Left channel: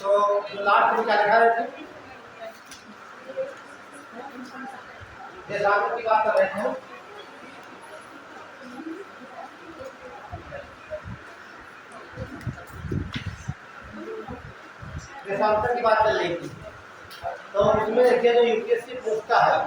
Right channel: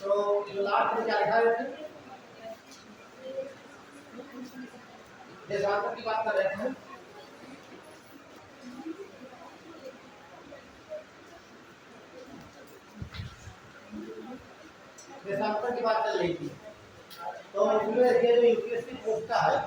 तो जो लास्ट में क्या लिखा रहे थे, देशांतर की बात कर रहे थे हम। देशांतर की बात चल रही थी, तो उसमें देखिए जो यूपीएससी पूछता है,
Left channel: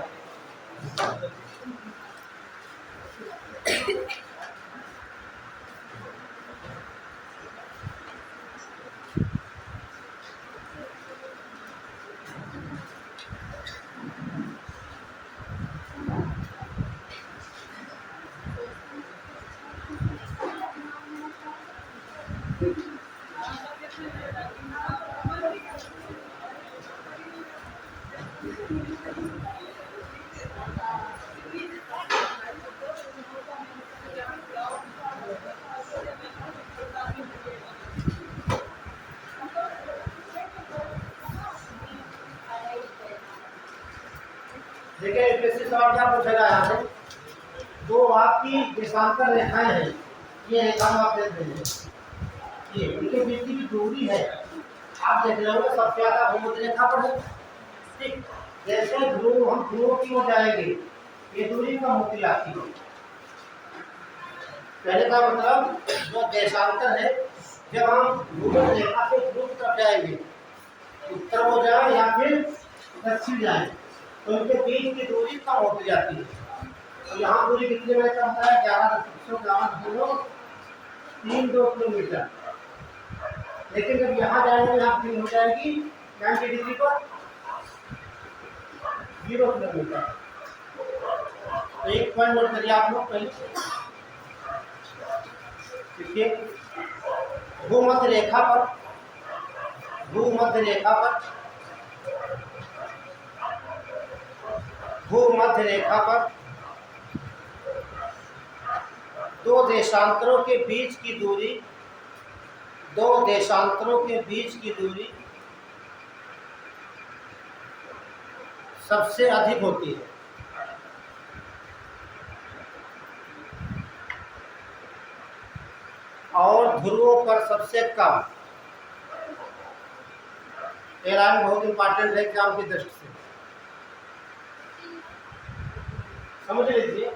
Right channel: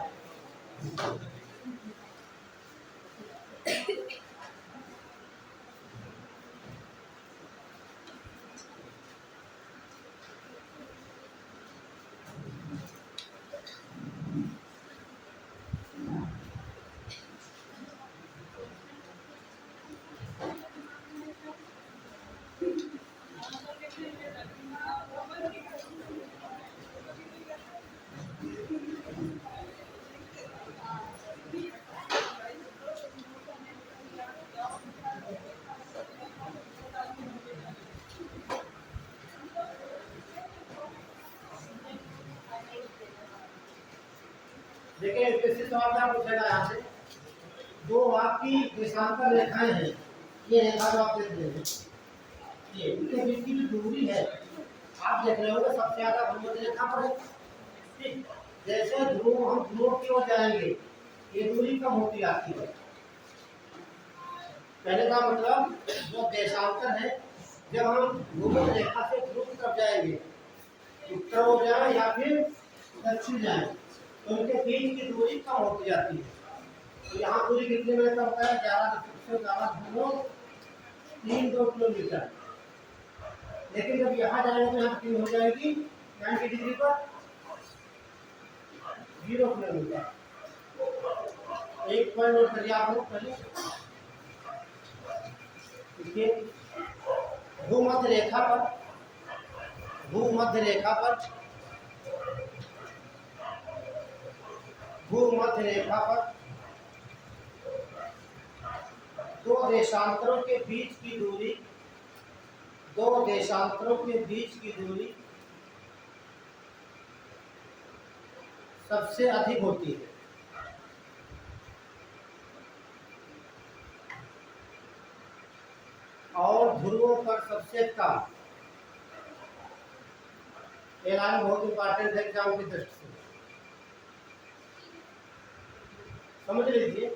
देखिए यूपीएससी सवाल क्या पूछेगा यहाँ से, जो आपकी देशांतर रेखाएं हैं, ये रेखा आप देख रहे हैं, ये इनके बीच की जो दूरी है आप देख रहे हो, सबसे ज्यादा भूमध्य रेखा पर है। ठीक, जैसे ध्रुव हम ध्रुवों की ओर जाएंगे ये दूरी कम होती जाती है। पहले का मतलब जो देशांतर है, जब हम भूमध्य रेखा से ध्रुव की तरफ जाएंगे, उत्तर हो जाए या फिर दक्षिण जाए, तो इनके बीच की दूरी कम होती जाती है। तो यहाँ दूरी कितने में कम होता है, 11.3 किलोमीटर। लेकिन जब यहाँ जाएंगे, यहाँ फिर हो जाएगी 90 डिग्री पर 0 किलोमीटर। तो एक पॉइंट नोट करिए आप लोग पहले, देखिए भूमध्य रेखा पर, भूमध्य रेखा पर, भूमध्य रेखा पर दो देशांतरों के बीच की दूरी, दो देशांतरों के बीच की दूरी सबसे अधिक होती है। और ध्रुवों पर सबसे कम। ये लाइन बहुत इंपॉर्टेंट है एग्जाम की दृष्टि से, समझ लीजिए।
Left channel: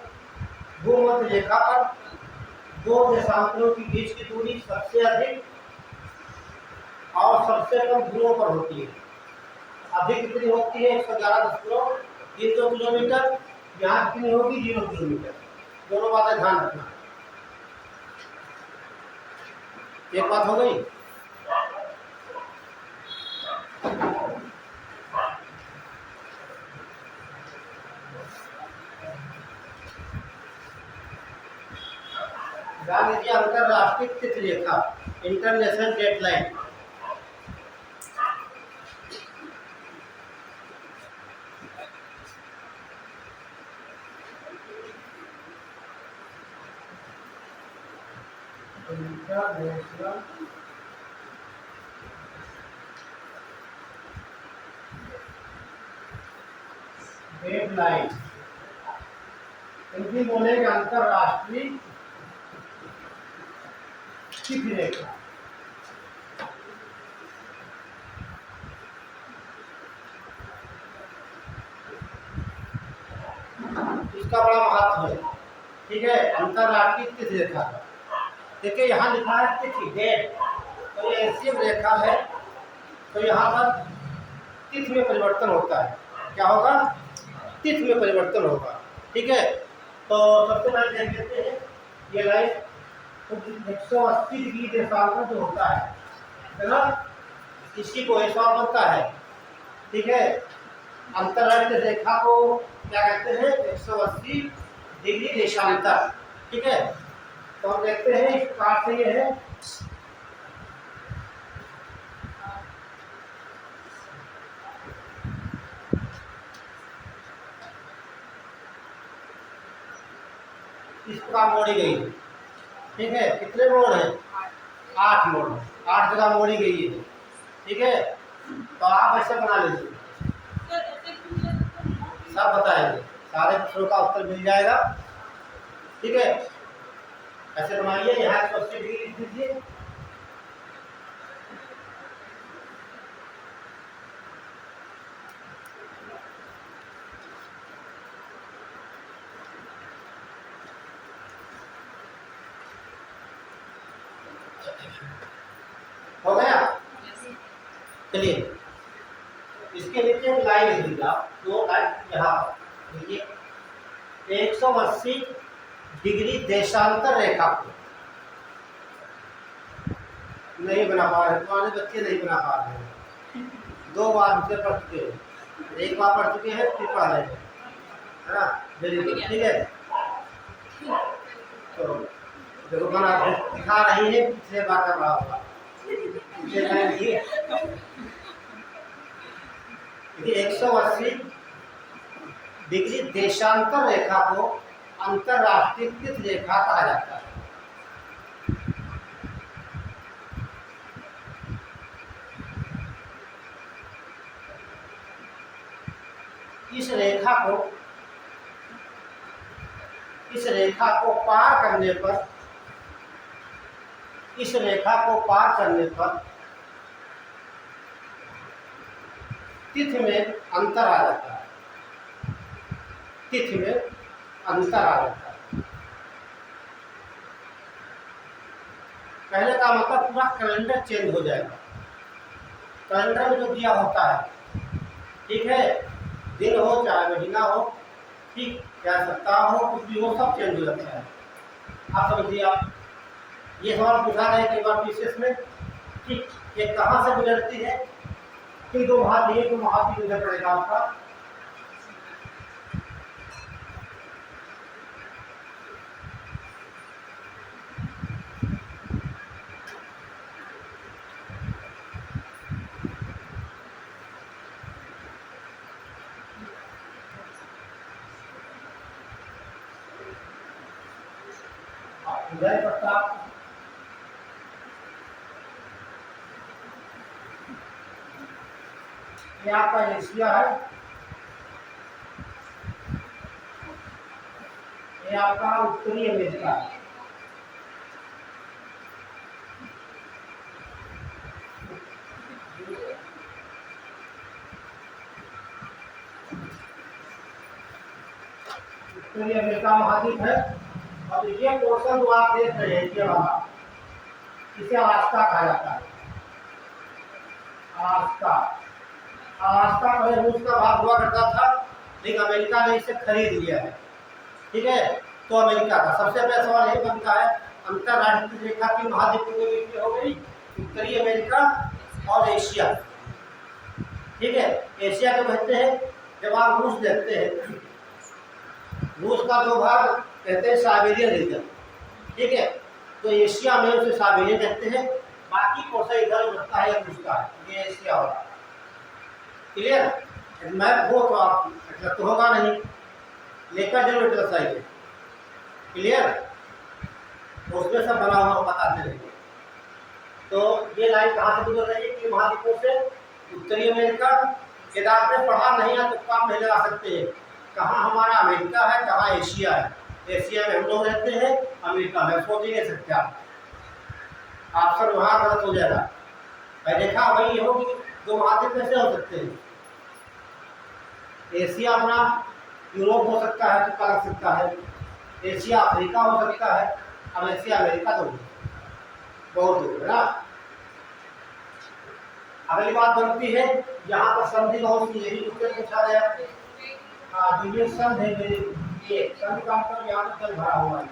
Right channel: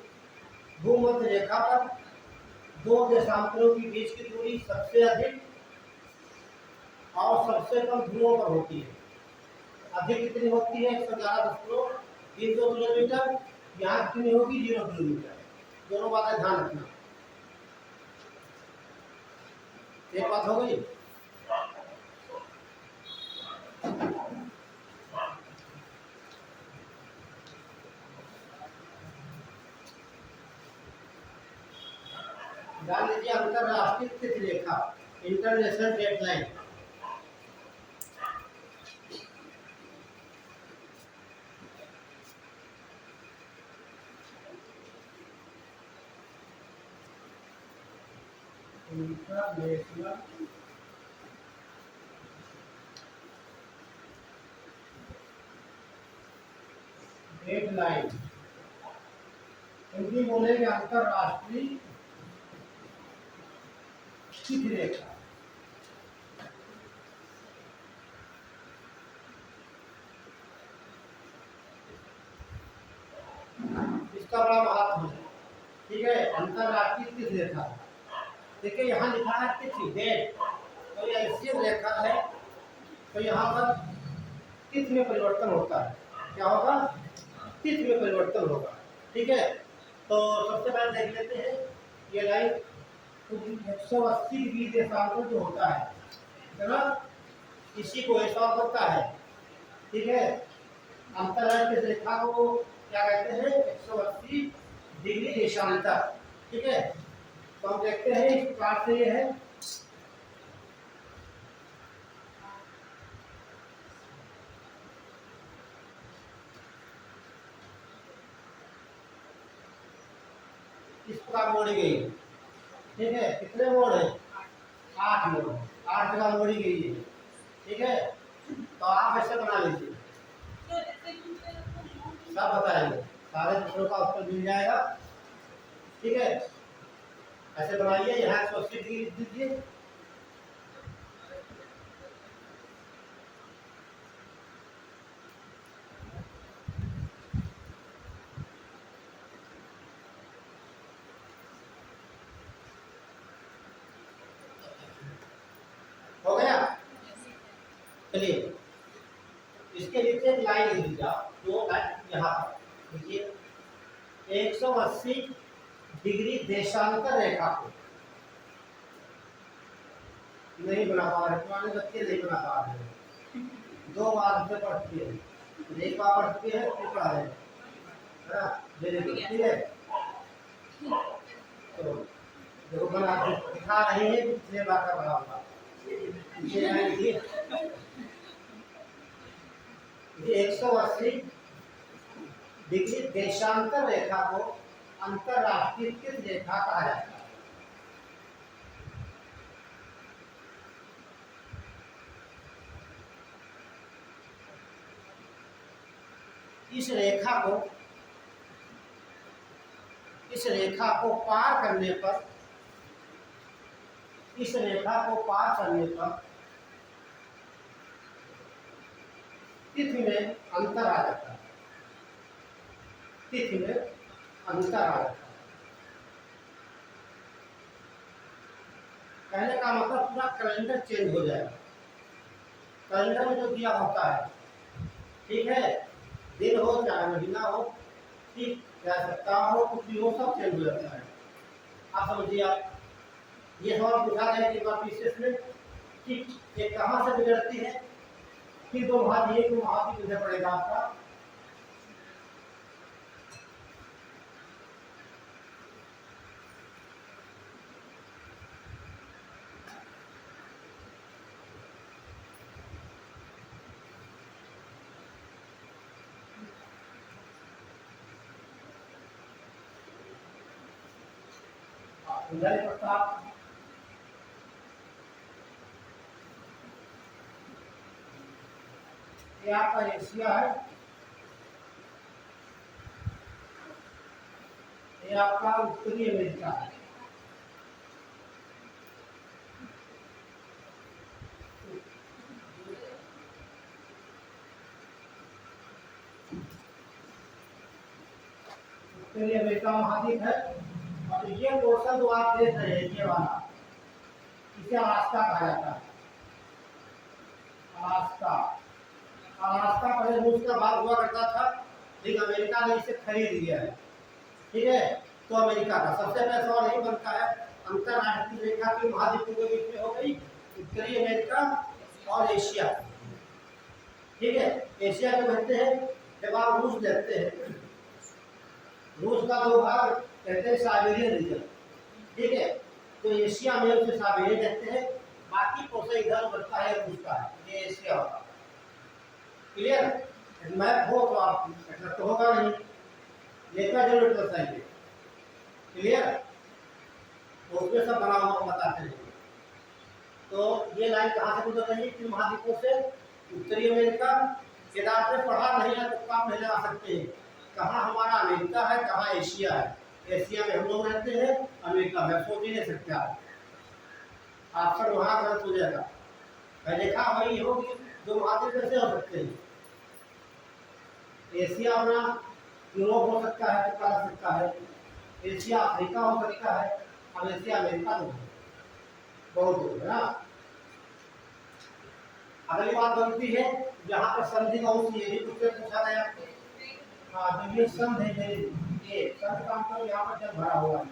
भूमध्य रेखा पर दो देशांतरों के बीच की दूरी सबसे अधिक और सबसे कम ध्रुवों पर होती है। अधिक कितनी होती है, 111.32 किलोमीटर, यहाँ कितनी होगी 0 किलोमीटर। दोनों बातें ध्यान रखना। एक बात हो गई। ध्यान दीजिए, अंतरराष्ट्रीय तिथि रेखा, international date line. International date line, Hindi बोलेंगे अंतरराष्ट्रीय तिथि रेखा। इसका बड़ा महत्व है, ठीक है। अंतरराष्ट्रीय तिथि रेखा, देखिए यहाँ लिखा है तिथि, डेट, तो ये ऐसी रेखा है, तो यहाँ पर तिथि में परिवर्तन होता है। क्या होगा, तिथि में परिवर्तन होगा, ठीक है। तो सबसे पहले देख लेते हैं ये लाइन, तो 180 डिग्री देशांतर जो होता है ना, इसी को ये सवाल बनता है, ठीक है। अंतरराष्ट्रीय रेखा को क्या कहते हैं, 180 डिग्री देशांतर, ठीक है। तो हम देखते हैं इस पार्ट से ये है, इस प्रकार मोड़ी गई है, ठीक है। कितने मोड़ हैं, 8 मोड़, 8 जगह मोड़ी गई है, ठीक है। तो आप ऐसे बना लीजिए, सब बताएंगे, सारे प्रश्नों का उत्तर मिल जाएगा, ठीक है। ऐसे बनाइए, यहाँ 180 डिग्री लिख दीजिए, चलिए इसके नीचे एक लाइन लिख दीजिए आप, 2 लाइन यहाँ पर देखिए। 180 डिग्री देशांतर रेखा को नहीं बना पा रहे, तुम्हारे बच्चे नहीं बना पा रहे हैं। 2 बार से पढ़ चुके हैं, एक बार पढ़ चुके हैं, फिर पढ़ रहे हैं, है ना? वेरी गुड, ठीक है। तो देखो बना दिखा रही है, पिछले बार का बड़ा होगा। देखिए 180 डिग्री देशांतर रेखा को अंतरराष्ट्रीय तिथि रेखा कहा जाता है। इस रेखा को पार करने पर, इस रेखा को पार करने पर तिथि में अंतर आ जाता है, तिथि में अंतर आ जाता है। पहले का मतलब पूरा कैलेंडर चेंज हो जाएगा। कैलेंडर में जो दिया होता है, ठीक है, दिन हो चाहे महीना हो, ठीक, चाहे सप्ताह हो, कुछ भी हो, सब चेंज हो जाता है। आप समझिए, आप ये सवाल पूछा रहे कि बार विशेष में, ठीक, ये कहाँ से गुजरती है, कि 2 महाद्वीप, 2 महाद्वीप गुजर पड़ेगा आपका। उदय प्रताप, ये आपका एशिया है, ये आपका उत्तरी अमेरिका है। उत्तरी अमेरिका महाद्वीप है। और ये पोर्शन जो आप देख रहे हैं, ये वाला, इसे अलास्का कहा जाता है। अलास्का पहले रूस का भाग हुआ करता था, लेकिन अमेरिका ने इसे खरीद लिया है, ठीक है। तो अमेरिका का सबसे पहला सवाल यही बनता है, अंतरराष्ट्रीय रेखा की महाद्वीपों के बीच में हो गई उत्तरी अमेरिका और एशिया, ठीक है। एशिया को कहते हैं, जब आप रूस देखते हैं, रूस का 2 भाग कहते हैं साइबेरियन रीजन, ठीक है। तो एशिया में उसे साइबेरियन कहते हैं, बाकी पोर्शन इधर बढ़ता है, रूस का है, ये एशिया वाला। क्लियर? मैप हो तो आप तो होगा नहीं, लेकर जरूर एटलस आइए। क्लियर? तो उसमें सब बना हुआ बताते रहेंगे। तो ये लाइन कहाँ से गुजर रही है, कि महाद्वीपों से उत्तरी अमेरिका। यदि आपने पढ़ा नहीं है तो काम नहीं लगा सकते हैं, कहाँ हमारा अमेरिका है, कहाँ एशिया है। एशिया में हम लोग रहते हैं, अमेरिका में सोच ही नहीं सकते आप, ऑप्शन वहाँ गलत हो जाएगा। पहले देखा वही हो कि 2 महाद्वीप कैसे हो सकते हैं। एशिया अपना यूरोप हो सकता है, तुक्का लग सकता है, एशिया अफ्रीका हो सकता है, अब एशिया अमेरिका तो बहुत दूर है ना। अगली बात बनती है, यहाँ पर संधि बहुत सी, ये भी पूछा गया। हाँ, जिन्हें संधि है, ये संधि का मतलब यहाँ पर जल भरा हुआ है,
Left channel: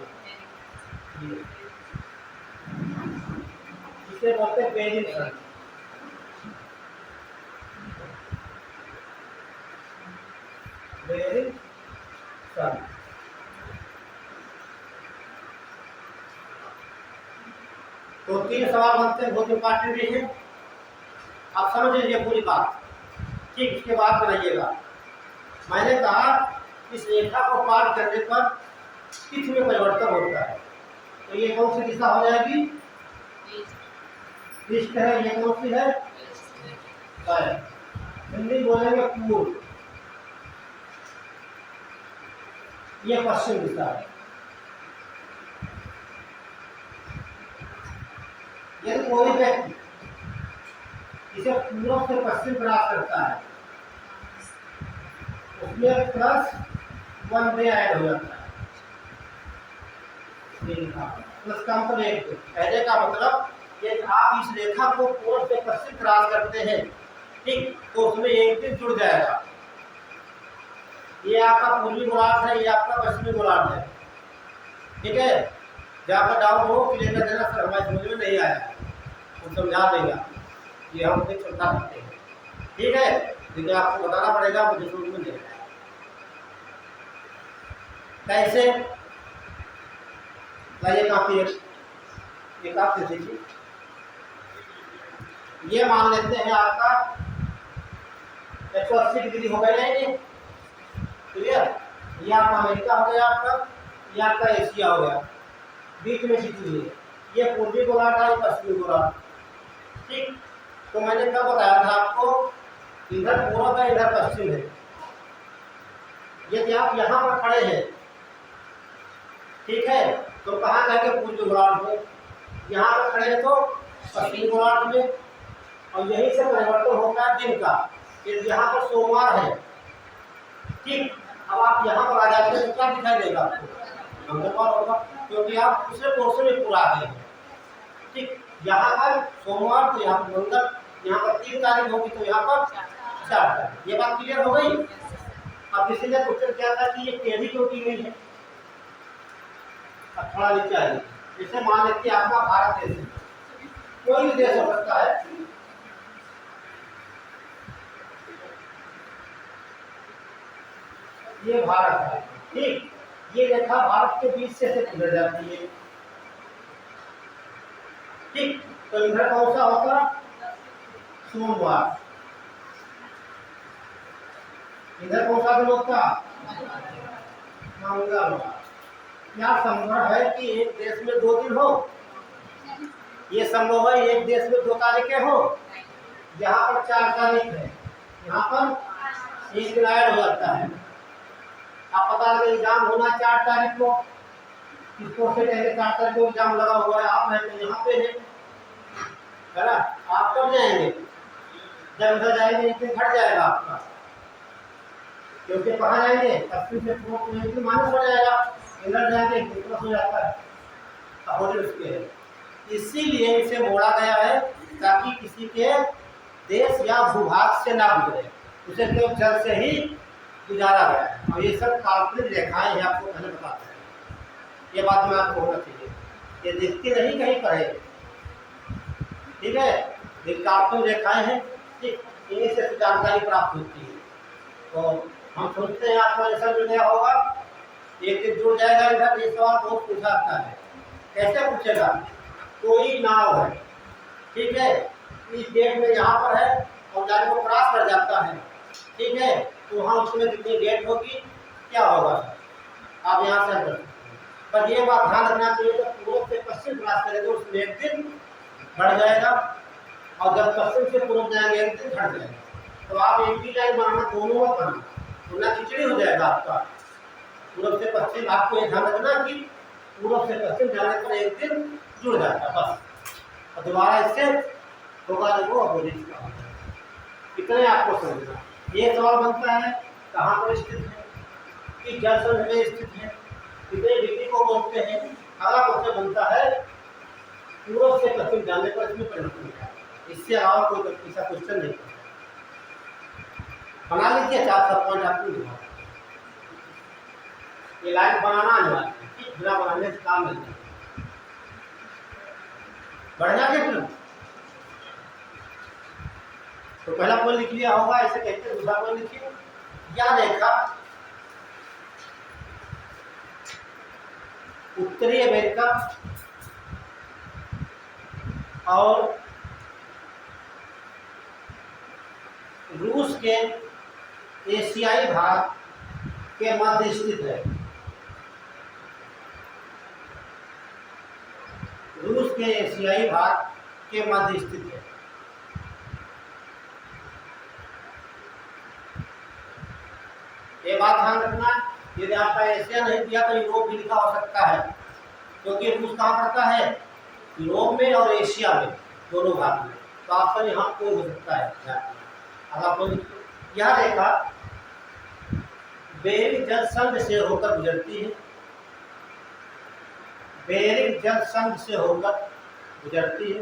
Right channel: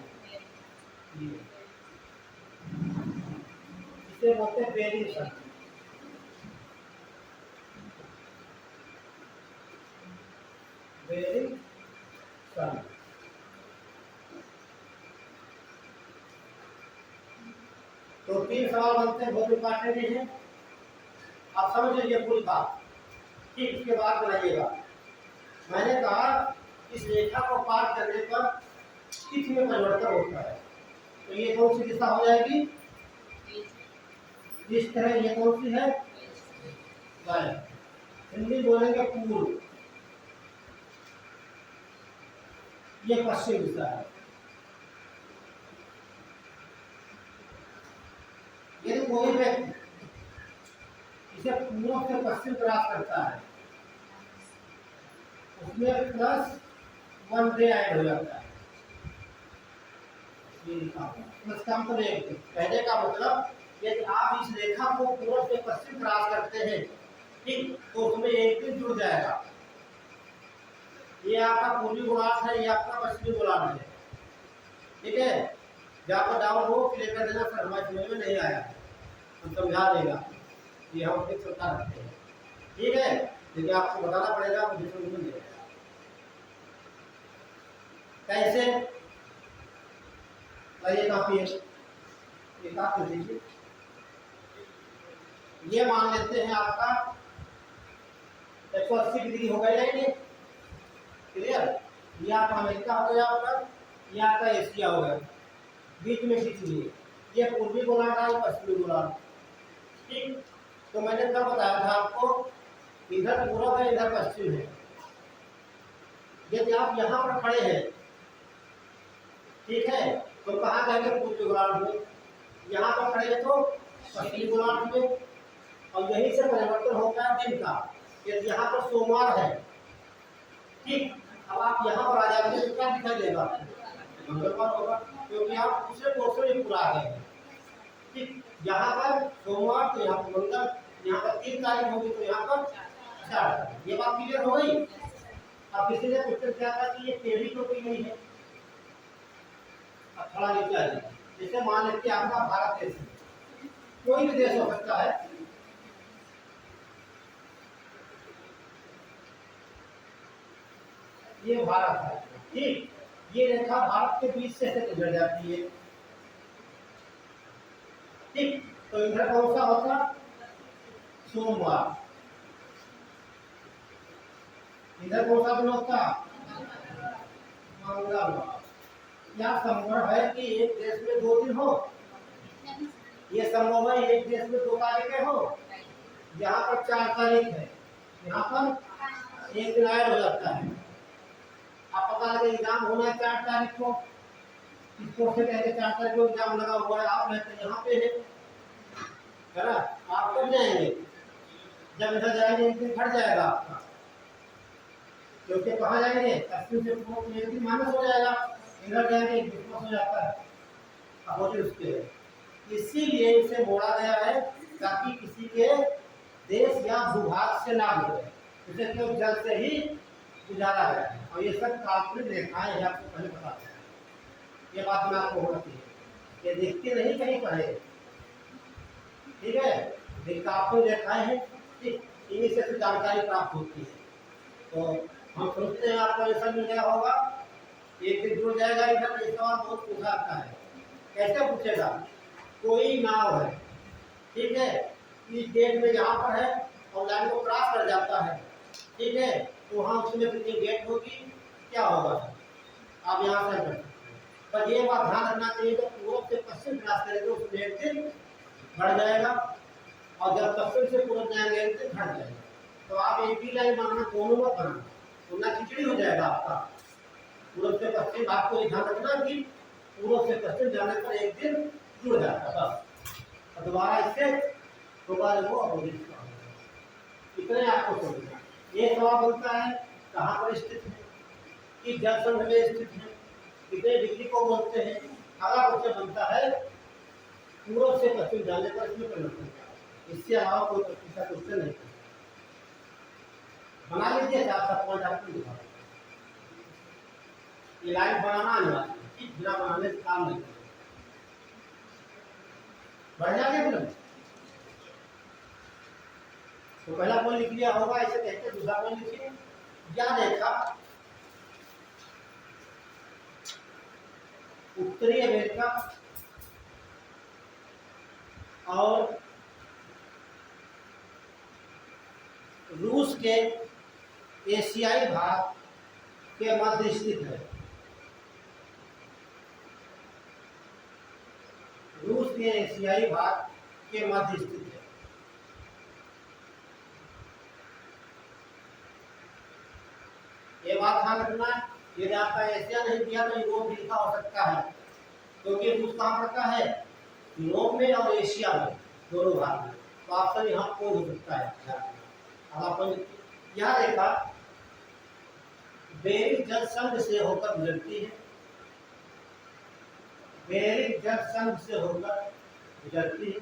इसे बोलते हैं बेरिंग संधि। बेरिंग संधि। तो 3 सवाल बनते हैं, बहुत इंपॉर्टेंट भी है, आप समझ लीजिए पूरी बात, ठीक। इसके बाद बनाइएगा। मैंने कहा इस रेखा को पार करने पर तिथि में परिवर्तन होता है, तो ये कौन सी दिशा हो जाएगी, ईस्ट है, ये कौन सी है, हिंदी बोलेंगे पूर्व, ये पश्चिम दिशा है। यदि कोई व्यक्ति इसे पूर्व से पश्चिम क्रॉस करता है, उसमें +1 डे ऐड हो जाता है। प्लस का मतलब 1 डे, पहले का मतलब कि आप इस रेखा को पूर्व से पश्चिम क्रॉस करते हैं ठीक, तो उसमें एक दिन जुड़ जाएगा। ये आपका पूर्वी गोलार्ध है, ये आपका पश्चिमी गोलार्ध है। ठीक है, जहाँ पर डाउन हो क्लियर कर देना सर, हमारे समझ में नहीं आया, तो समझा देगा, ये हम देख समझा सकते हैं। ठीक है, लेकिन आपको बताना पड़ेगा, मुझे समझ में नहीं आया कैसे। लाइए काफी एक आप दे दीजिए। ये मान लेते हैं आपका 180 डिग्री हो गया है, ये क्लियर। ये आप अमेरिका हो गया आपका, ये आपका एशिया हो गया, बीच में स्थित हुई है, ये पूर्वी गोलार्ध है, पश्चिमी गोलार्ध। ठीक, तो मैंने कब बताया था आपको, इधर पूर्व है इधर पश्चिम है। यदि आप यहाँ पर खड़े हैं, ठीक है, तो कहाँ जाएंगे, पूर्वी गोलार्ध में। यहाँ पर खड़े हैं तो पश्चिमी गोलार्ध में, और यही से परिवर्तन होता है दिन का। यदि यहाँ पर सोमवार है, ठीक, अब आप यहाँ पर आ जाते हैं तो क्या दिखाई देगा आपको, मंगलवार होगा, क्योंकि आप दूसरे पोर्शन में पूरा आ गए हैं। ठीक, यहाँ पर सोमवार तो यहाँ पर मंगल, यहाँ पर 3 तारीख होगी तो यहाँ पर 4 तारीख। ये बात क्लियर हो गई। अब इसलिए क्वेश्चन क्या था कि ये टेढ़ी क्यों की गई है। अब थोड़ा नीचे आ जाइए, जैसे मान लेते हैं आपका भारत देश है, कोई भी देश हो सकता है। ये भारत है, ठीक, ये रेखा भारत के बीच से गुजर जाती है। ठीक, तो इधर कौन सा होगा, सोमवार। इधर कौन सा दिन होता, मंगलवार। क्या संभव है कि एक देश में 2 दिन हो, ये संभव है एक देश में 2 तारीखें हो। यहाँ पर 4 तारीख है, यहाँ पर एक दिन ऐड हो जाता है। आप पता लगे एग्जाम होना 4 तारीख को, किसको से कहेंगे 4 तारीख को एग्जाम लगा हुआ है, आप रहते यहाँ पे है ना, आप कब जाएंगे, जब उधर जाएंगे एक दिन घट जाएगा आपका, क्योंकि कहाँ जाएंगे, पश्चिम से पूर्व में एक दिन माइनस हो जाएगा, इधर जाएंगे एक दिन प्लस हो जाता है, अपोजिट उसके है। इसीलिए इसे मोड़ा गया है ताकि किसी के देश या भूभाग से ना गुजरे, उसे केवल जल से ही गुजारा गया है। और ये सब काल्पनिक रेखाएं हैं, आपको पहले बताते हैं, ये बात में आपको होना चाहिए, ये दिखती नहीं कहीं पर है, ठीक है, ये काल्पनिक रेखाएं हैं। ठीक, इन्हीं से जानकारी प्राप्त होती है। तो हम सोचते हैं आपको आंसर मिल गया होगा, एक दिन जुड़ जाएगा इधर। ये सवाल बहुत पूछा जाता है, कैसे पूछेगा, कोई नाव है, ठीक है, इस गेट में यहाँ पर है और लाइन को क्रॉस कर जाता है, ठीक है, तो वहाँ उसमें कितनी गेट होगी, क्या होगा, आप यहाँ से कर सकते हैं। पर ये बात ध्यान रखना चाहिए, जब पूर्व से पश्चिम क्रॉस करेंगे उसमें एक दिन बढ़ जाएगा, और जब पश्चिम से पूर्व जाएंगे एक दिन घट जाएगा। तो आप एक ही लाइन बनाना, दोनों मत बनाना, वरना खिचड़ी हो जाएगा आपका। पूर्व से पश्चिम, आपको ये ध्यान रखना कि पूर्व से पश्चिम जाने पर एक दिन जुड़ जाता बस, और दोबारा इससे होगा वो अपोजिट का होगा। इतने आपको समझना। ये सवाल बनता है कहाँ पर स्थित है, कि जल संघ में स्थित है, कितने डिग्री को बोलते हैं। अगला क्वेश्चन बनता है पूर्व से पश्चिम जाने पर इसमें परिवर्तन क्या है, इससे अलावा कोई ऐसा क्वेश्चन नहीं पूछा। बना लीजिए 4 सब पॉइंट आपको लिखा, ये लाइन बनाना अनिवार्य है, बिना बनाने से काम नहीं है। बढ़िया कितना, तो पहला पॉइंट लिख लिया होगा, ऐसे कहते हैं। दूसरा पॉइंट लिखिए, या रेखा उत्तरी अमेरिका और रूस के एशियाई भाग के मध्य स्थित है। रूस के एशियाई भाग के मध्य स्थित है। ये बात ध्यान रखना, यदि आपका एशिया नहीं दिया तो यूरोप भी लिखा हो सकता है, क्योंकि रूस कहाँ पड़ता है, यूरोप में और एशिया में, दोनों भाग में। तो ऑप्शन यहाँ कोई हो सकता है। अगर यह रेखा बेरिंग जल संघ से होकर गुजरती है, बेरिंग जल संघ से होकर गुजरती है।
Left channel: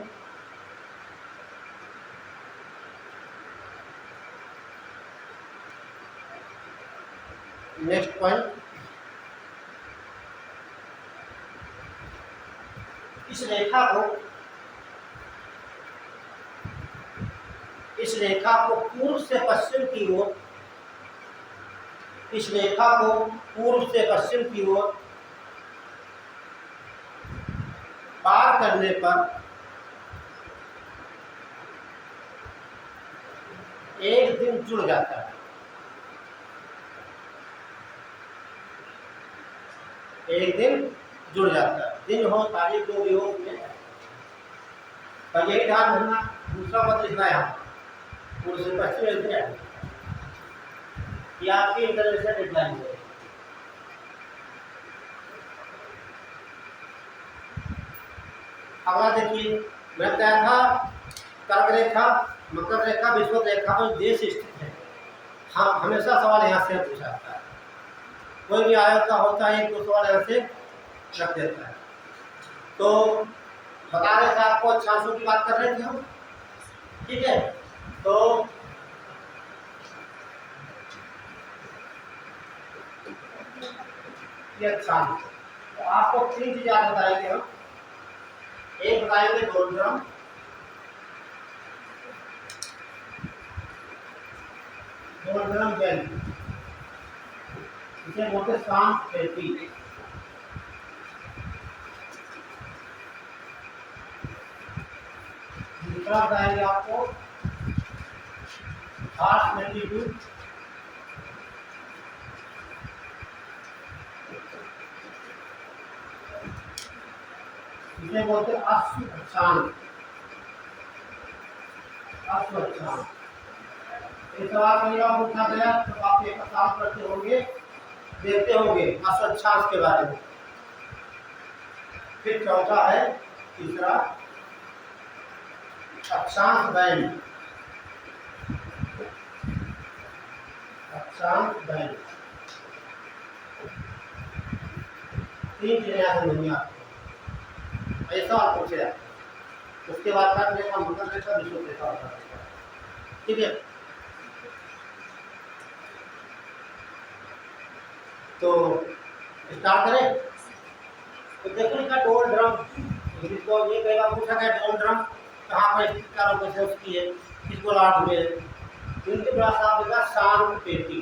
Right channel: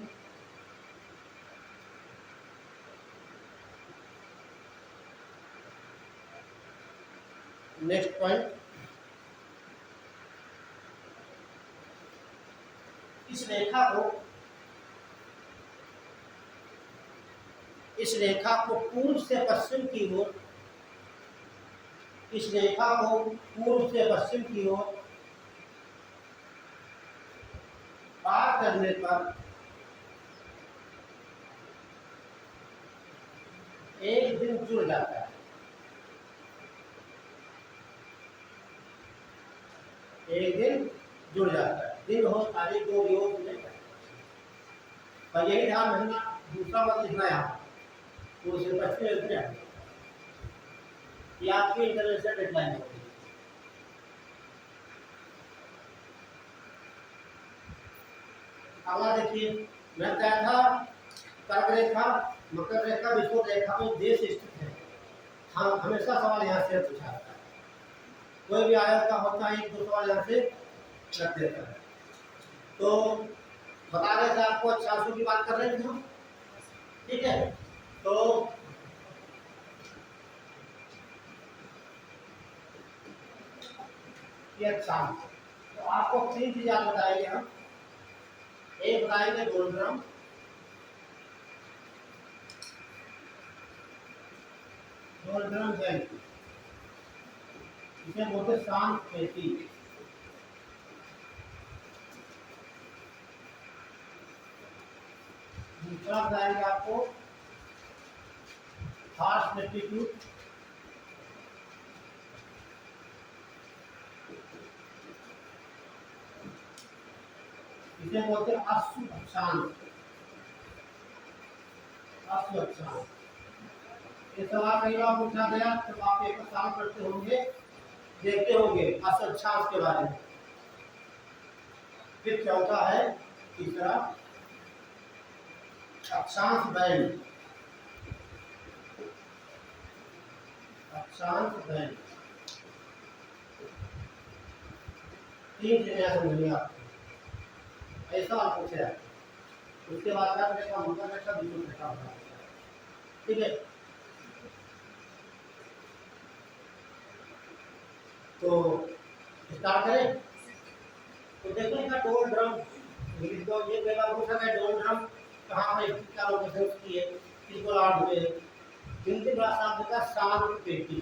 नेक्स्ट पॉइंट, इस रेखा को पूर्व से पश्चिम की ओर, इस रेखा को पूर्व से पश्चिम की ओर पार करने पर एक दिन जुड़ जाता है। एक दिन जुड़ जाता है। दिन हो तारीख दो योग में, पर यही ध्यान रखना, दूसरा मत लिखना है यहाँ पूर्व से पश्चिम एक दिन ये आपकी इंटरनेशनल डेडलाइन है। अगला देखिए, मैं कहा था कर्क रेखा, मकर रेखा, विषुवत रेखा पर देश स्थित है। हाँ, हमेशा सवाल यहाँ से पूछा जाता है, कोई भी आयोग का होता है एक दो सवाल यहाँ से रख देता है। तो बता रहे थे आपको अक्षांशों की बात कर रहे थे हम, ठीक है। तो ये अक्षांश, तो आपको तीन चीज याद बताएंगे हम। एक बताएंगे डोलड्रम, डोलड्रम बेल्ट, इसे बोलते शांत पेटी। दूसरा बताएंगे आपको हार्श मैग्नीट्यूड, इसे बोलते अश्व अक्षांश, अश्व अक्षांश। ये सवाल कई बार पूछा गया, तो आप एक साल करते होंगे, देखते होंगे अश्व अक्षांश के बारे में। फिर चौथा है, तीसरा अक्षांश बैंड, अक्षांश बैंड। तीन चीजें याद होंगी आपको, ऐसा आप पूछे। उसके बाद कर्क रेखा, मकर रेखा, विषुवत रेखा होता है, ठीक है। तो स्टार्ट करें। तो देखो लिखा डोलड्रम, तो ये कई बार पूछा गया डोलड्रम कहाँ पर स्थित, क्या लोकेशन उसकी है, किस गोलार्ध में है। हिंदी भाषा में का शांत पेटी।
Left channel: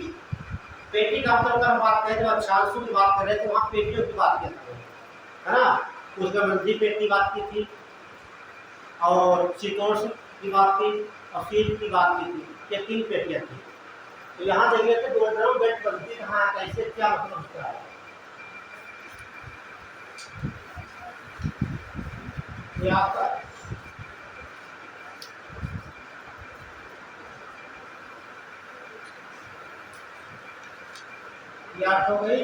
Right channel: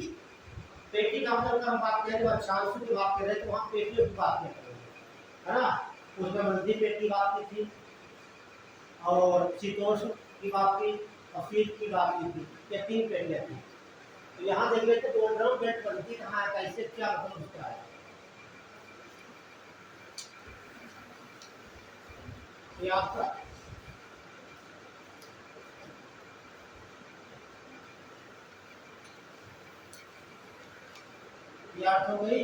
पेटी का मतलब अगर हम बात करें, जब अक्षांशों की बात कर रहे हैं तो वहाँ पेटियों की बात करते हैं, है ना। उसमें मंदी पेट की बात की थी, और शीतोष्ण की बात की, और शीत की बात की थी। ये तीन पेटियाँ थी। तो यहाँ देखिए तो डोलड्रम बेल्ट बनती कहाँ है, कैसे, क्या मतलब उसका है। ये आपका याद हो गई,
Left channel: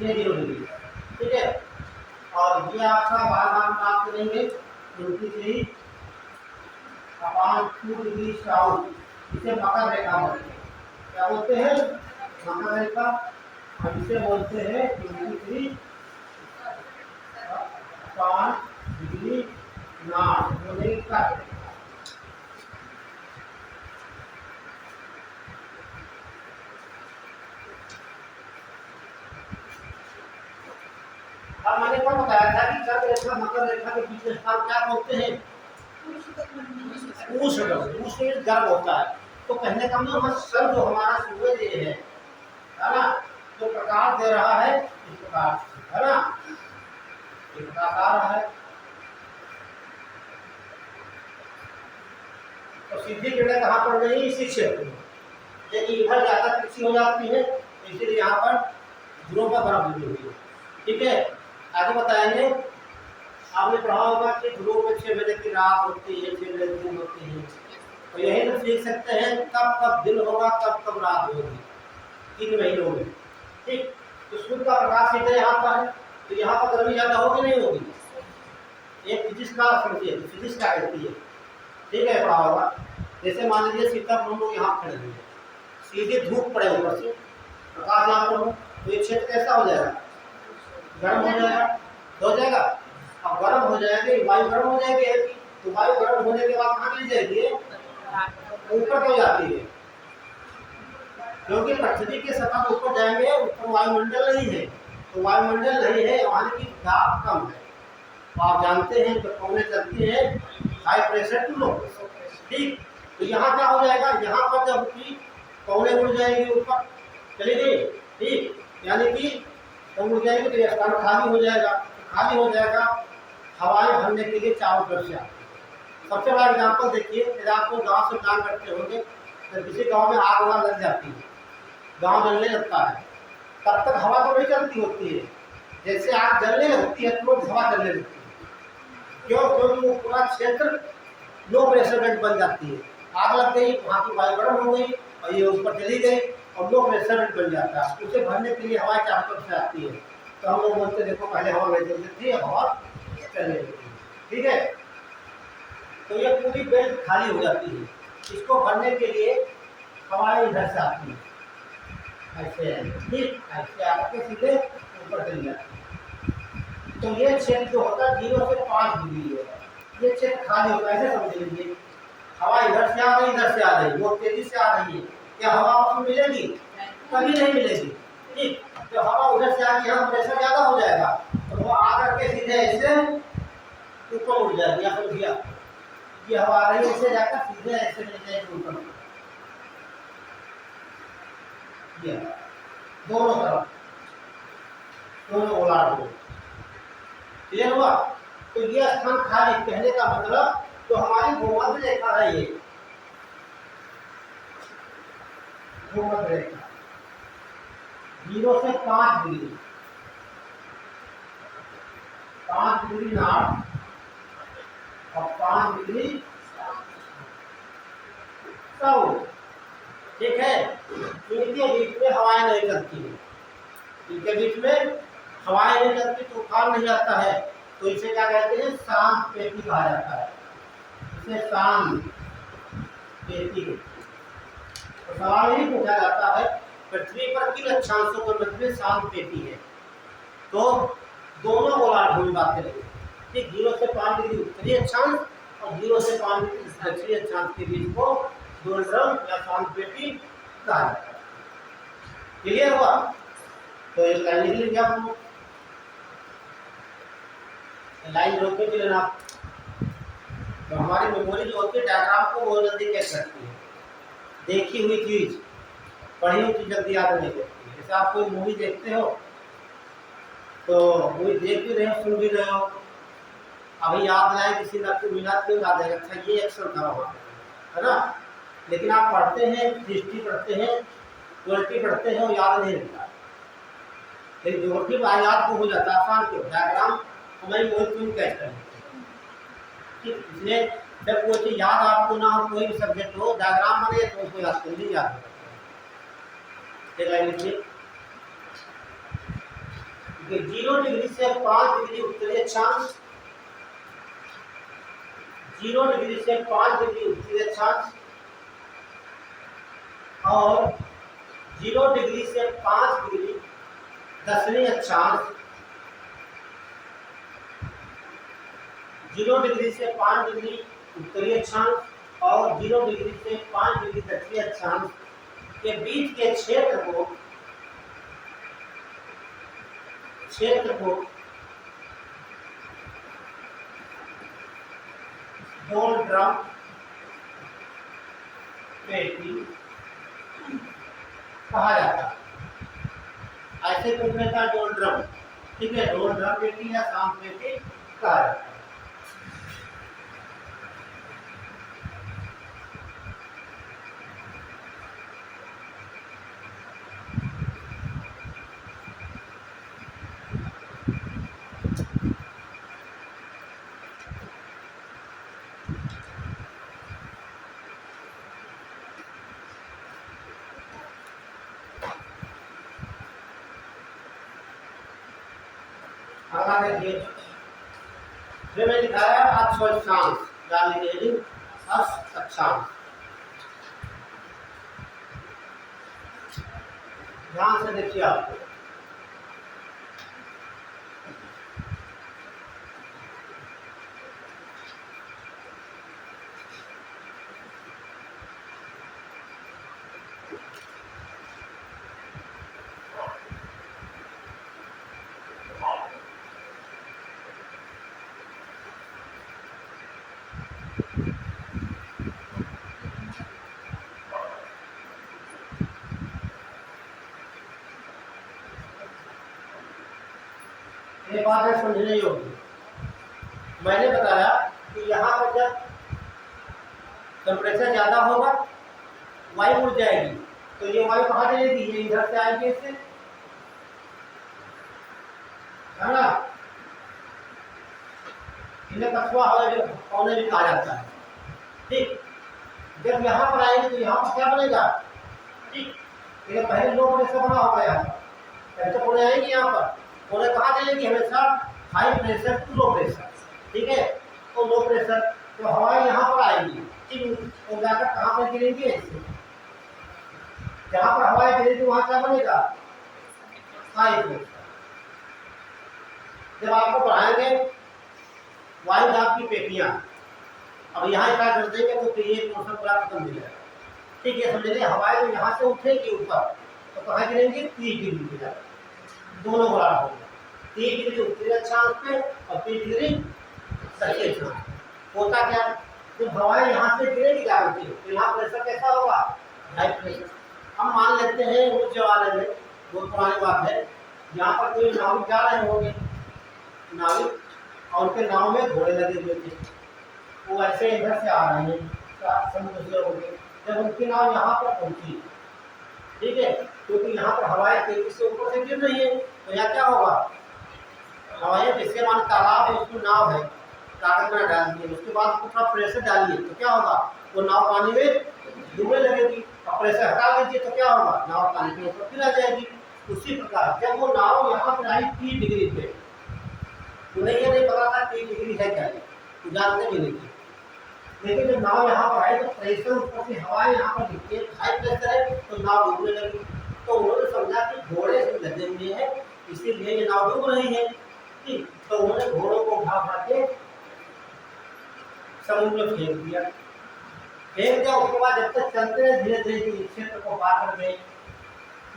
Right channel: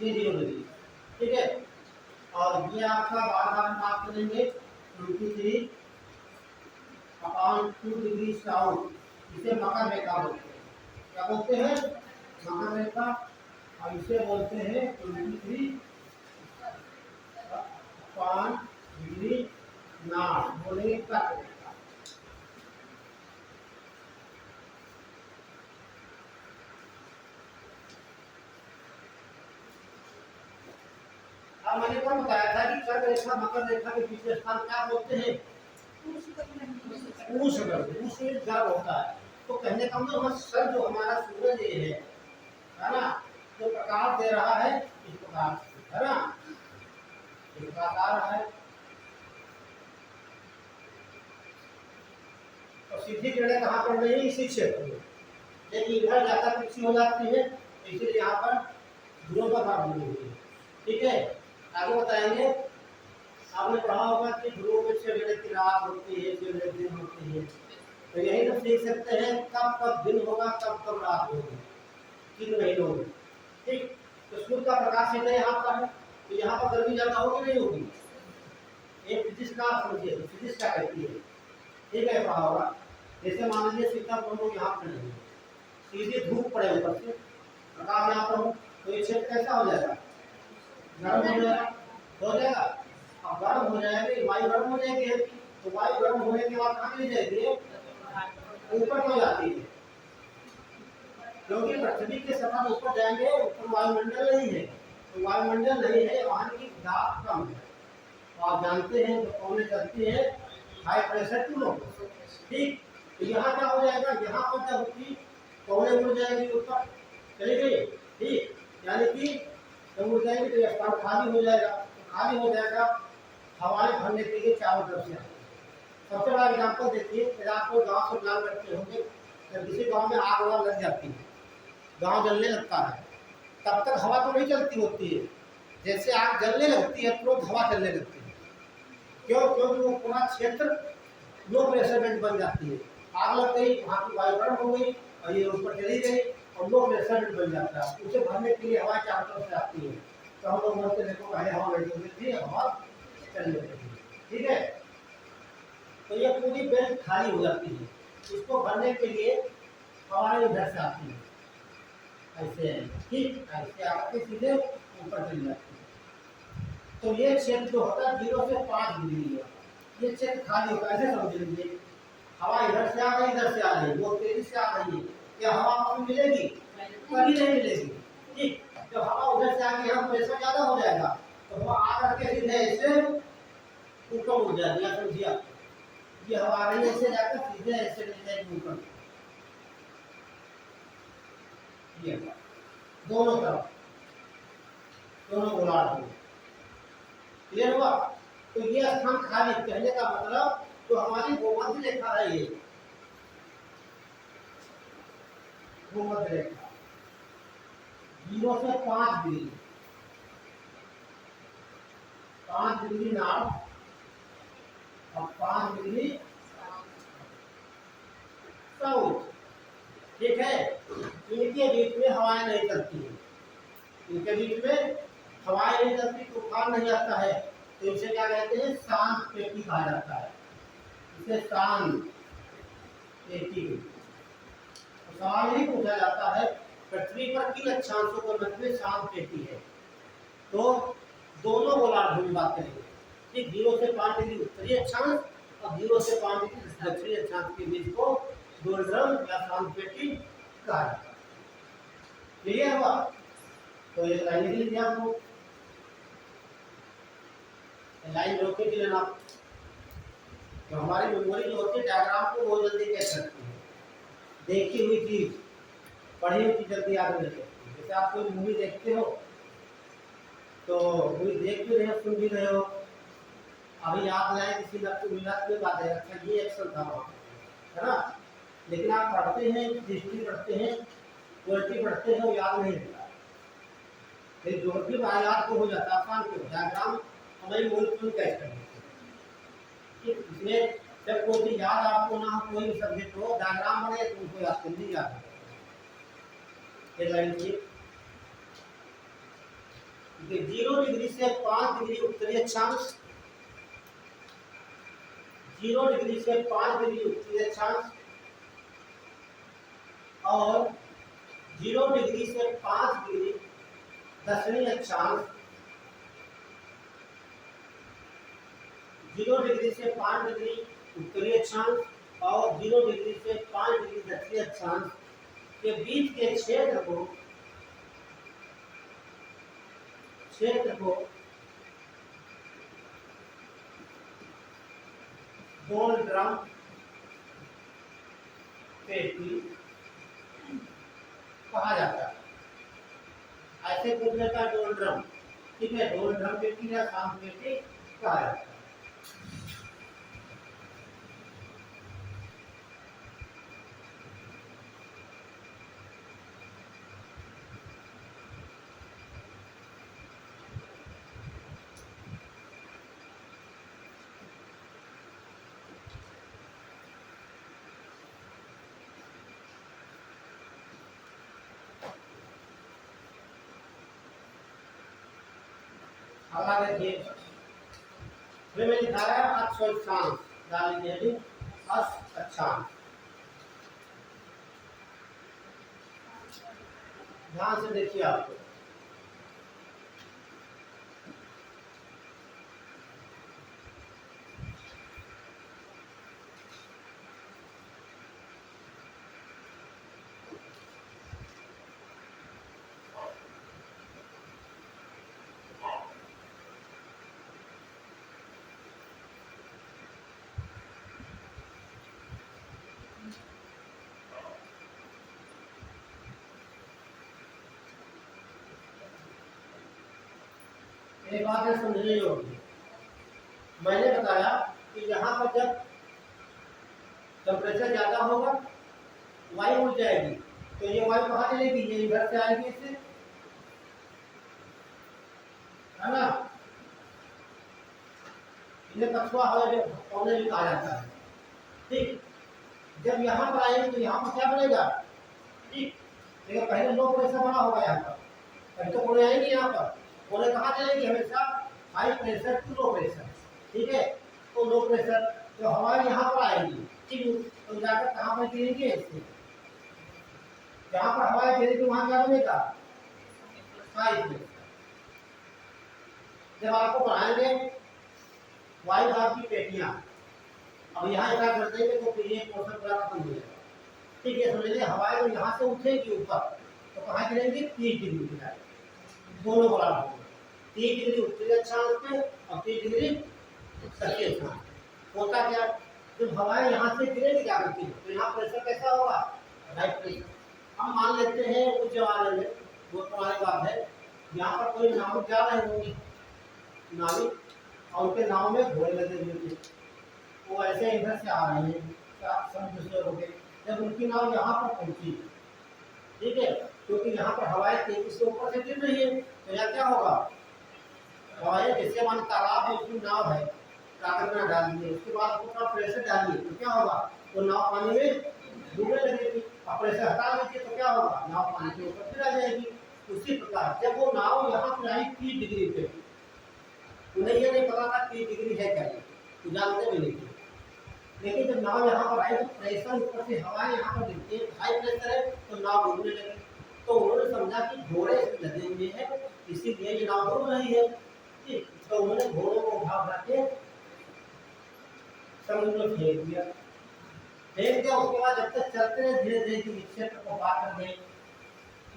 ये 0 डिग्री, ठीक है। और ये आपका बार बार बात करेंगे 23 अपॉन 2 डिग्री साउथ, इसे मकर रेखा बोलते हैं। क्या बोलते हैं? मकर रेखा। और इसे बोलते हैं 23 अपॉन डिग्री नॉर्थ, बोलेंगे कर्क रेखा। अब मैंने कौन बताया था कि कर्क रेखा मकर रेखा के बीच में स्थान क्या बोलते हैं? उष्ण गर्भ होता है। तो कहने का मतलब सर जो हमारा सूरज ये है ना, जो प्रकाश दे रहा है इस प्रकार, है ना, ये प्रकाश आ रहा है, तो सीधी किरणें कहाँ पड़ रही है? इसी क्षेत्र में। लेकिन इधर ज्यादा कृषि हो जाती है, इसलिए यहाँ पर ध्रुव पर बर्फ गिरी हुई है, ठीक है। आगे बताएंगे, आपने पढ़ा होगा कि ध्रुव में 6 बजे की रात होती है, 6 बजे दिन होती है। तो यही तो सीख सकते हैं कब कब दिन होगा, कब कब रात होगी, 3 महीनों में, ठीक। तो सूर्य का प्रकाश सीधे यहाँ पर है, तो यहाँ पर गर्मी ज़्यादा होगी नहीं होगी? एक फिजिक्स का समझिए, फिजिक्स क्या कहती है, ठीक है, पढ़ा होगा। जैसे मान लीजिए सीतापुर हम लोग यहाँ खड़े हुए, सीधे धूप पड़े ऊपर से, प्रकाश यहाँ पर हो, तो ये क्षेत्र कैसा हो जाएगा? गर्म हो जाएगा, हो जाएगा। अब गर्म हो जाएगी, वायु गर्म हो जाएगी, तो वायु गर्म होने के बाद कहाँ चली जाएगी? ऊपर हो जाती है, क्योंकि पृथ्वी के सतह पर ऊपर जाएंगे, ऊपर वायुमंडल नहीं है, तो वायुमंडल नहीं है, वहाँ की दाब कम है। तो आप जानते हैं जब पौने चलती है high pressure to low pressure, ठीक। तो यहाँ क्या हो जाएगा, यहाँ पर जब की पौने उड़ जाएगी ऊपर चली गई, ठीक, यानी कि जब उड़ जाएगी तो यह स्थान खाली हो जाएगा। खाली हो जाएगा, हवाएं भरने के लिए चारों तरफ से आती है। सबसे बड़ा एग्जाम्पल देखिए, यदि आपको गाँव से प्लान करते होंगे, जब किसी गाँव में आग वाग लग जाती है, गाँव जलने लगता है, तब तक हवा तो नहीं चलती होती है। जैसे आग जलने लगती है तुरंत हवा चलने लगती है। क्यों? क्योंकि वो पूरा क्षेत्र लो प्रेशर बेल्ट बन जाती है। आग लग गई, वहाँ की वायु गर्म हो गई और ये ऊपर चली गई और लो प्रेशर बेल्ट बन जाता है। उसे भरने के लिए हवा चारों तरफ से आती है। तो हम लोग बोलते देखो पहले हवा नहीं चलती थी, हवा चलने लगती है, ठीक है। तो ये पूरी बेल्ट खाली हो जाती है। इसको भरने के लिए हवाएं इधर से आती है, ऐसे ठीक, ऐसे आके सीधे ऊपर चली जाती है। तो ये क्षेत्र जो होता है 0 से 5 डिग्री है, ये क्षेत्र खाली होता है। ऐसे समझ लीजिए, हवा इधर से आ गई, इधर से आ रही, बहुत तेजी से आ रही है, क्या हवा आपको मिलेगी? कभी नहीं मिलेगी, ठीक। जब हवा उधर से आ गई, यहाँ प्रेशर ज्यादा हो जाएगा, तो वो आकर के सीधे ऐसे ऊपर उड़ जाएगी। या समझिए, ये हवा आ रही है, ऐसे जाकर सीधे ऐसे चली जाएगी ऊपर, ये दोनों तरफ, दोनों गोलार्ध में। क्लियर हुआ? तो ये स्थान खाली, कहने का मतलब तो हमारी भूमध्य रेखा है, ये भूमध्य रेखा 0 से 5 डिग्री, 5 डिग्री नॉर्थ और 5 डिग्री साउथ, ठीक है। इनके बीच में हवाएं नहीं चलती है, इनके बीच में हवाएं नहीं चलती, तूफान नहीं आता है। तो इसे क्या कहते हैं? शांत पेटी कहा जाता है, इसे शांत पेटी। तो सवाल यही पूछा जाता है, पृथ्वी पर किन अक्षांशों के मध्य में शांत पेटी है? तो दोनों गोलार्धों में बात करेंगे, ठीक। 0 से 5 डिग्री उत्तरी अक्षांश और 0 से 5 डिग्री दक्षिणी अक्षांश के बीच को डोलड्रम या शांत पेटी कहा जाता है। क्लियर हुआ? तो एक लाइन लिख लीजिए आप लोग, लाइन रोक के लेना। तो हमारी मेमोरी जो होती है डायग्राम को बहुत जल्दी कैच रखती है। देखी हुई चीज, पढ़ी हुई चीज जल्दी याद नहीं रहती। जैसे आप कोई मूवी देखते हो, तो मूवी देख भी रहे हो, सुन भी रहे हो, अभी याद नहीं आए किसी मिनट क्यों याद है, अच्छा ये एक्शन था वहाँ, है ना। लेकिन आप पढ़ते हैं, हिस्ट्री पढ़ते हैं, पॉलिटी पढ़ते हैं, वो याद नहीं रहता। लेकिन ज्योग्राफी याद को हो जाता है, आसान क्यों? डायग्राम हमारी मूवी क्यों कैच कर लेते हैं, ठीक। इसलिए जब कोई चीज याद आपको ना हो, कोई भी सब्जेक्ट हो, डायग्राम बने तो उसको याद कर लीजिए, याद लिखिए। 0 डिग्री से 5 डिग्री उत्तरी अक्षांश, 0 डिग्री से 5 डिग्री उत्तरी अक्षांश और 0 डिग्री से 5 डिग्री दक्षिणी अक्षांश, 0 डिग्री से 5 डिग्री उत्तरी अक्षांश और 0 डिग्री से 5 डिग्री दक्षिणी अक्षांश के बीच के क्षेत्र को डोलड्रम पेटी कहा जाता है। ऐसे पूछने का डोलड्रम, ठीक है, डोलड्रम पेटी या शांत पेटी कहा जाता है। अगला देखिए, जो मैं दिखाया अक्षांश डालने के लिए, अक्षांश ध्यान से देखिए आपको। बात है समझने योग्य। मैंने बताया कि यहाँ पर जब टेम्परेचर ज़्यादा होगा वायु उड़ जाएगी, तो ये वायु कहाँ जाएगी? ये इधर से आएगी इससे, है ना? इन्हें कछुआ कौने भी कहा जाता है। ठीक, जब यहाँ पर आएंगे तो यहाँ पर क्या बनेगा? ठीक, ये पहले लो प्रेशर बना होगा यहाँ पर, पहले तो कोने आएंगे यहाँ पर, कोने कहाँ चलेंगे? हमेशा high pressure to low pressure. ठीक है, तो लो प्रेशर तो हवाएं यहाँ पर आएंगी, ठीक, तो जाकर कहाँ पर गिरेंगी? ऐसे जहाँ पर हवाएं गिरेगी वहाँ क्या बनेगा? High pressure. जब आपको बढ़ाएंगे वायु दाब की पेटियां, अब यहाँ स्टार्ट कर देंगे तो फिर ये पोर्शन पूरा खत्म हो जाएगा। ठीक है, समझ लीजिए हवाएं जो यहाँ से उठेगी ऊपर तो कहाँ गिरेंगी? 30 डिग्री की तरफ, दोनों बराबर होंगे। 30 डिग्री उत्तरी अक्षांश पे और 30 डिग्री दक्षिणी अक्षांश। होता क्या, जब हवाएं यहाँ से गिरेगी जाकर के तो यहाँ प्रेशर कैसा होगा? High pressure. हम मान लेते हैं उस जमाने में, बहुत पुरानी बात है, यहाँ पर कोई नाविक जा रहे होंगे, नाविक, और उनके नाव में घोड़े लगे हुए थे, वो ऐसे इधर से आ रहे हैं समुद्र से होके, जब उनकी नाव यहाँ पर पहुंची, ठीक है, क्योंकि यहाँ पर हवाएं तेजी से ऊपर से गिर रही है, तो यहाँ क्या होगा? हवाएं जिसके मान तालाब है उसमें नाव है, कागज में डाल दिए, उसके बाद थोड़ा प्रेशर डालिए तो क्या होगा? वो नाव पानी में डूबने लगेगी, और प्रेशर हटा लीजिए तो क्या होगा? नाव पानी के ऊपर फिर आ जाएगी। उसी प्रकार जब वो नाव यहाँ पर आई 30 डिग्री पे, उन्हें ये नहीं पता था 30 डिग्री है क्या, तो जानते भी नहीं थे, लेकिन जब नाव यहाँ पर आए तो प्रेशर ऊपर से हवाएं यहाँ पर गिरती है, हाई प्रेशर है तो नाव डूबने लगी। तो उन्होंने समझा कि घोड़े से लदे हुए हैं इसीलिए ये नाव डूब रही है। ठीक, तो उन्होंने घोड़ों को उठा के समुद्र में फेंक दिया। उसके बाद जब तक चलते हैं धीरे धीरे इस क्षेत्र को पार कर गए,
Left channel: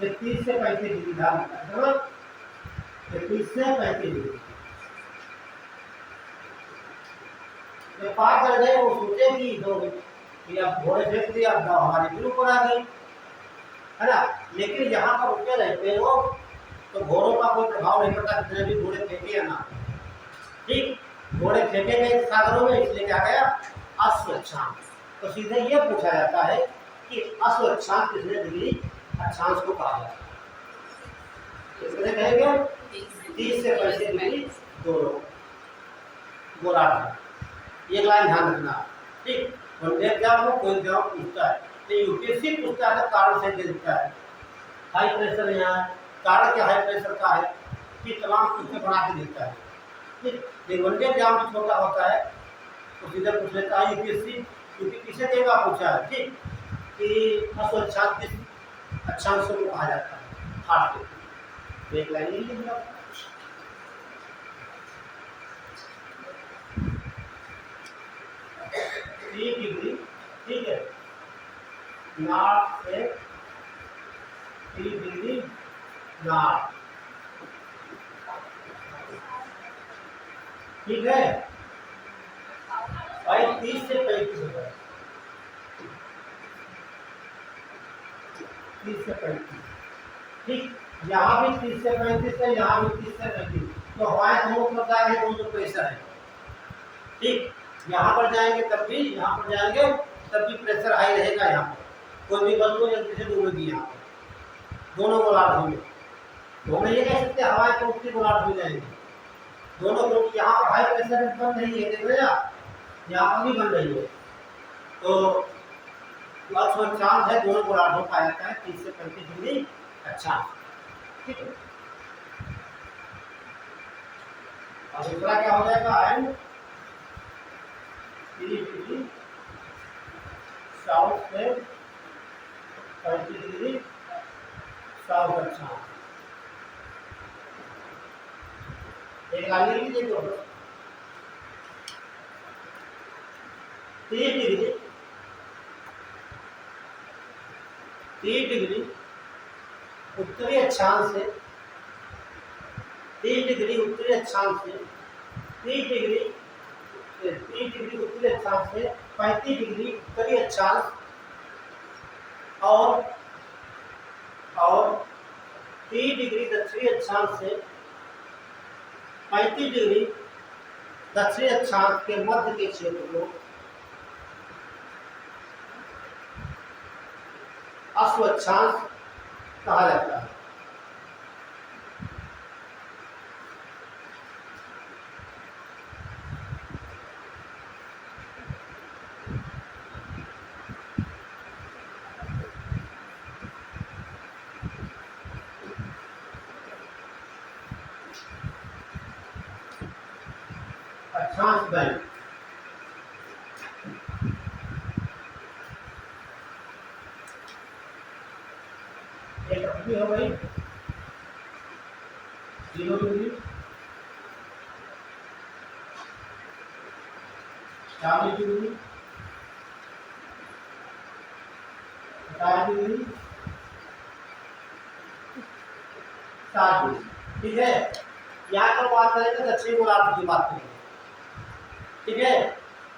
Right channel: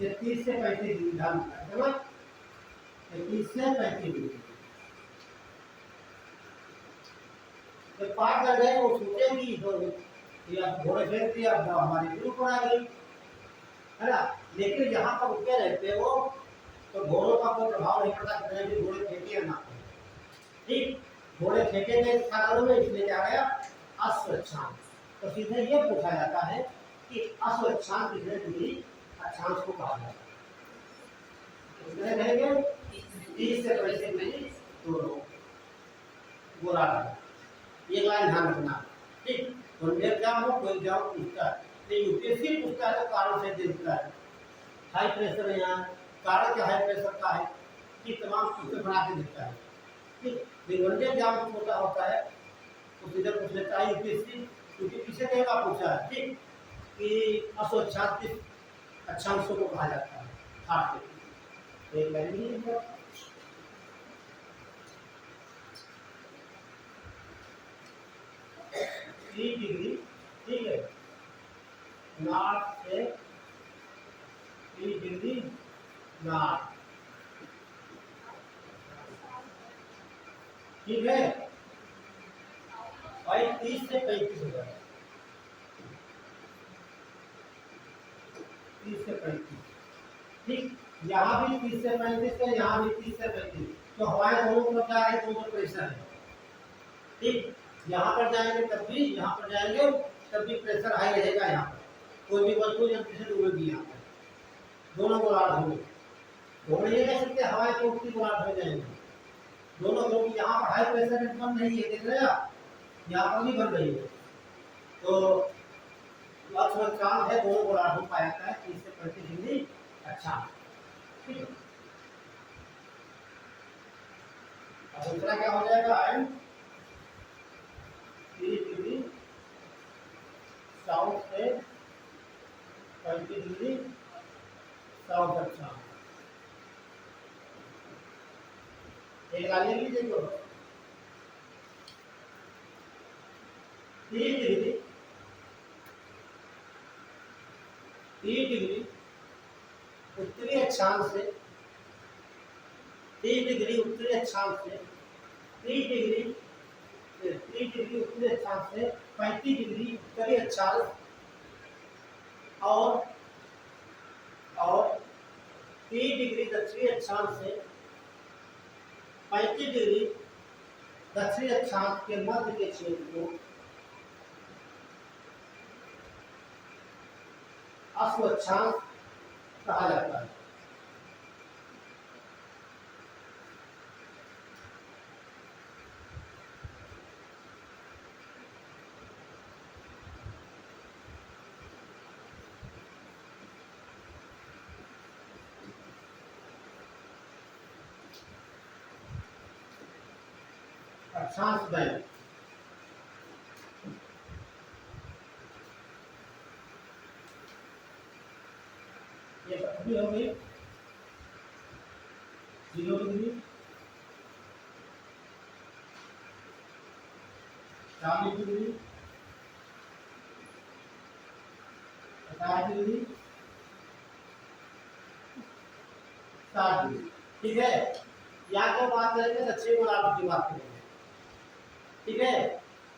30 से 35 डिग्री था, 30 से 35 डिग्री पार कर गए। वो सोचे कि अब घोड़े फेंक दिया, अब हमारे फिर ऊपर आ गई, है ना? लेकिन यहाँ पर रुके रहते हो तो घोड़ों का कोई प्रभाव नहीं पड़ता, कितने भी घोड़े फेंके या ना। ठीक, घोड़े फेंके गए सागरों में, इसलिए क्या गया? अश्व-अक्षांश। तो सीधे ये पूछा जाता है कि अश्व-अक्षांश कितने डिग्री अक्षांश को कहा जाता है? कितने कहेंगे? 30 से 35 डिग्री दोनों गोलार्ध। ये लाइन ध्यान रखना। ठीक, वनडे एग्जाम हो, कोई एग्जाम पूछता है, तो यूपीएससी पूछता है तो कारण से देता है, हाई प्रेशर यहाँ कारण क्या हाई प्रेशर का है, कि तमाम उससे बना के देता है। ठीक, लेकिन वनडे एग्जाम में छोटा होता है तो सीधे पूछ लेता है यूपीएससी, क्योंकि किसे देगा पूछा है। ठीक, कि अश्व-अक्षांश किस अक्षांशों को कहा जाता है? हाथ के एक लाइन लिख लो, 30 डिग्री, ठीक है, नॉर्थ से 30 डिग्री नॉर्थ, ठीक है भाई। 30 से 35 होता है, 30 से 35, ठीक, यहाँ भी 30 से 35 है, यहाँ भी 30 से 35, तो हमारे दोनों तरफ जा रहे दोनों प्रेशर है। ठीक, यहाँ पर जाएंगे तब भी, यहाँ पर जाएंगे तब भी प्रेशर हाई रहेगा। यहाँ पर कोई भी वस्तु जल्दी से डूबेगी, यहाँ पर दोनों गोलार्ध में। तो हम ये कह सकते हैं हवाएं तो उत्तरी गोलार्ध हो जाएंगे दोनों, क्योंकि यहाँ पर हाई प्रेशर बन रही है, देख रहे हैं आप, यहाँ पर भी बन रही है। तो अक्षांश है दोनों गोलार्धों का आता है 30 से 35 डिग्री अक्षांश। ठीक है, अब दूसरा क्या हो जाएगा? एंड 30 डिग्री साउथ से 35 डिग्री साउथ अक्षांश। एक आगे की देखो, 30 डिग्री, 30 डिग्री उत्तरी अक्षांश से, 30 डिग्री उत्तरी अक्षांश से, 30 डिग्री उत्तरी अक्षांश से 35 डिग्री उत्तरी अक्षांश और 30 डिग्री दक्षिणी अक्षांश से 35 डिग्री दक्षिणी अक्षांश के मध्य के क्षेत्र को अश्व अक्षांश कहा जाता है। अक्षांश बैंक एक अपनी हो गई 0 डिग्री 40 डिग्री 50 डिग्री 60 डिग्री। ठीक है, यहाँ तो बात करेंगे दक्षिण गोलार्ध की बात करेंगे। ठीक है,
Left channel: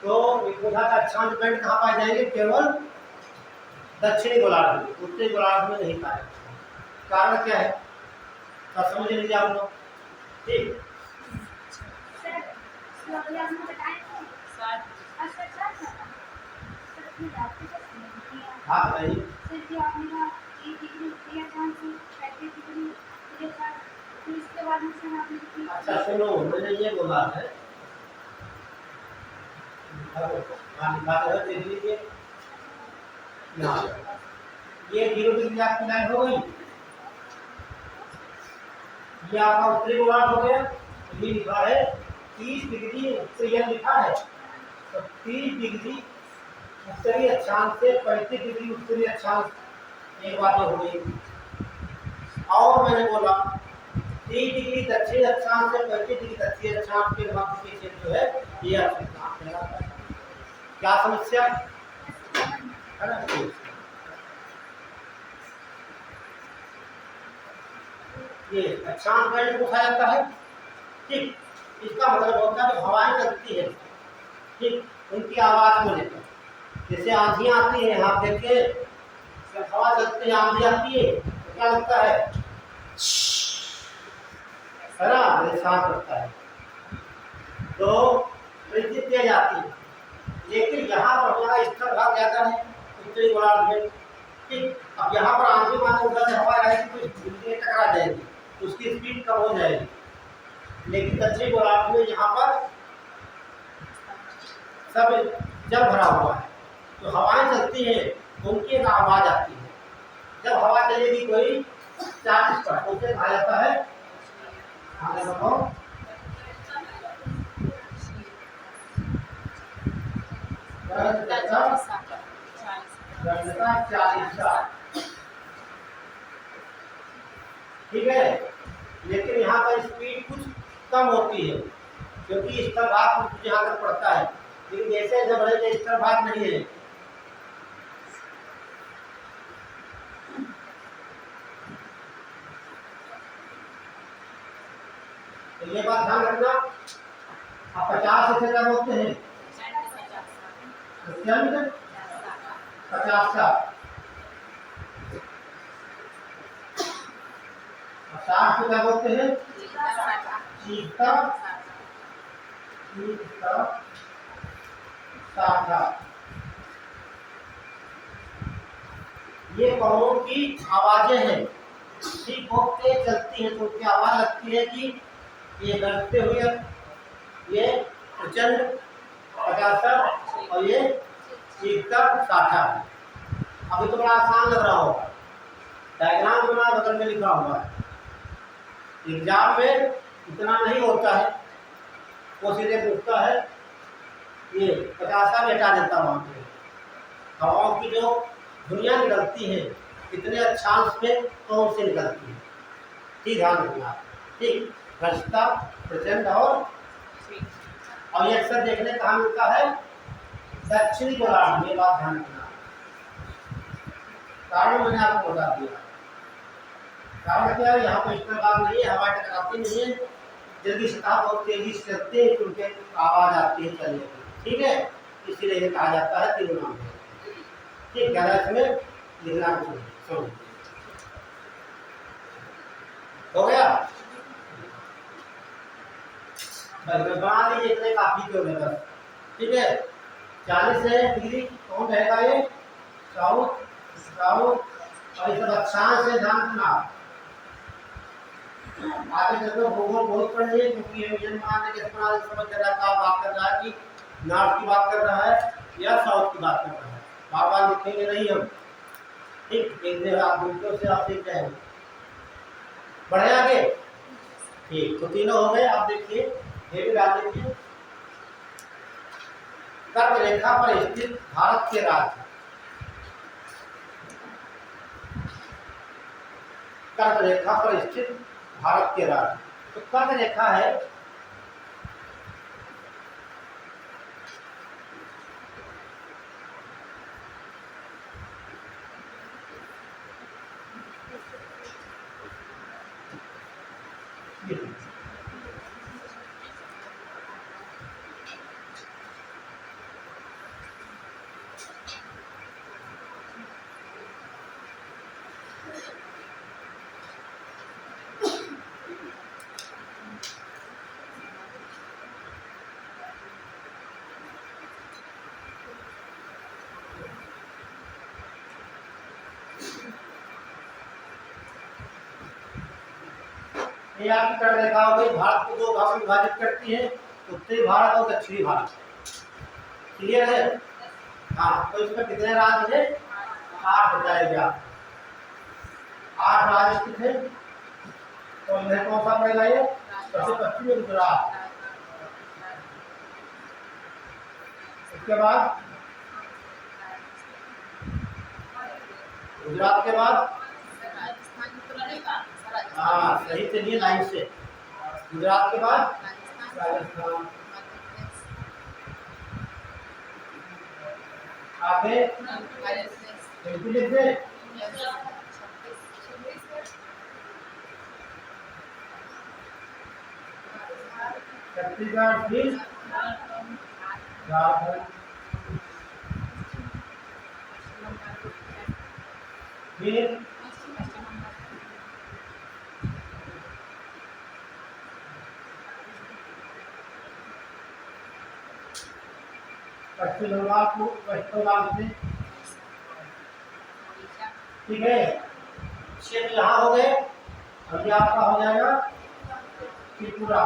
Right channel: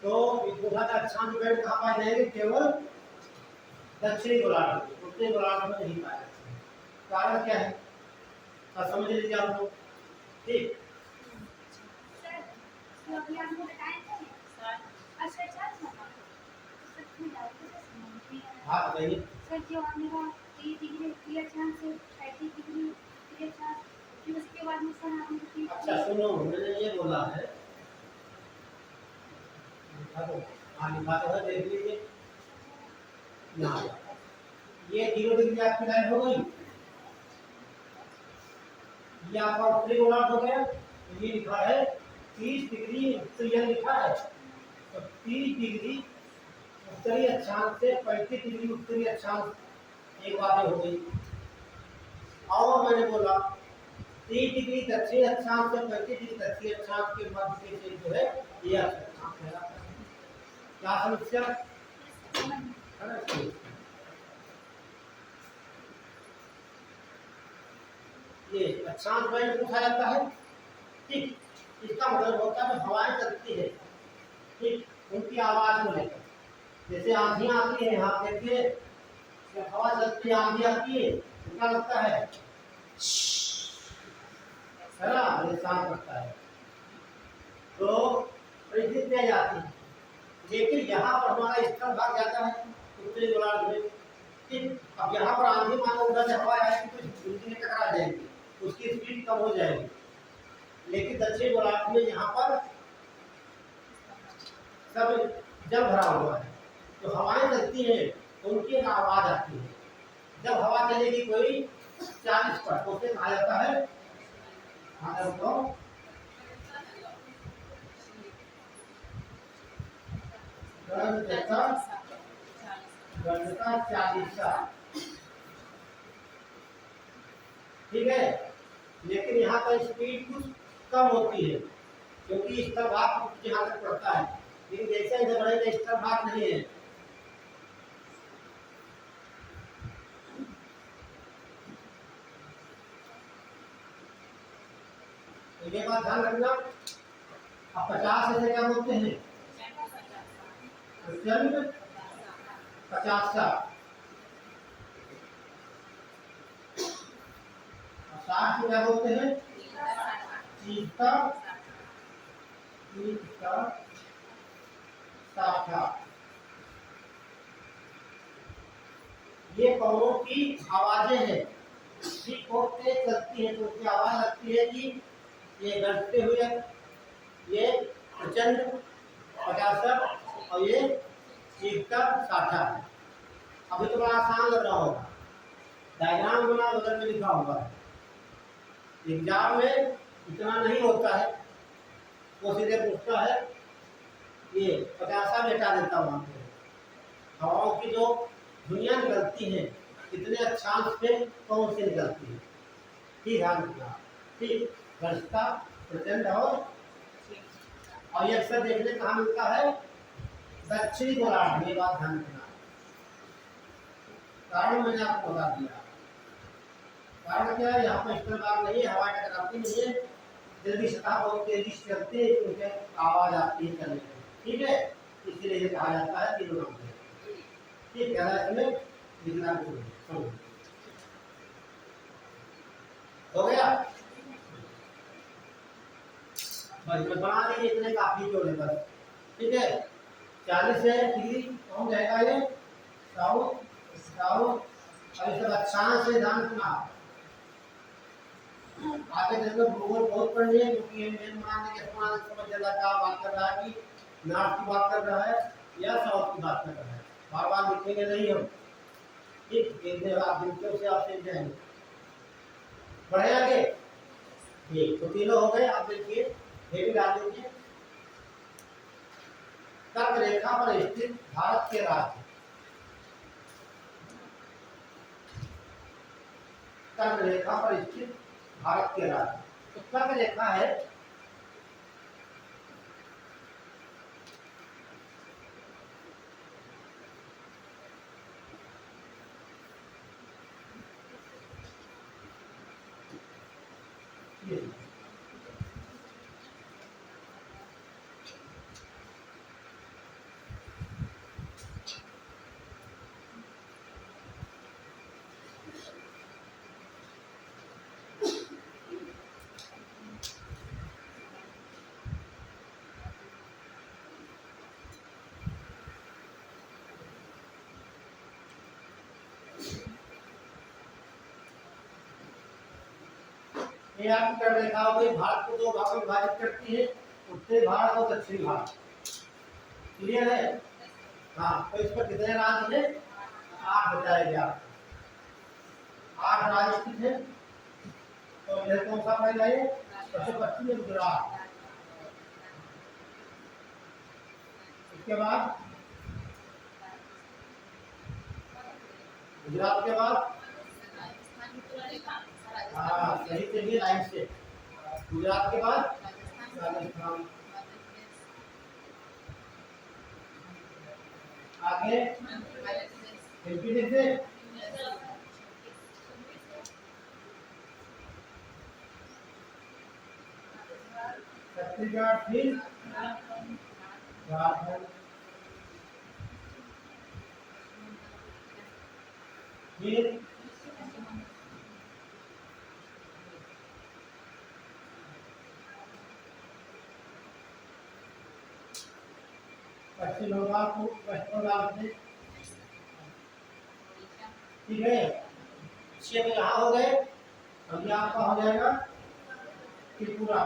तो रेखा का अक्षांश बैंड कहाँ पाए जाएंगे? केवल दक्षिणी गोलार्ध में, उत्तरी गोलार्ध में नहीं पाए। कारण क्या है तो समझ लीजिए आप लोग। ठीक, हाँ बताइए। अच्छा सुनो, मैंने ये बोला है, हाँ लिखा है, देख लीजिए यहाँ ये 0 डिग्री आपकी लाइन हो गई, ये आपका उत्तरी गोलार्ध हो गया। ये लिखा है 30 डिग्री उत्तरी लिखा है, तो 30 डिग्री उत्तरी अक्षांश से 35 डिग्री उत्तरी अक्षांश एक बात हो गई। और मैंने बोला 30 डिग्री दक्षिण अक्षांश से 35 डिग्री दक्षिण अक्षांश के मध्य के क्षेत्र जो है ये अक्षांश कहलाता है। क्या समस्या है ना? ये अक्षांश बैंड पूछा जाता है। ठीक, इसका मतलब होता है हवाएं चलती है, ठीक, उनकी आवाज को लेकर। जैसे आंधी आती है, यहाँ देखिए जब हवा चलती है आंधी आती है तो क्या लगता है ना, शांत लगता है, तो वृद्धि तेज आती है। लेकिन यहाँ पर हमारा स्थल भाग ज्यादा है उत्तरी गोलार्ध में। ठीक, अब यहाँ पर आंधी मानो उधर से हवा आएगी तो बिजली में टकरा जाएगी, उसकी स्पीड कम हो जाएगी। लेकिन दक्षिण गोलार्ध में यहाँ पर सब जल भरा हुआ है, तो हवाएं चलती हैं तो उनकी एक आवाज आती है। जब हवा चलेगी कोई 40 पर तो उसे कहा जाता है, आगे बताओ, दक्षता 40। ठीक है, लेकिन यहाँ पर स्पीड कुछ कम होती है क्योंकि स्तर भाग कुछ यहाँ तक पड़ता है, लेकिन जैसे जब रहे स्तर भाग नहीं है। तो ये बात ध्यान रखना। आप 50 से क्या बोलते हैं? 50 का 60 को क्या बोलते हैं? चीता 60। ये कौनों की आवाजें हैं, ठीक, बहुत तेज चलती हैं तो उसकी आवाज लगती है कि ये गरजते हुए, ये प्रचंड 50 और ये चीता 60। अभी तो बड़ा आसान लग रहा होगा, डायग्राम बना बगल में लिखा हुआ है। एग्जाम में इतना नहीं होता है, वो सीधे पूछता है ये 50 लेटा देता वहाँ पे। हवाओं की जो दुनिया निकलती है कितने अक्षांश पे कौन से निकलती है, ठीक, ध्यान रखना। ठीक, भ्रष्टा प्रचंड और ये अक्सर देखने कहाँ मिलता है? दक्षिणी गोलार्ध में। बात ध्यान रखना, कारण मैंने आपको बता दिया। कारण क्या है? यहाँ पर स्तर भाग नहीं है, हवा टकराती नहीं है, जल्दी सतह बहुत तेजी से चलते हैं तो उनके आवाज आती है चलने की। ठीक है, इसीलिए ये कहा जाता है तीनों नाम। ठीक, ज़्यादा इसमें लिखना कुछ नहीं। सुनो, हो गया? बस बना लीजिए, इतने काफी तो है बस। ठीक है, 40 डिग्री कौन रहेगा ये, साउथ साउथ। और ये सब अक्षांश से ध्यान सुना। आगे चलकर भूगोल बहुत पढ़ लिए, क्योंकि ये विजन बनाने के इस्तेमाल समझ जरा क्या बात कर रहा है कि नॉर्थ की बात कर रहा है या साउथ की बात कर रहा है, बार बार लिखेंगे नहीं हम। ठीक, एक दिन आप दूसरों से आप सीख जाएंगे। बढ़े आगे। ठीक, तो तीनों हो गए। आप देखिए, ये भी डाल दीजिए। कर्क रेखा पर स्थित भारत के राज्य, कर्क रेखा पर स्थित भारत के राज्य। तो कर्क रेखा है, ये आपकी कर्क रेखा हो गई। भारत को दो भागों में विभाजित करती है, उत्तरी भारत और दक्षिणी भारत। क्लियर है? हाँ, तो इसमें कितने राज्य है, 8 बताया गया। 8 राज्य स्थित है। तो इन्हें कौन सा पड़ेगा ये, सबसे पश्चिम में गुजरात, उसके बाद गुजरात के बाद, हाँ सही चलिए लाइन से, गुजरात के बाद राजस्थान, आगे एमपी लिख दें, छत्तीसगढ़, फिर झारखंड, फिर पश्चिम बंगाल को, वेस्ट बंगाल से। ठीक है, क्षेत्र यहाँ हो गए। और ये आपका हो जाएगा त्रिपुरा,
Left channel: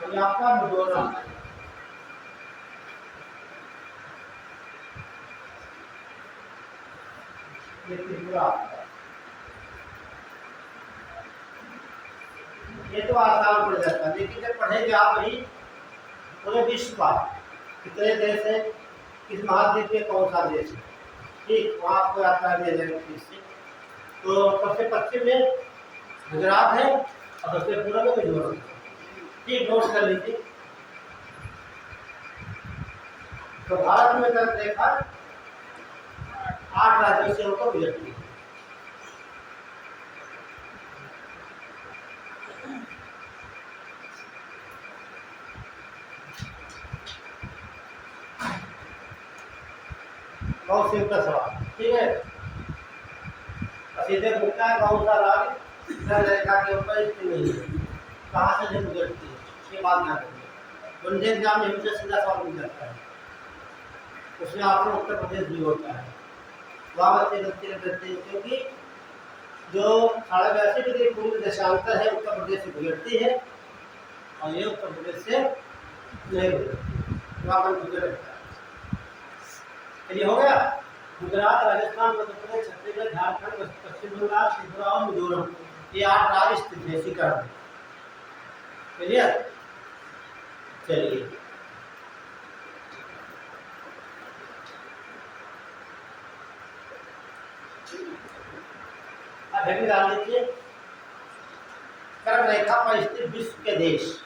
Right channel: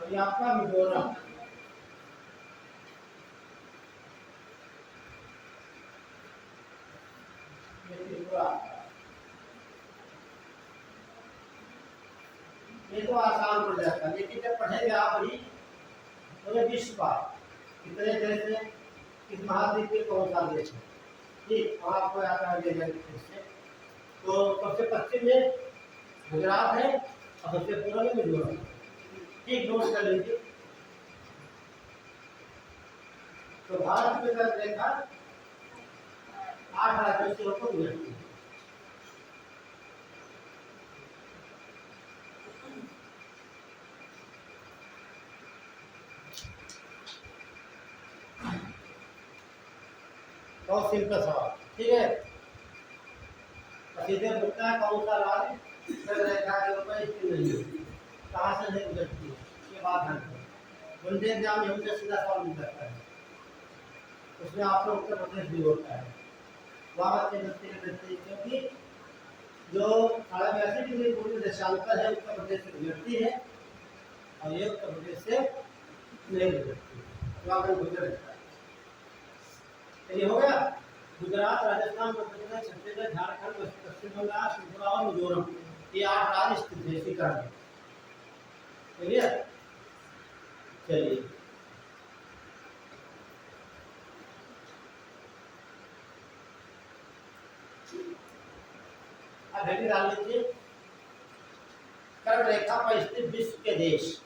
और ये आपका मिजोरम। ये त्रिपुरा, ये तो आसान पड़ जाता है, लेकिन जब पढ़ेंगे आप वही पूरे विश्व का कितने देश है, किस महाद्वीप में कौन सा देश है, ठीक वहाँ आपको यात्रा दिया जाएगा ठीक से। तो सबसे पश्चिम में गुजरात है और सबसे पूर्व में मिजोरम। ठीक, नोट कर लीजिए। तो भारत में कर्क रेखा 8 राज्यों से होकर गुजरती है। बहुत सिंपल सवाल, ठीक है। सीधे पूछता है कौन सा राज्य कर्क रेखा के ऊपर स्थित नहीं है, कहाँ से गुजरती है, ये बात ध्यान रखिए। वनडे एग्जाम में हमसे सीधा सवाल मिल जाता है, उसमें आपका उत्तर प्रदेश भी होता है। वहाँ बच्चे गलती कर देते हैं, क्योंकि जो 82.5 डिग्री पूर्व देशांतर है उत्तर प्रदेश से गुजरती है, और ये उत्तर प्रदेश से नहीं गुजरती, वहाँ पर गुजर रहता है। चलिए हो गया। गुजरात, राजस्थान, मध्य प्रदेश, छत्तीसगढ़, झारखंड, पश्चिम बंगाल, त्रिपुरा और मिजोरम, ये 8 राज्य स्थित है इसी कारण। क्लियर? चलिए अब भी डाल लीजिए। कर्क रेखा पर स्थित विश्व के देश,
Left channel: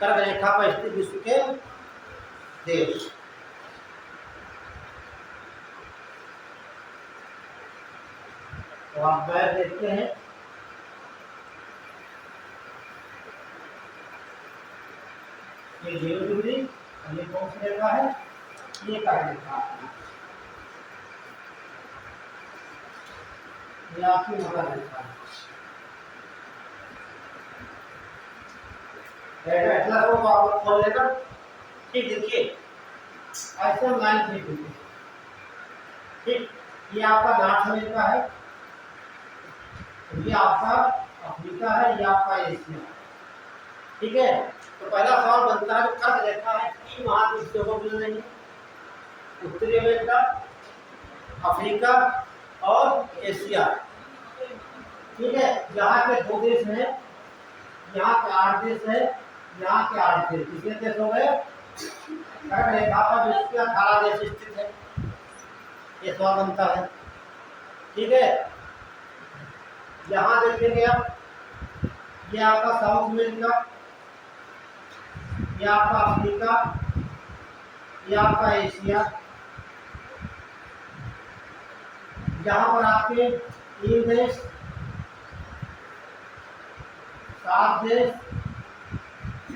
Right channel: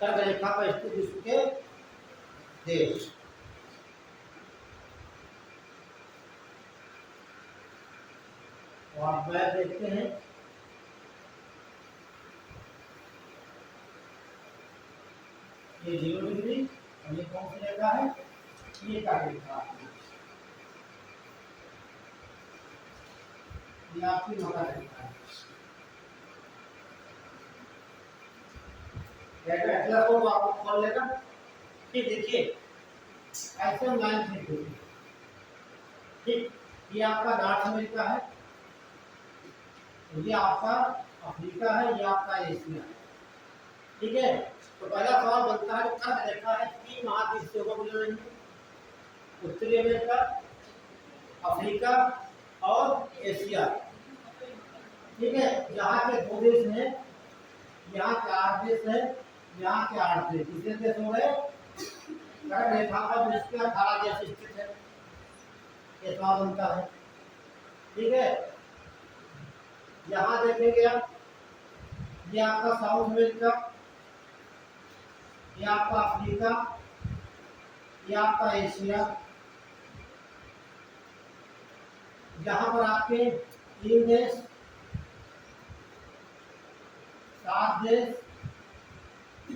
कर्क रेखा पर स्थित विश्व के देश। तो आप मैप देखते हैं, ये 0 डिग्री, और ये कौन सी रेखा है, ये कर्क रेखा, ये आपकी मकर रेखा है। एटलस को आप खोल लेना। ठीक, देखिए ऐसे लाइन खींच लीजिए। ठीक, ये आपका नॉर्थ अमेरिका है, ये आपका अफ्रीका है, ये आपका एशिया। ठीक है, तो पहला सवाल बनता है, जो कर्क रेखा है 3 महाद्वीप को मिल रही है, उत्तरी अमेरिका, अफ्रीका और एशिया। ठीक है, यहाँ के 2 देश हैं, यहाँ के 8 देश है, यहाँ के 8 देश, कितने देश हो गए? कर्क रेखा पर विश्व के 18 देश स्थित है, ये सवाल बनता है। ठीक है, यहाँ देखेंगे आप, ये आपका साउथ अमेरिका, ये आपका अफ्रीका, ये आपका एशिया। यहाँ पर आपके 3 देश, 7 देश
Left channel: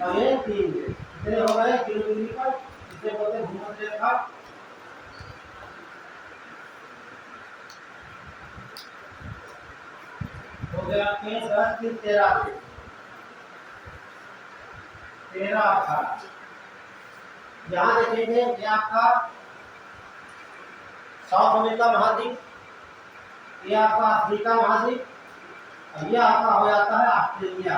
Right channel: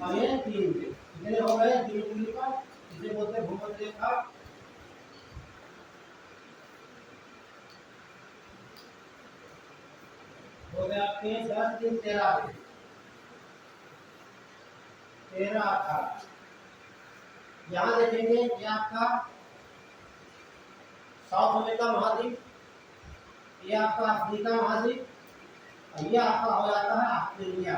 और ये 3 देश, कितने हो गए? 0 डिग्री पर, इसे बोलते हैं भूमध्य रेखा। हो गया आपके 10 3 13 देश, 13 18। यहाँ देखेंगे, ये आपका साउथ अमेरिका महाद्वीप, ये आपका अफ्रीका महाद्वीप, और ये आपका हो जाता है ऑस्ट्रेलिया।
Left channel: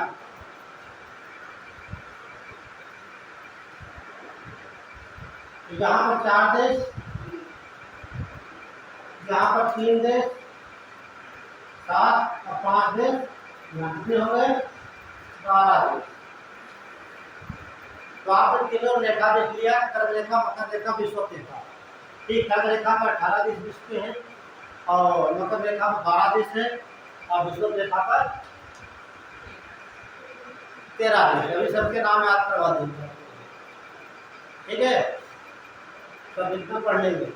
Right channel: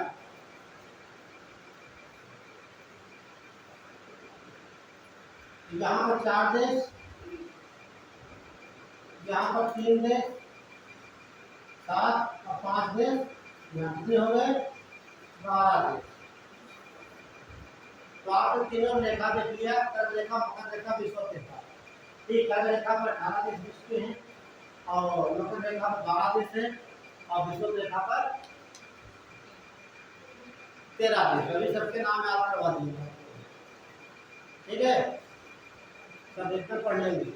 यहाँ पर 4 देश, यहाँ पर 3 देश, 7 और 5 देश, यहाँ कितने हो गए? 12 देश। तो आपने तीनों रेखा देख लिया, कर्क रेखा, मकर रेखा, विषुवत रेखा। ठीक, कर्क रेखा पर 18 देश विश्व के हैं, और मकर रेखा पर 12 देश है, और विषुवत रेखा पर 13 देश। अभी सबके नाम याद करवा दूंगा। ठीक है, सब इसमें पढ़ लेंगे।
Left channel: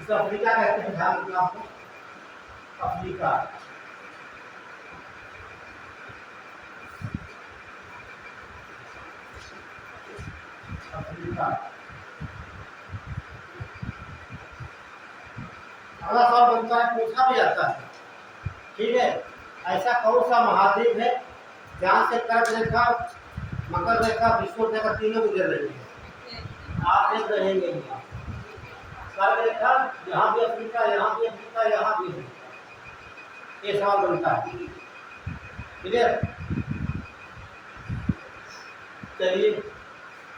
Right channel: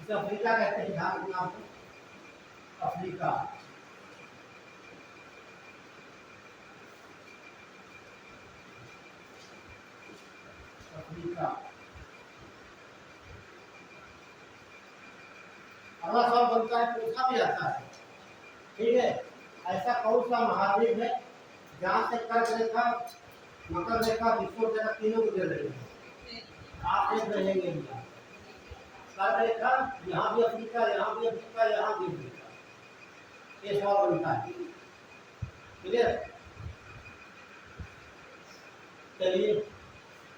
इसे अफ्रीका कहते हैं, ध्यान रखना आपको, अफ्रीका। अफ्रीका अगला सवाल बनता है, पूछा भी जाता है। ठीक है, ऐसा कौन सा महाद्वीप है जहाँ से कर्क रेखा, मकर रेखा, विषुवत रेखा तीनों गुजर रही है? आप देख रहेंगे, कर्क रेखा यहाँ भी अफ्रीका, यहाँ भी अफ्रीका, यहाँ भी अफ्रीका। ये सवाल बनता है। क्लियर? चलिए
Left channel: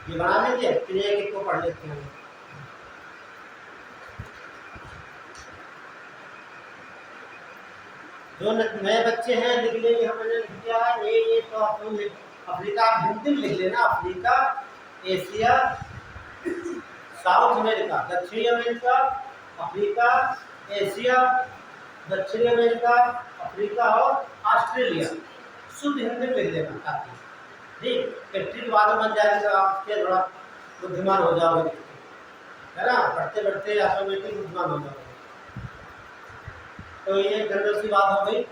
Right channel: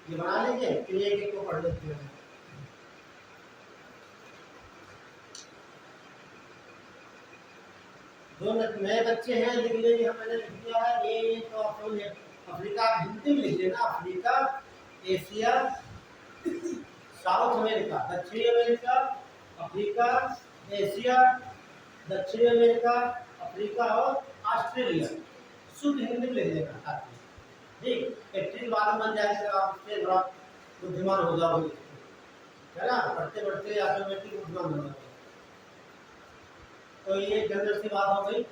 ये बना लीजिए, फिर एक को पढ़ लेते हैं। जो नए बच्चे हैं लिख लेंगे, हमने लिख दिया है ये तो आप अफ्रीका हिंदी में लिख लेना, अफ्रीका, एशिया, साउथ अमेरिका, दक्षिणी अमेरिका, अफ्रीका, एशिया, दक्षिणी अमेरिका, अफ्रीका और ऑस्ट्रेलिया। शुद्ध हिंदी में लिख लेना ताकि ठीक एक बाद में बन जाएगी, तो आप थोड़ा बुद्धिमान हो जाओगे, है ना, पढ़ते पढ़ते ऑटोमेटिक बुद्धिमान हो जाओगे। तो ये जनरल सी बात हो गई।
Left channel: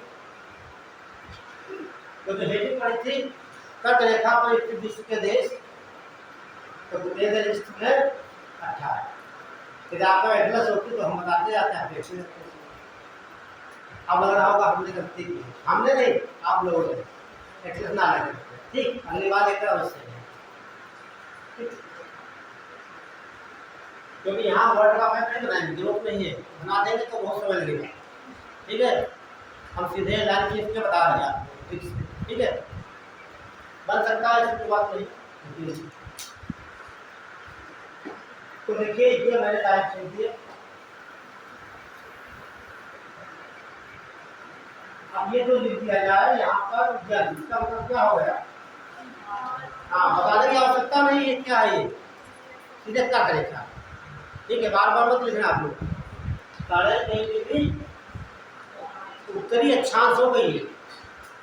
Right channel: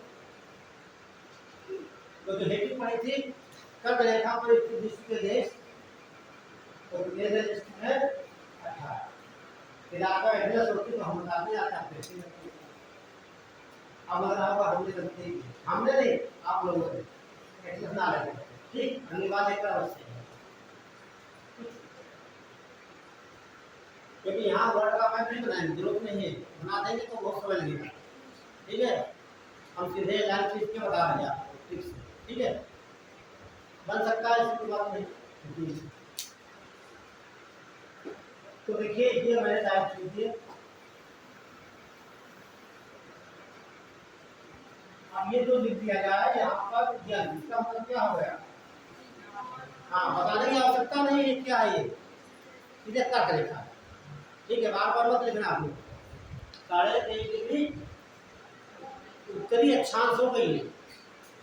तो जो हेडिंग पढ़ी थी, कर्क रेखा पर स्थित विश्व के देश, तो कितने देश स्थित है? 18। यदि आपका एटलस होती तो हम बताते जाते हैं। अब लग रहा होगा हमने गलती की, हमने नहीं, आप लोगों ने एटलस ना लगे। ठीक, अगली बार लेकर अवश्य है, क्योंकि यहाँ वर्ड का मैप नहीं बनाएंगे, जरूरत नहीं है, बना देंगे तो बहुत समय लगेगा। ठीक है, हम सीधे लाइन खींच के बता रहे हैं आपको। ठीक है, बन सकता है, इसकी बात नहीं। तो देखिए ये मैंने टाइप खींच दिए। अब ये जो लिख दिया जाए यहाँ पर, इसका मतलब क्या हो गया? हाँ, बताने की आवश्यकता नहीं है क्या है, ये सीधे कर्क रेखा। ठीक है, बार बार मत लिखना आप लोग। 3.5 डिग्री उत्तरी अक्षांश हो गई है।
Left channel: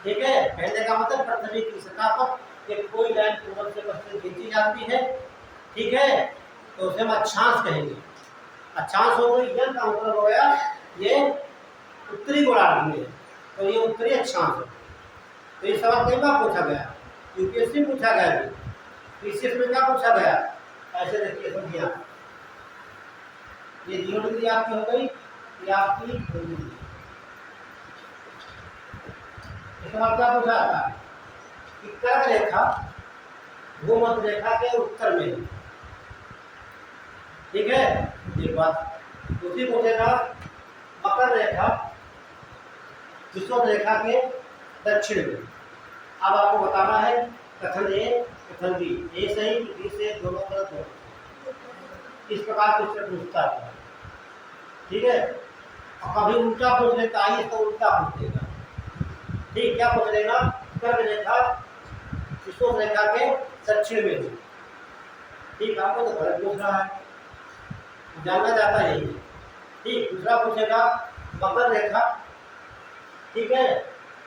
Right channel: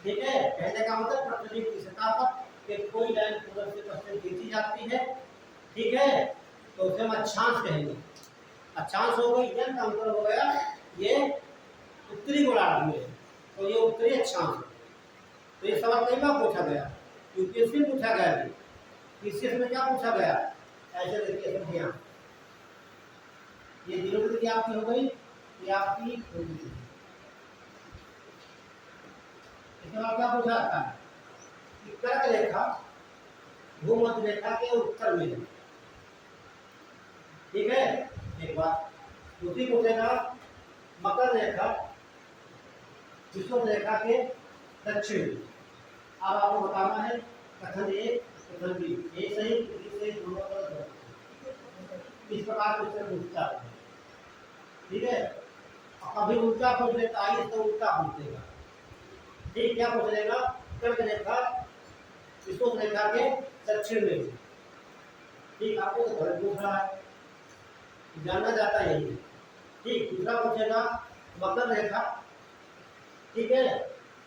ठीक है, कहने का मतलब पृथ्वी की सतह पर एक कोई लाइन पूर्व से पश्चिम खींची जाती है। ठीक है, तो उसे हम अक्षांश कहेंगे। अक्षांश हो गई, जन का मतलब हो गया ये उत्तरी गोलार्ध में, तो ये उत्तरी अक्षांश है। तो ये सवाल कई बार पूछा गया, यूपीएससी में पूछा गया, पीसीएस में क्या पूछा गया। ऐसे देखिए समझिए, ये 0 डिग्री आपकी हो गई, ये आपकी 2 डिग्री। इसका मतलब क्या पूछा था कि कर्क रेखा भूमध्य रेखा के उत्तर में है। ठीक है, एक बात दूसरी पूछेगा, मकर रेखा विषुवत रेखा के दक्षिण में। अब आपको बताना है कथन ए कथन बी, ए सही बी से, दोनों गलत हो। इस प्रकार क्वेश्चन पूछता है। ठीक है, और कभी उल्टा पूछ लेता है, तो उल्टा पूछ देगा। ठीक, क्या पूछ लेगा, कर्क रेखा विषुवत रेखा के दक्षिण में है। ठीक, आपको तो गलत पूछ रहा है, जानना चाहता यही है। ठीक, दूसरा पूछेगा मकर रेखा, ठीक है,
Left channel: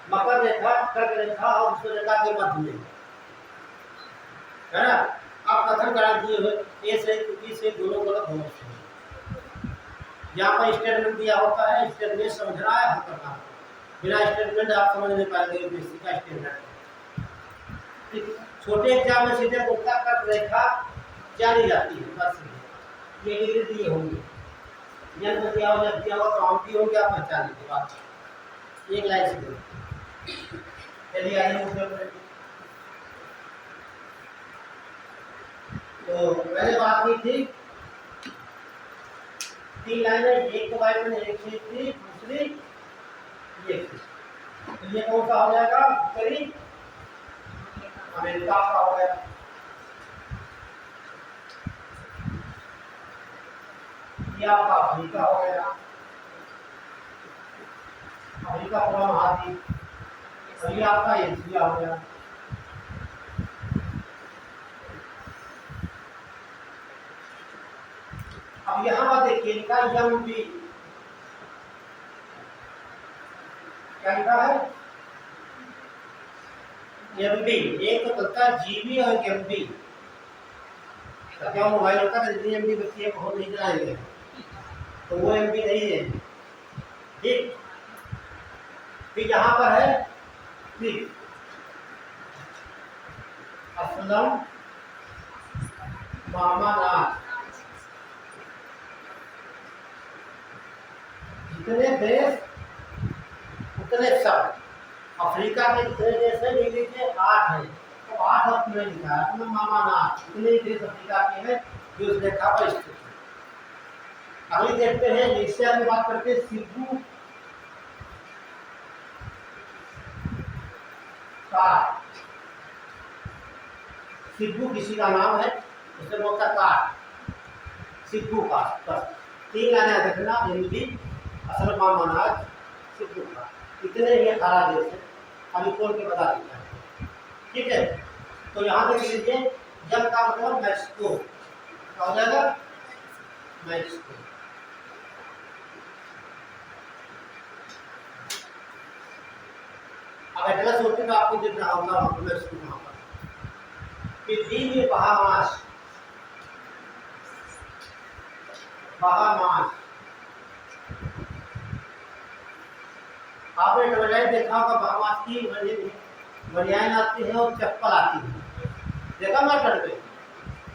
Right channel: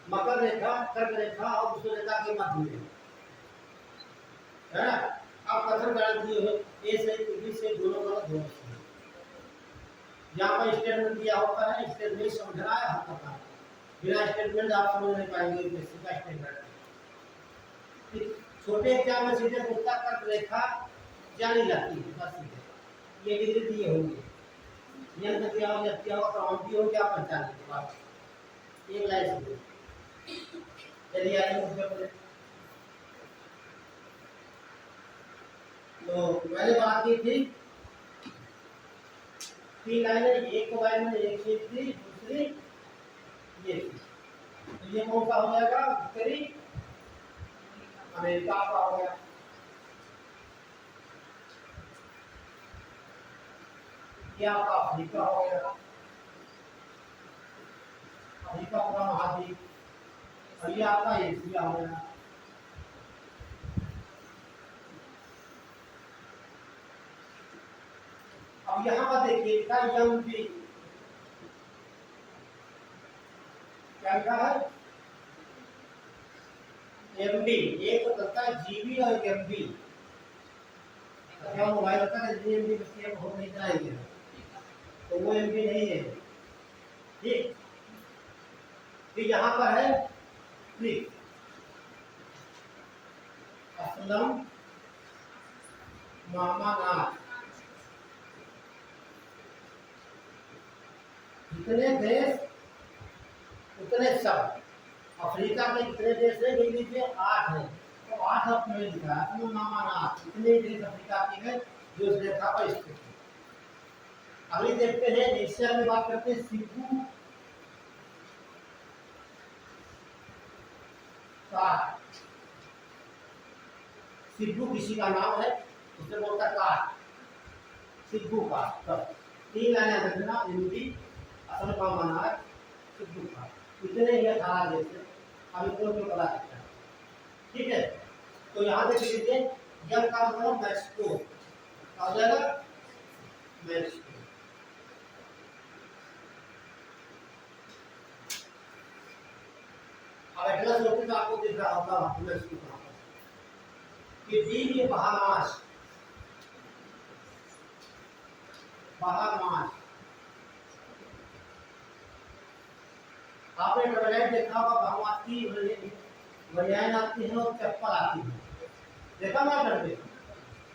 मकर रेखा कर्क रेखा और विषुवत रेखा के मध्य में है ना। आप कथन करा दिए हुए ए से बी से, दोनों गलत होने से। यहाँ पर स्टेटमेंट दिया होता है, स्टेटमेंट समझना है, हल करना है। बिना स्टेटमेंट आप समझ नहीं पाएंगे यूपीएससी का स्टेटमेंट। छोटे एग्जाम में सीधे पूछता कर्क रेखा जानी जाती है, बस सीधे ये डिग्री दिए होंगे, जन्म दिया हो जब दिया हो तो हम भी होंगे, आप पहचान लीजिए बात। एक लाइन से बोलो। चलिए आइए मुझे पर। तो मैंने बात की थी 3 लाइनें, एक को लाइन में एक चीज थी, दूसरी ये थी। तो ये कौन सा हो जाएगा, उत्तरी अमेरिका का हो गया। ये आपका अफ्रीका हो गया, अफ्रीका पूरा महाद्वीप। और ये आपका एशिया हो गया। अब यहाँ पर देखिए इनका यम भी क्या लिखा है, एम बी। एक तो चलता है जीबी और एम बी। क्या मोबाइल होता है एम बी बच्चे हो नहीं चलाएंगे, तो वो एम बी नहीं है। ठीक, फिर यहाँ पर है फिर असलम मामानाथ। जितने देश उतने शब्द। अफ्रीका में कितने देश हैं, ये लीजिए 8 हैं, तो 8 अपने लिखा है असलम मामानाथ। इतने ही देश अफ्रीका के हैं जो इस रेखा पर स्थित है। अभी देखते हैं एशिया में बात करते हैं, सिब्बू का, सिब्बू किसी का नाम है, उसे बोलता काट, सिब्बू का। बस 3 लाइनें देखना, हिंदी असलम मामानाथ सिब्बू का। इतने ही 18 देश हैं, अभी खोल के बता देता है। ठीक है, तो यहाँ देख लीजिए जब का मतलब मैक्सिको क्या हो जाएगा, मैक्सिको। अब एटलस होते तो आपको दिख रहा होगा वहाँ पर मैक्सिको कहाँ पर। फिर डी में बहामास, बहामास आपने डबल देखा होगा, बहामास की बनियान आती है और चप्पल आती है, देखा मार्केट में।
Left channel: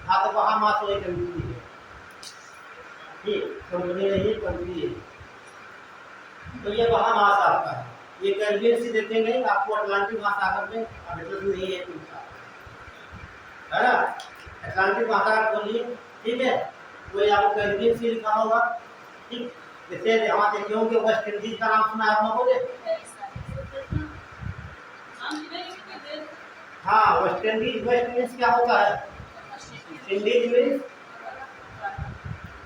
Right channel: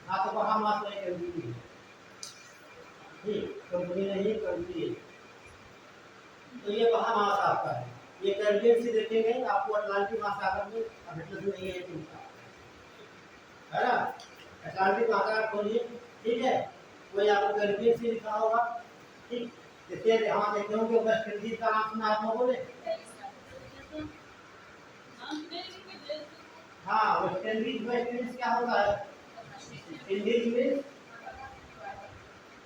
हाँ, तो बहामास एक कंपनी है, ठीक, कंपनी नहीं कंट्री है। तो ये बहामास आपका है। ये कैरिबियन सी देखेंगे आपको अटलांटिक महासागर में, अब एटलस नहीं है तुमका, है ना। अटलांटिक महासागर खोलिए, ठीक है, वो आपको कैरिबियन सी लिखा होगा। ठीक, जैसे यहाँ देखे होंगे वेस्ट इंडीज का नाम सुना है आप लोगों ने। हाँ, वेस्ट इंडीज, वेस्ट इंडीज क्या होता है, इंडीज मीन्स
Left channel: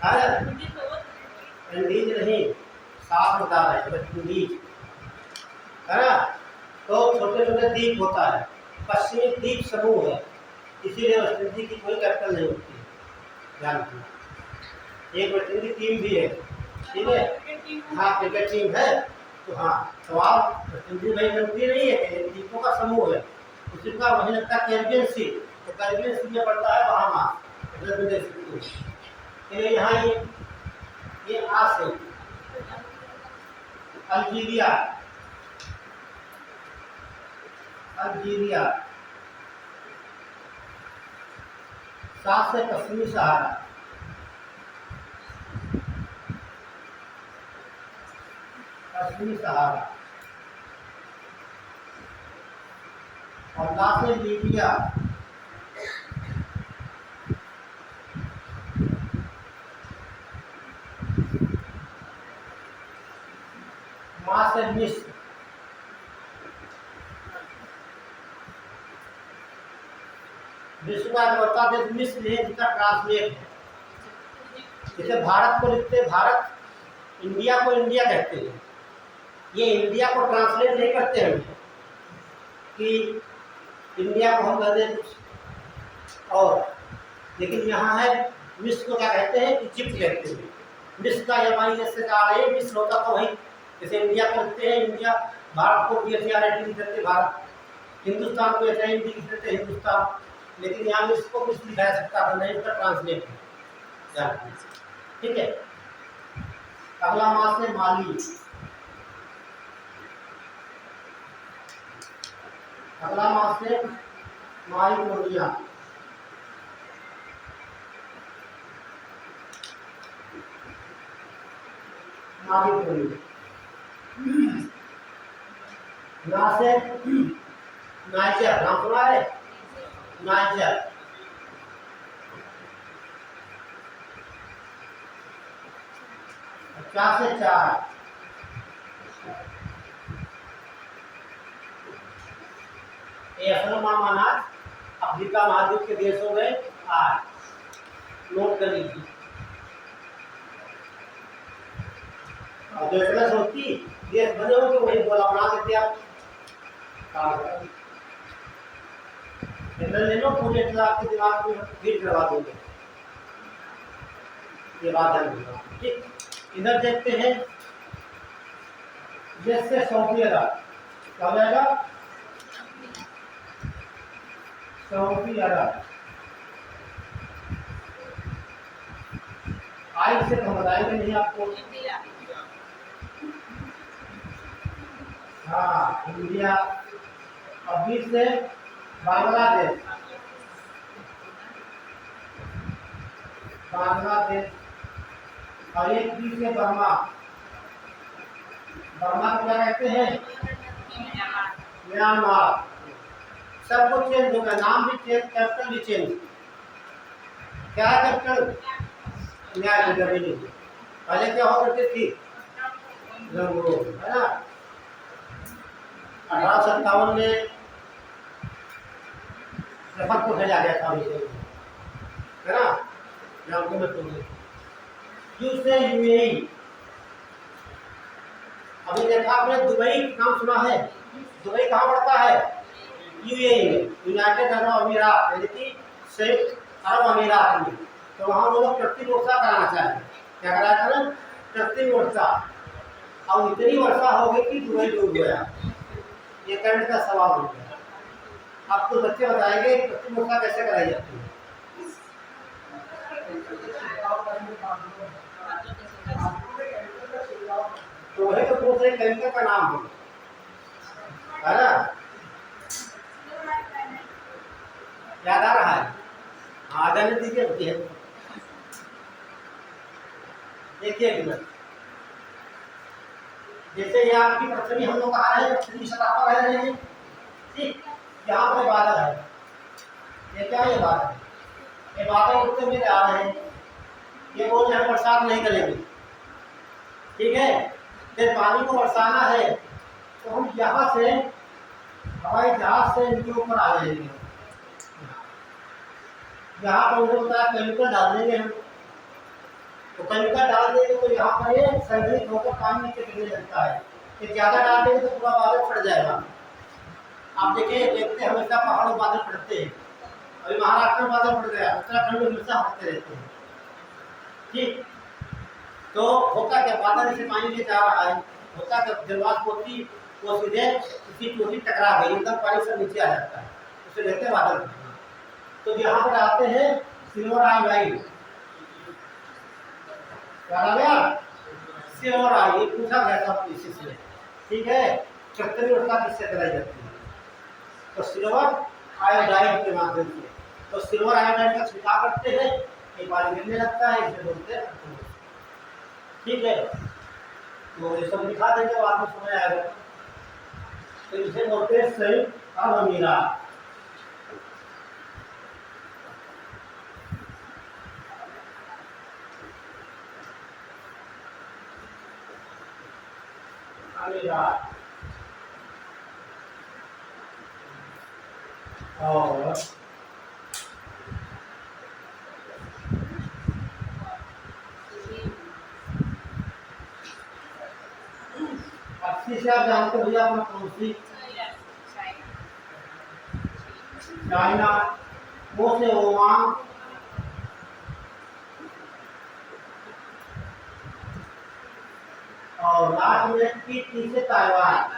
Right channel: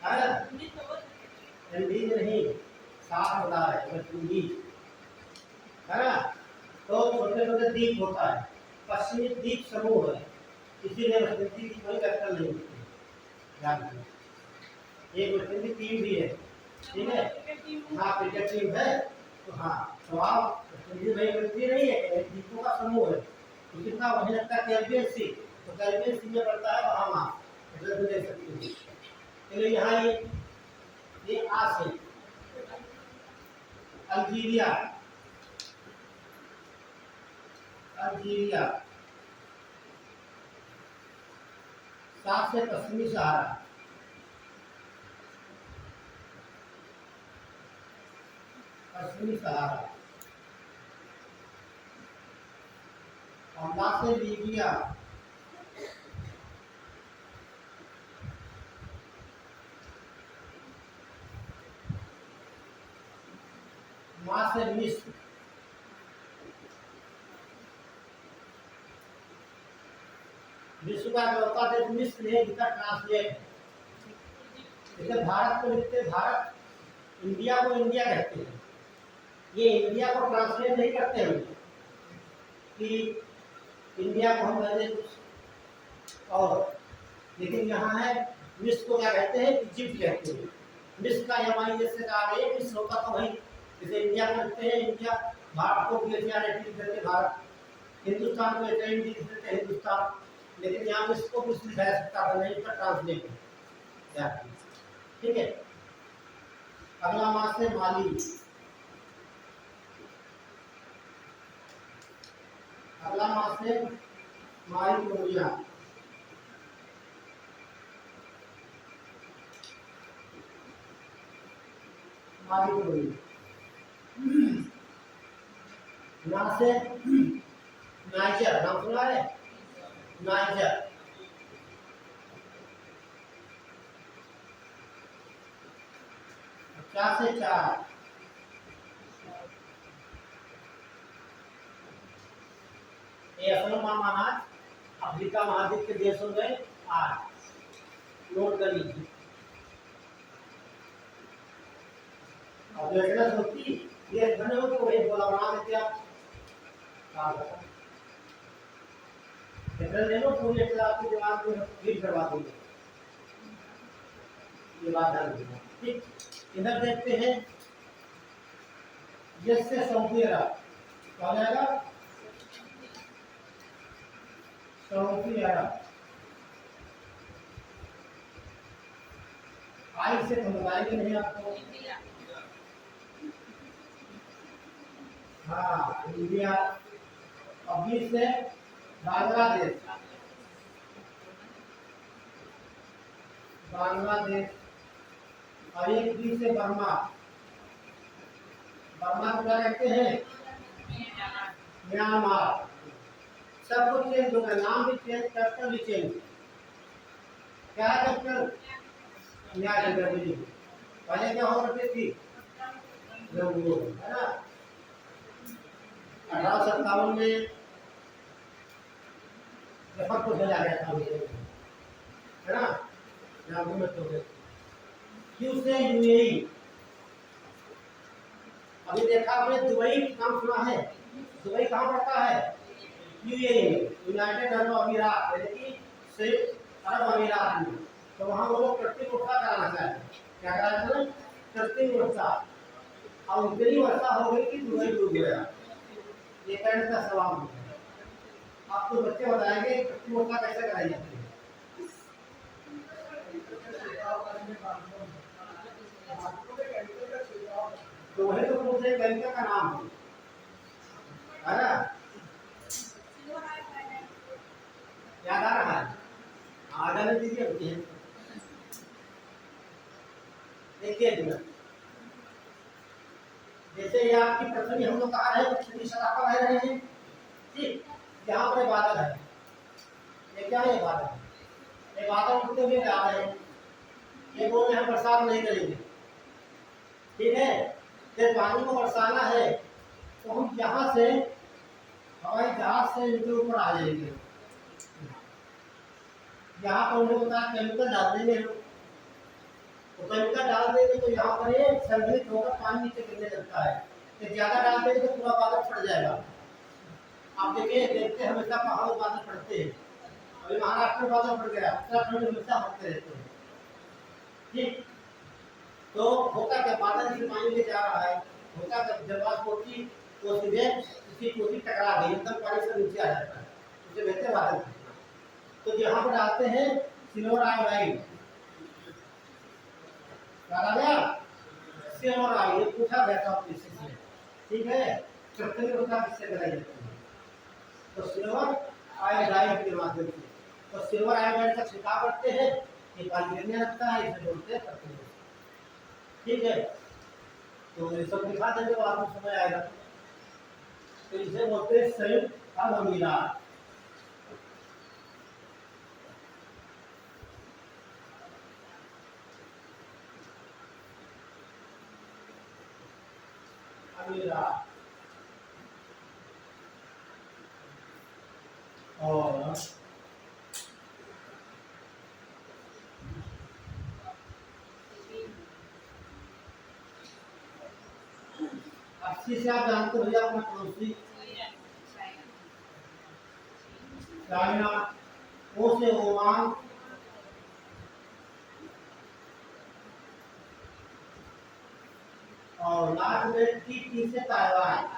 है, इंडीज नहीं, साफ बता रहे हैं, वेस्ट इंडीज है ना। तो छोटे छोटे द्वीप होता है, पश्चिमी द्वीप समूह है, इसीलिए वेस्ट इंडीज की कोई कैपिटल नहीं होती है, ध्यान रखना। एक वेस्ट इंडीज टीम भी है, ठीक है, हाँ क्रिकेट टीम है। तो हाँ, सवाल वेस्ट इंडीज भाई कंट्री नहीं है, द्वीपों का समूह है, उसी का वही लगता है कैरिबियन सी। तो कैरिबियन सी में पड़ता है बहामास, एटलस में देख सकते हो। चलिए यहाँ ये आस है, अल्जीरिया, अल्जीरिया, सात से पश्चिमी सहारा, पश्चिमी सहारा, और ला से लीबिया, से मिस्र, विश्व का चौथा देश मिस्र है जिसका ट्रांसलेट है। जैसे भारत को लिखते भारत, इंडिया को इंडिया कहते हैं, ये इंडिया को ट्रांसलेट नहीं करते हैं कि इंडिया को हम कह दें कुछ और, लेकिन यहाँ है मिस्र को क्या कहते हैं, इजिप्ट कहते हैं। मिस्र का MIS से कहा है, मिस्र होता तो वही, जैसे इंडिया को लिखते हैं इंडिया, भारत को BHRAT लिख देते भारत, हिंदुस्तान को HIND लिख देते हिंदुस्तान, लेकिन यहाँ मिस्र को मिस्र लिखा जा सकता है, नहीं उसका ट्रांसलेट है। ठीक है। अगला मास है माली। अगला मास है माइकोनिया। माइकोनिया ना से नाइजर, नाम सुना है नाइजर। क्या से 4 माना अफ्रीका महाद्वीप के देशों में 8 नोट कर लीजिए। और जो एटलस होती देश बने होंगे वही गोला बना देते आप। एटलस ले लो, पूरे एटलस आपके दिमाग में फीड करवा दोगे, ये बात है। ठीक, इधर देखते हैं जैसे सऊदी अरब, क्या हो जाएगा सऊदी अरब। आई से हम बताएंगे नहीं आपको। हाँ इंडिया। और बी से बांग्लादेश, बांग्लादेश। और एक बी से बर्मा, बर्मा को क्या कहते हैं म्यांमार। सब कुछ चेंज हो गया, नाम भी चेंज, कैपिटल भी चेंज। क्या है कैपिटल, न्याय जगह। पहले क्या हो करती थी रंगून, है ना। 1857 में रेफर को भेजा गया था, है ना, रंगून में तो यू से UAE। अभी देखा आपने दुबई नाम सुना है, दुबई कहाँ पड़ता है UAE में, यूनाइटेड अरब अमीरात, यानी कि संयुक्त अरब अमीरात में। तो वहाँ वो लोग कृत्रिम वर्षा कराना चाहें, क्या कराया था ना, कृत्रिम वर्षा। अब इतनी वर्षा हो गई कि दुबई डूब गया, ये करंट का सवाल हो गया। अब तो बच्चे बताएंगे कृत्रिम वर्षा कैसे कराई जाती है। तो वही तो पूछ रहे केमिकल का नाम है ना, याद आ रहा है, आ जाने दीजिए। देखिए जैसे ये आपकी पृथ्वी, हम लोग कहा है पृथ्वी सतह पर रह रहे हैं, ठीक। यहाँ पर बादल है, ये क्या है, ये बादल, ये बादल उड़ते हुए जा रहे हैं, ये बोल रहे हैं बरसात नहीं करेंगे, ठीक है। जब पानी को बरसाना है तो हम यहाँ से हवाई जहाज से इनके ऊपर आ जाएंगे। यहाँ पर उन्हें बताया केमिकल डाल देंगे हम, तो केमिकल डाल देंगे तो यहाँ पर ये संग्रहित होकर पानी नीचे गिरने लगता है। कि ज़्यादा डाल देंगे तो पूरा बादल फट जाएगा। आप देखिए, देखते हमेशा पहाड़ों बादल फटते हैं, अभी महाराष्ट्र में बादल फट गया, उत्तराखंड में हमेशा फटते रहते हैं, ठीक। तो होता क्या, बादल से पानी ले जा रहा है, होता क्या, जलवाष्प होती वो सीधे उसी टोटी टकरा गई, एकदम पानी से नीचे आ जाता है, उसे कहते हैं बादल। तो यहाँ पर आते हैं सिल्वर आयोडाइड, क्या नाम है, सिल्वर आयोडाइड, पूछा गया था इसी से, ठीक है। कृत्रिम वर्षा किससे कराई जाती है, तो सिल्वर आयोडाइड के माध्यम से। तो सिल्वर आयोडाइड का छिड़काव करते हैं, ये पानी गिरने लगता है, इसे बोलते हैं, ठीक है। तो ये सब दिखा देंगे, बाद में समझ आएगा। तो इसे बोलते हैं संयुक्त अरब अमीरात। गुजरात और 80 से आप जानते भैया अपना पड़ोसी चाइना, वो से ओमान, और लास्ट में टी से ताइवान।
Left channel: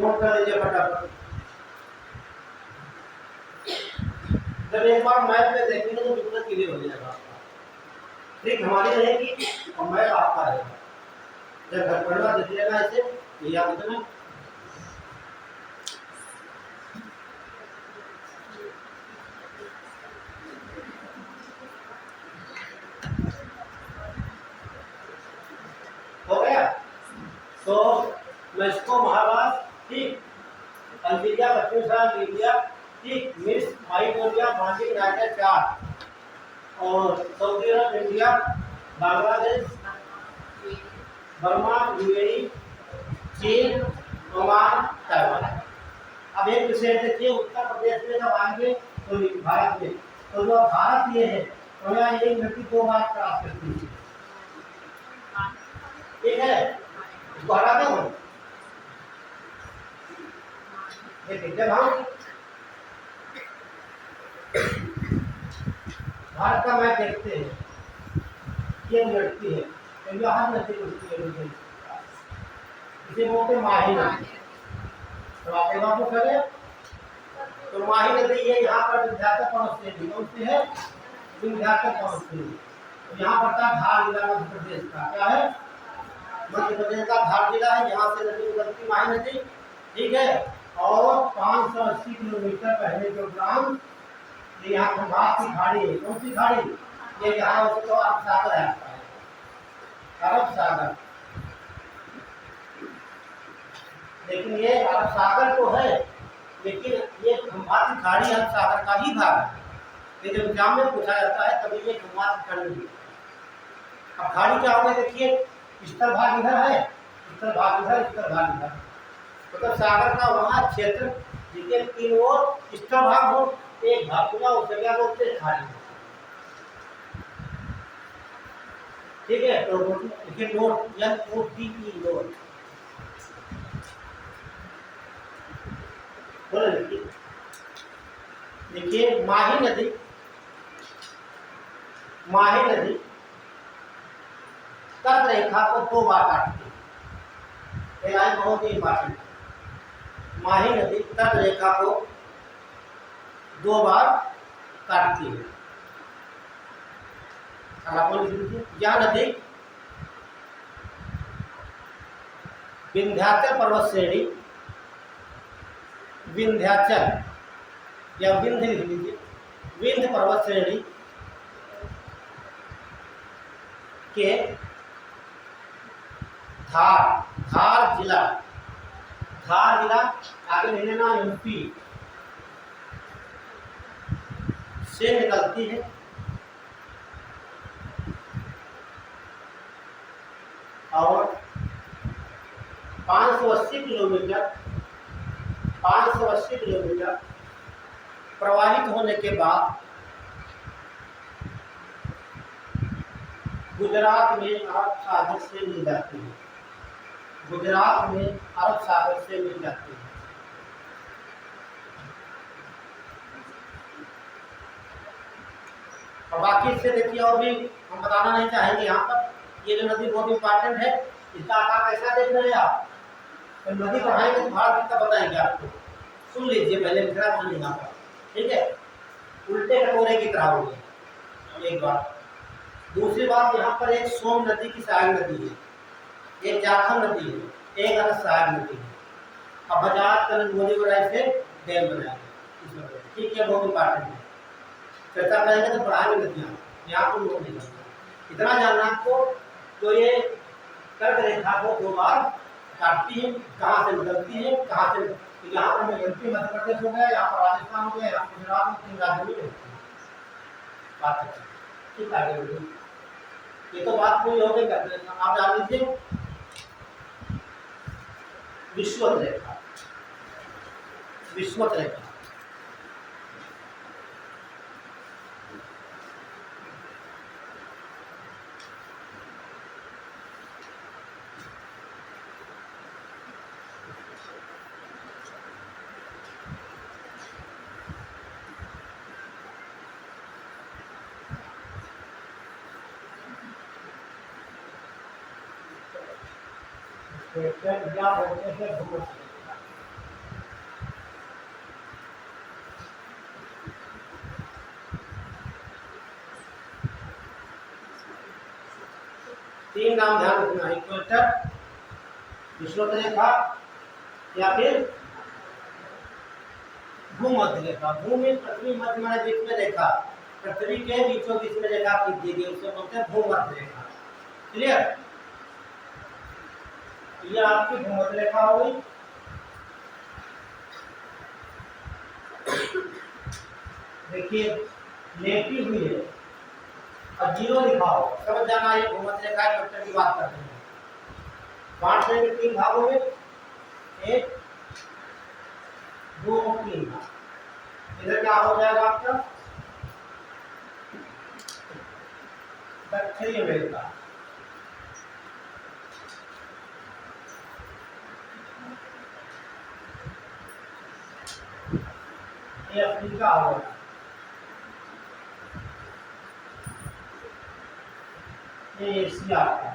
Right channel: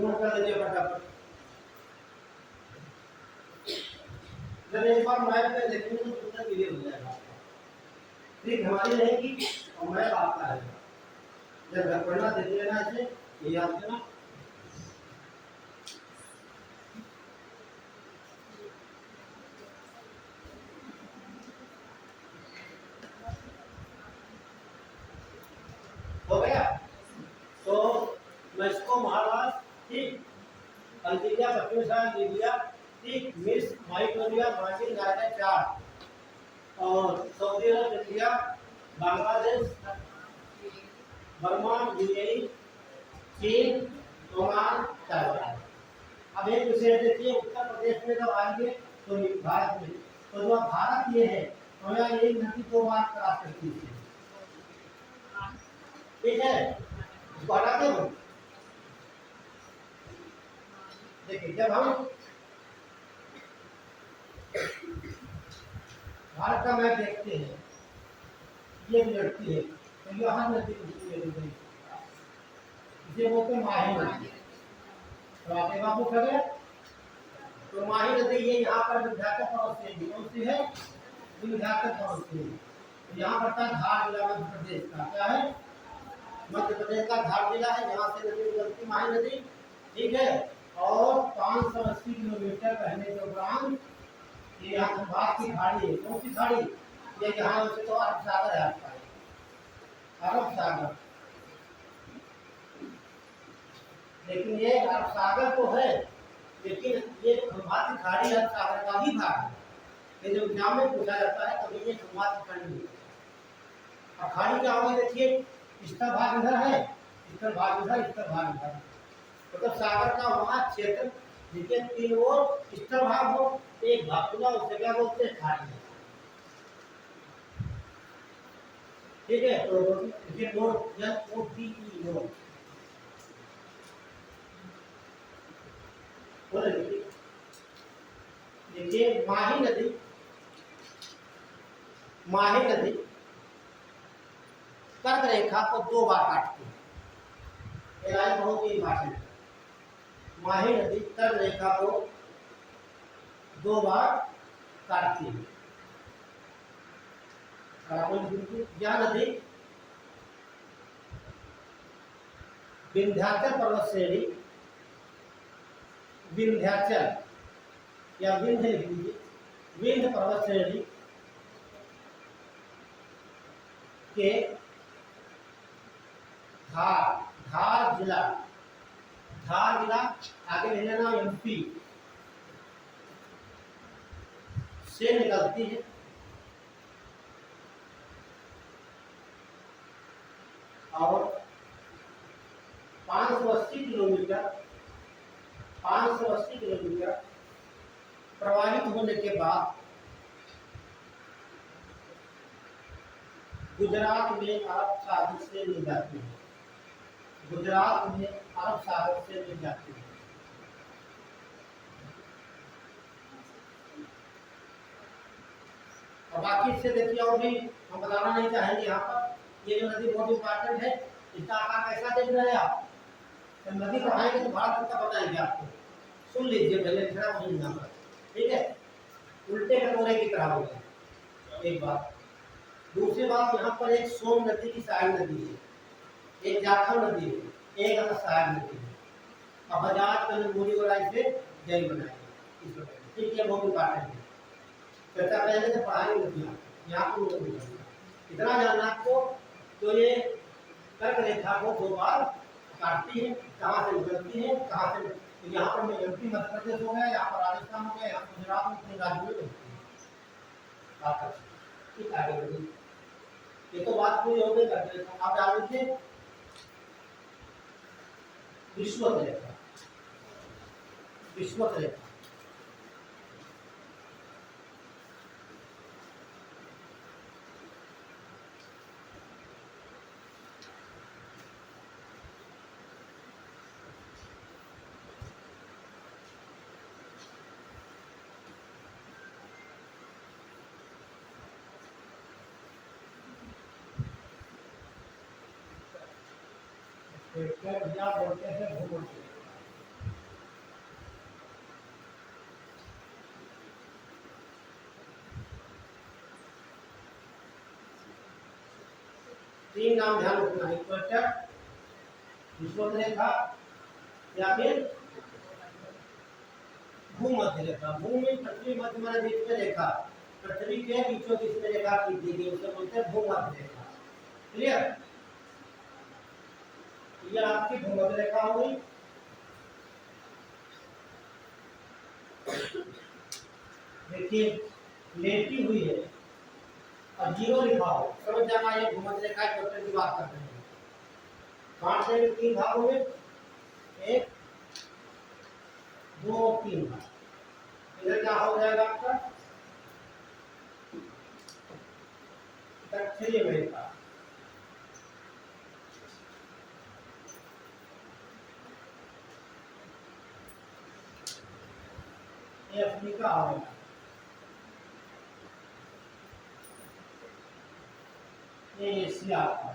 नोट कर लीजिए फटाफट। जब एक बार मैप पे देखेंगे तो बिल्कुल क्लियर हो जाएगा आपका। ट्रिक हमारी रहेगी और मैप आपका रहेगा। जब घर पढ़ना देखिएगा ऐसे ये याद रखना। हो गया? तो मैं इसको महाराष्ट्र, ठीक, अल्जीरिया, पश्चिम लीबिया, ठीक, मिस्र, माइकोरिया, माली, नाइजर, चाद, और सऊदी अरब, इंडिया, बांग्लादेश, बर्मा, यूएई, चीन, ओमान, ताइवान। अब एक विषय देखिए, उत्तर प्रदेश में जब आएंगे तो भारत में, तो जो भारत ये है तो यहाँ एक नदी 2 बार क्रॉस करती है, ठीक है? इसको हटाते हो। देखिए जब हम भारत का मैप देखते हैं, ये लड़ती है तो यहाँ नदी उठती है, इसे बोलते हैं माही नदी। तो आपके बाबू करे तो माही नदी ये यहाँ पर विंध्याचल पर्वत श्रेणी कौन सी है? विंध्याचल पर्वत श्रेणी। तो यहाँ पर का धार जिला मध्य प्रदेश का क्या है? मध्य प्रदेश का धार जिला है, यहाँ से नदी गुजरती माही नदी, ठीक है? और 580 किलोमीटर पहले जो ग्राम ये यहाँ खंभात की खाड़ी है, कौन सी खाड़ी? ये यहाँ से तो अरब सागर है आपका है, अरब सागर। लेकिन ये अरब सागर तो है, लेकिन ये खंभात की खाड़ी अरब सागर का ही भाग है। ये जब एग्जाम में पूछा जाता है तभी ये खंभात की खाड़ी है। अब खाड़ी क्या होगा देखिए, उत्तर भाग इधर है, उत्तर भाग इधर, उत्तर भाग इधर, मतलब सागर का वहाँ क्षेत्र जिसके 3 ओर उत्तर भाग हो, एक भाग खुला, उसे क्या बोलते हैं? खाड़ी। ठीक है? तो देखिए नोट NOTE नोट बोले देखिए माही नदी, माही नदी कर्क रेखा को 2 बार काटती है। ये लाइन बहुत ही इंपॉर्टेंट है। माही नदी कर्क रेखा को 2 बार काटती है। यह नदी विंध्याचल पर्वत श्रेणी, विंध्याचल या विंध्य लिख लीजिए, विंध्य पर्वत श्रेणी के धार जिला आगे ले लेना यूपी से निकलती है और 580 किलोमीटर प्रवाहित होने के बाद गुजरात में अरब सागर से मिल जाती है। गुजरात में अरब सागर से मिल जाती है। और बाकी से देखिए और भी हम बताना नहीं चाहेंगे। यहाँ पर ये जो नदी बहुत इंपॉर्टेंट है, इसका आकार कैसा देख रहे हैं आप? तो नदी पढ़ाएंगे तो भारत कितना बताएंगे आपको, सुन लीजिए पहले दूसरा सुन लेना पर, ठीक है? उल्टे कटोरे की तरह होगी एक बात। दूसरी बात, यहाँ पर एक सोम नदी की सहायक नदी है, एक जाखम नदी है, एक अलग सहायक नदी है। अब बजाज कल से डैम बनाएंगे, ठीक है? बहुत इंपॉर्टेंट है, चर्चा करेंगे तो पढ़ाएंगे नदियाँ, यहाँ को नोट नहीं करना। इतना जानना आपको। तो ये कर्क रेखा को 2 बार काटती है, कहाँ से निकलती है, कहाँ से, तो यहाँ पर यूपी मध्य प्रदेश हो गया, यहाँ पर राजस्थान हो गया, यहाँ गुजरात में 3 राज्यों में होती है बात। ठीक, आगे बढ़िए। ये तो बात पूरी हो गई। करते आप जान लीजिए विश्वत रेखा। विश्वत रेखा या बोलते हैं भूमध्य रेखा। तीन नाम ध्यान रखना, इक्वेटर, विश्वत रेखा या फिर भूमध्य रेखा। भूमि पृथ्वी मध्य माने बीच में रेखा, पृथ्वी के बीचों बीच में रेखा खींची गई उसे बोलते हैं भूमध्य रेखा। क्लियर? ये आपकी भूमध्य रेखा हो गई। देखिए लेटी हुई है और जीरो लिखा हो, समझ जाना ये भूमध्य रेखा इक्वेटर की बात कर रहे हैं। बांट देंगे तीन भागों में, एक दो तीन भाग। इधर क्या हो जाएगा आपका दक्षिणी अमेरिका, ये अफ्रीका हो गया, ये एशिया है,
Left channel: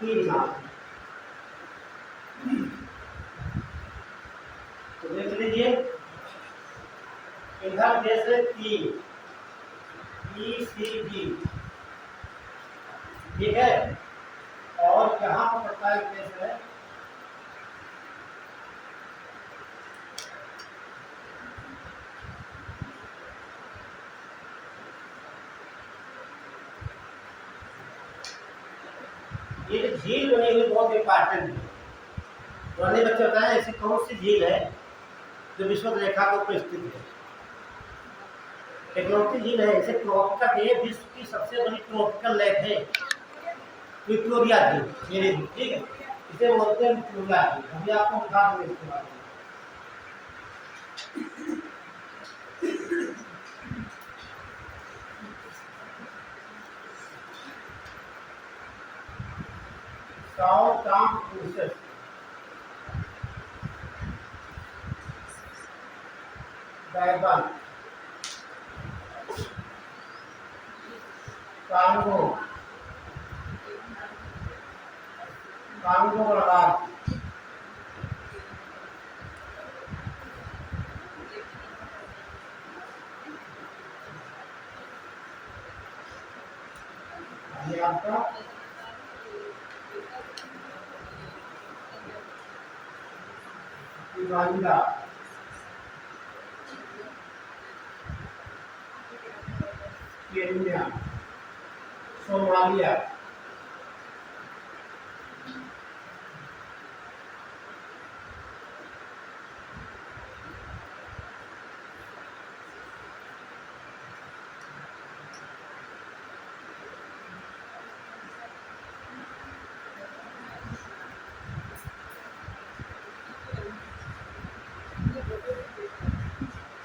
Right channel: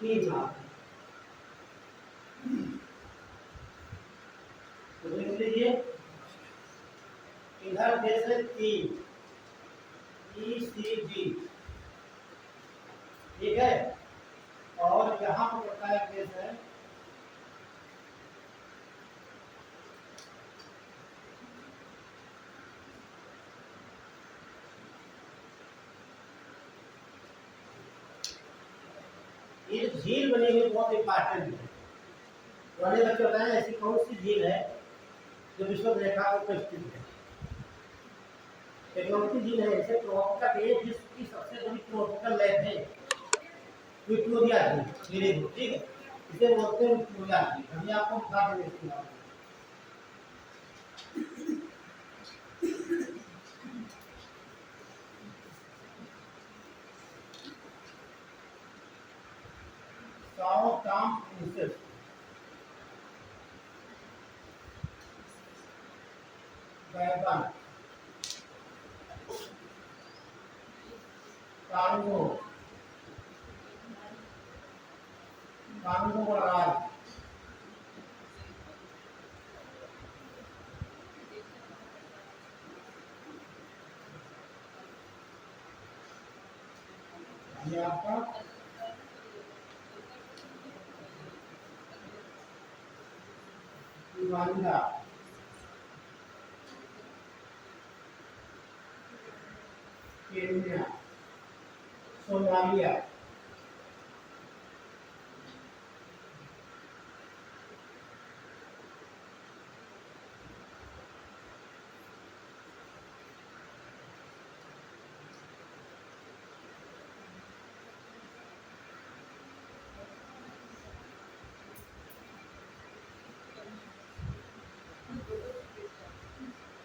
तीन नाम। तो देख लीजिए इधर जैसे तीन ECG, ठीक है, और यहाँ पर पड़ता है केस है ये झील बनी हुई बहुत इंपॉर्टेंट है। पुराने बच्चे बताएं ऐसी कौन सी झील है जो विश्वत रेखा के ऊपर स्थित है। इकलौती झील है, इसे ट्रॉपिकल, ये विश्व की सबसे बड़ी ट्रॉपिकल लेक है विक्टोरिया झील, मेरे झील, ठीक है, इसे बोलते हैं विक्टोरिया झील। अभी आपको बता दूंगा इसके बारे में। साउथ आर्म प्रिंसेस, बैगन, कांगो, कांगो गणराज्य, ये आपका युगांडा, केन्या, सोमालिया,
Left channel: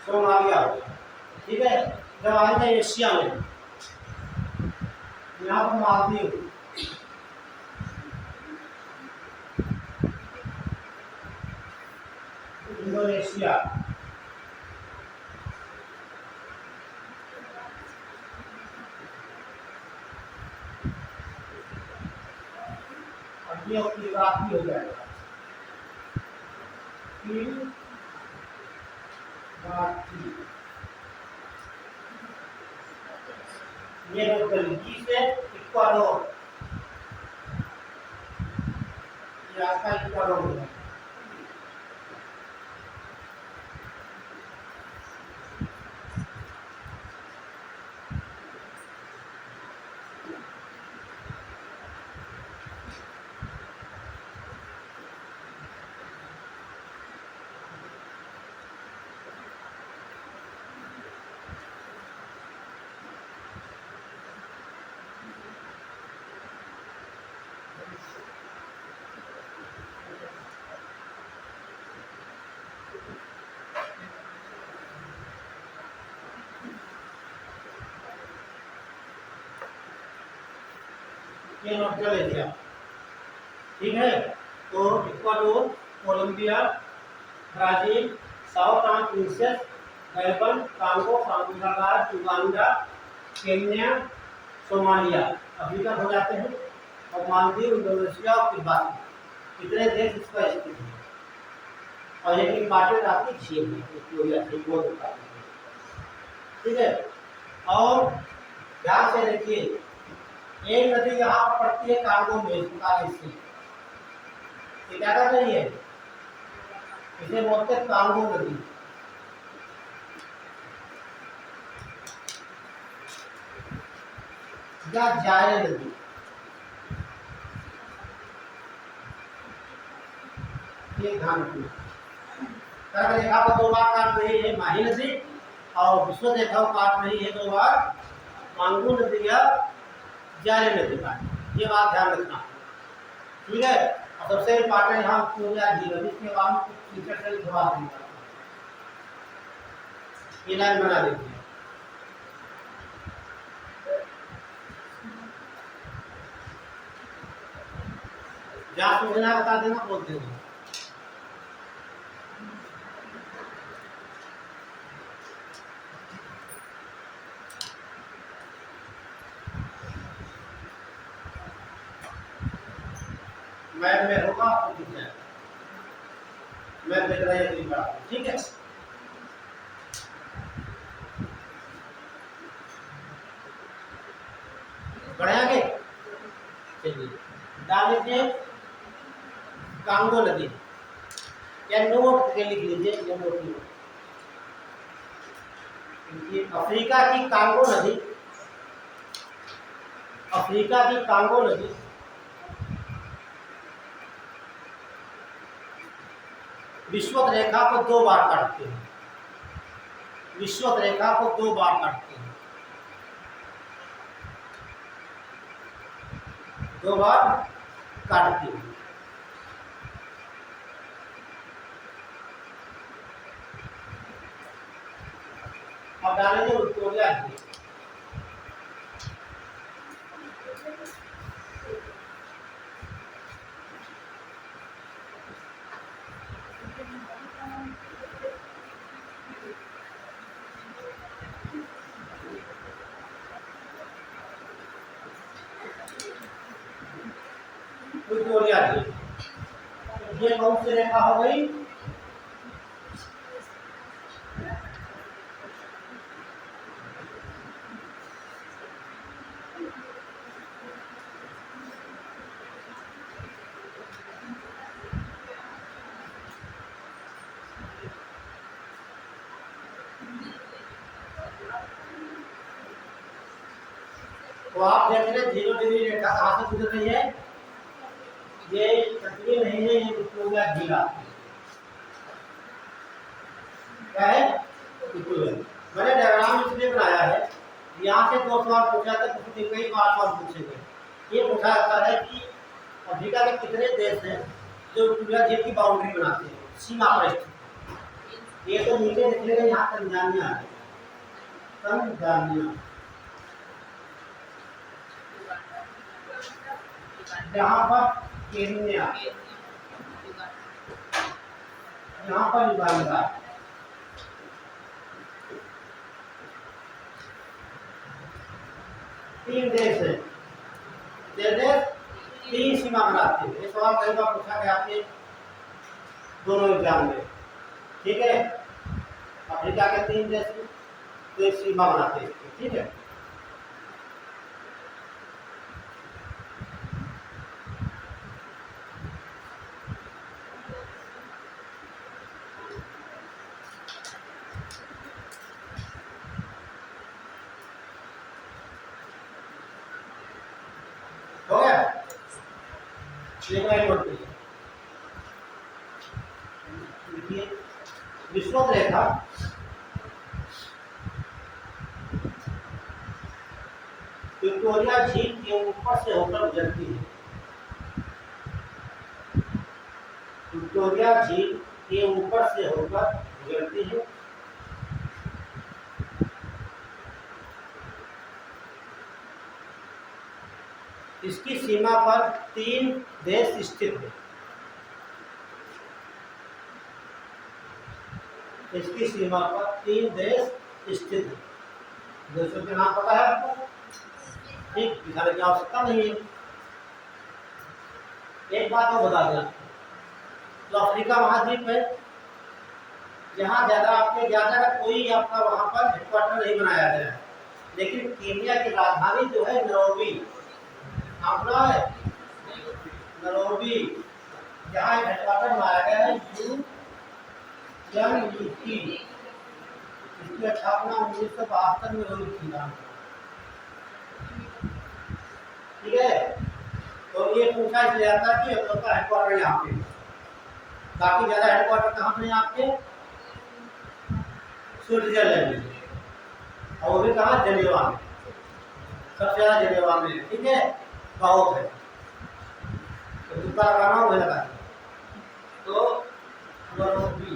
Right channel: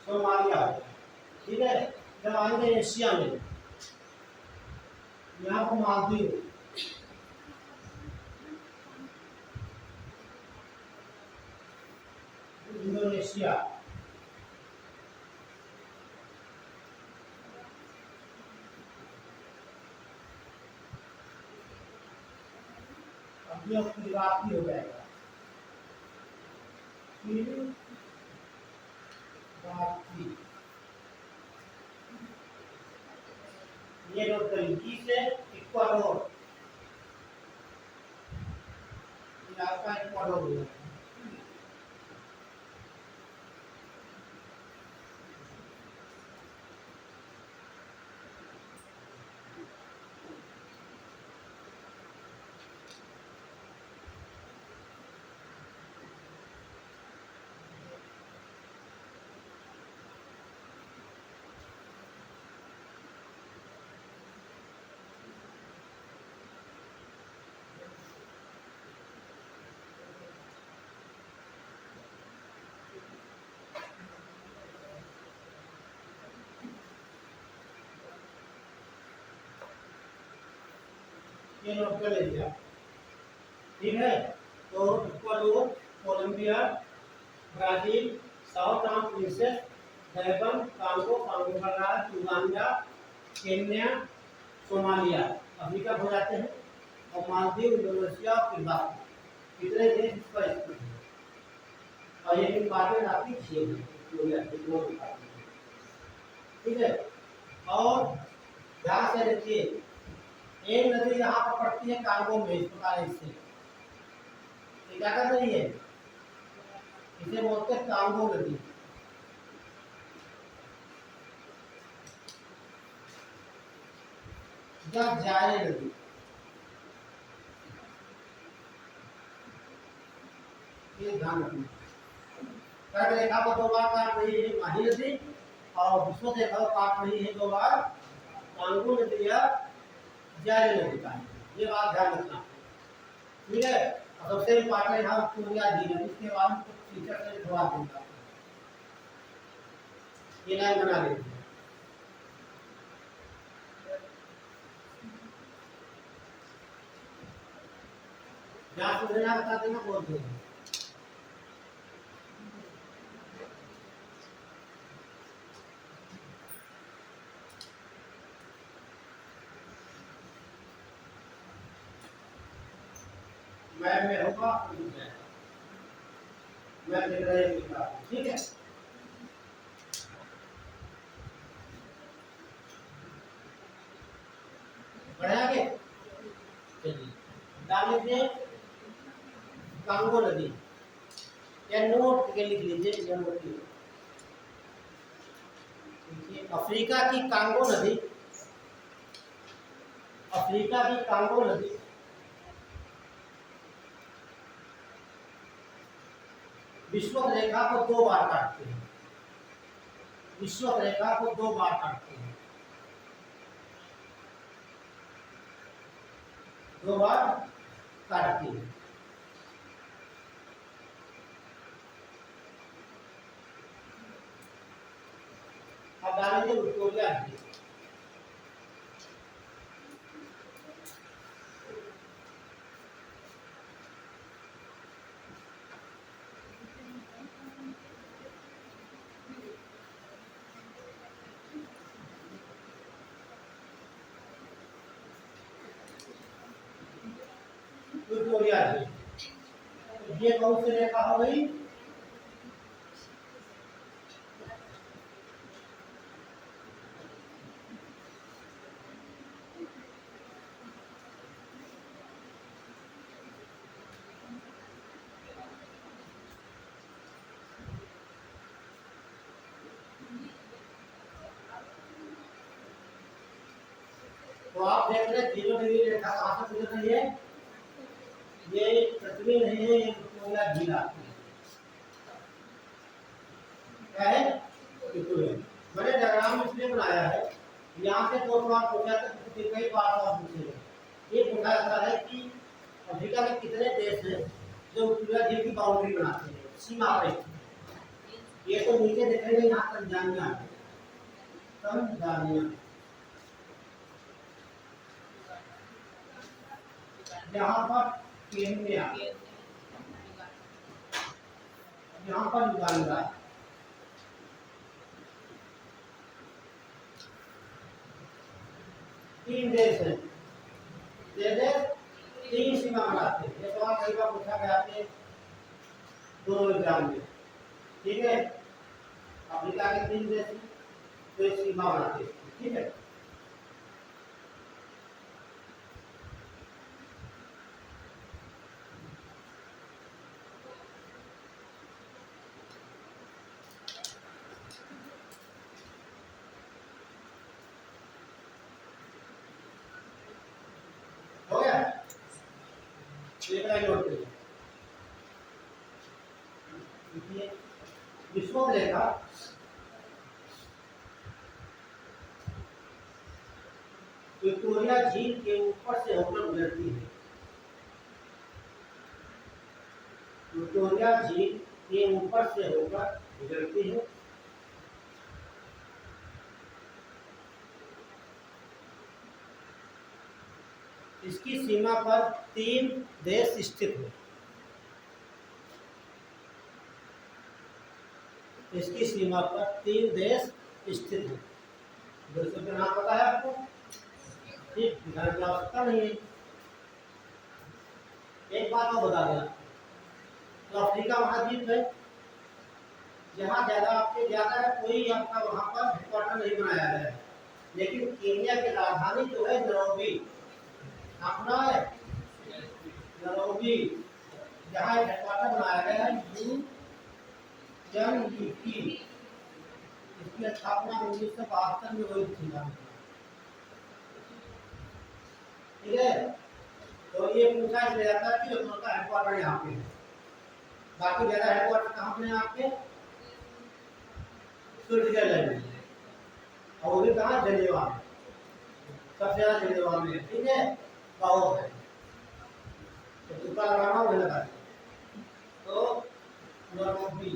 सोमालिया, ठीक है। जब आएगा एशिया में, यहाँ पर मालदीव, इंडोनेशिया, अब ये इराकी हो जाएगा, ये नोट कर लीजिए से इक्वाडोर, ये आपका इक्वाडोर है। ये नॉर्थ एशिया, ठीक है। तो Ecuador, Colombia, Brazil, Sao Principe, Gabon, Congo, Congo, Uganda, Kenya, Somalia, Africa हो जाते हैं, और मालदीव, इंडोनेशिया और किर्बाती, इतने देश इस पर स्थित हैं। और ये इम्पॉर्टेंट आपकी झील है, ठीक है। और ध्यान से देखिए, एक नदी यहाँ पर पड़ती है कांगो में, से ये क्या कर रही है, इसे बोलते हैं कांगो नदी। या जाए नदी, ये ध्यान रखिए। कर्क रेखा को 2 बार काट रही है माही नदी, और विश्व रेखा को काट रही है 2 बार कांगो नदी या जाए नदी का, ये बात ध्यान रखना, ठीक है। और सबसे इम्पोर्टेंट यहाँ विक्टोरिया झील है, इसके बाद फीचर से घुमा देंगे, ये लाइन बना देते हैं। जहाँ समझना बता देना, बोलते हैं। मैप में होगा, आपको दिख जाएगा, मैप दिख रहा है, ठीक है। बढ़े आगे चलिए, डाल लीजिए कांगो नदी, या नोट के लिख लीजिए, नोट। अफ्रीका की कांगो नदी, अफ्रीका की कांगो नदी विषुवत रेखा को 2 बार काटते हैं, विषुवत रेखा को 2 बार काटते हैं, 2 बार काटती है। अब डालेंगे विक्टोरिया झील, विक्टोरिया झील, ये कौन सी रेखा हो गई, तो आप देख रहे 0 डिग्री रेखा कहाँ से गुजर रही है, ये पृथ्वी नहीं है, ये विक्टोरिया झील आती है, क्या है, विक्टोरिया। मैंने डायग्राम इसलिए बनाया है, यहाँ से 2 सवाल पूछा था, कई बार सवाल पूछेंगे। ये पूछा जाता है कि अफ्रीका के कितने देश हैं जो विक्टोरिया झील की बाउंड्री बनाते हैं, सीमा पर स्थित। ये तो नीचे दिखेगा, यहाँ तंजानिया है, तंजानिया, यहाँ पर केन्या, यहाँ पर युगांडा, तीन देश है, देश 3 सीमा बनाते हैं। ये सवाल कई बार पूछा गया आपके दोनों एग्जाम में, ठीक है। अफ्रीका के 3 देश तो सीमा बनाते हैं, ठीक है। हो गया, देखिए विषुवत रेखा विक्टोरिया झील के ऊपर से होकर गुजरती है, विक्टोरिया झील के ऊपर से होकर गुजरती है। इसकी सीमा सीमा पर 3 देश स्थित हैं। इसकी सीमा पर 3 देश स्थित हैं। देशों के नाम पता है आपको? ठीक, दिखाने की आवश्यकता नहीं है। एक बात और बता दें, तो अफ्रीका महाद्वीप है, जहाँ ज्यादा कोई आपका वहाँ पर हेडक्वार्टर नहीं बनाया गया है, लेकिन केन्या की राजधानी जो है नैरोबी, अपना है नैरोबी, जहाँ एक हेडक्वार्टर बनाया गया है UNDP। इसकी स्थापना 1972 में हुई थी। ठीक है, तो ये पूछा इसलिए जाता है कि हम लोग का हेडक्वार्टर यहाँ पे, बाकी ज्यादा हेडक्वार्टर कहाँ पे आपके? स्विट्जरलैंड में, और वो भी कहाँ? जेनेवा में, सबसे ज्यादा जेनेवा में। ठीक है, बहुत है, तो तुक्का लगाना वही लगा। तो नैरोबी,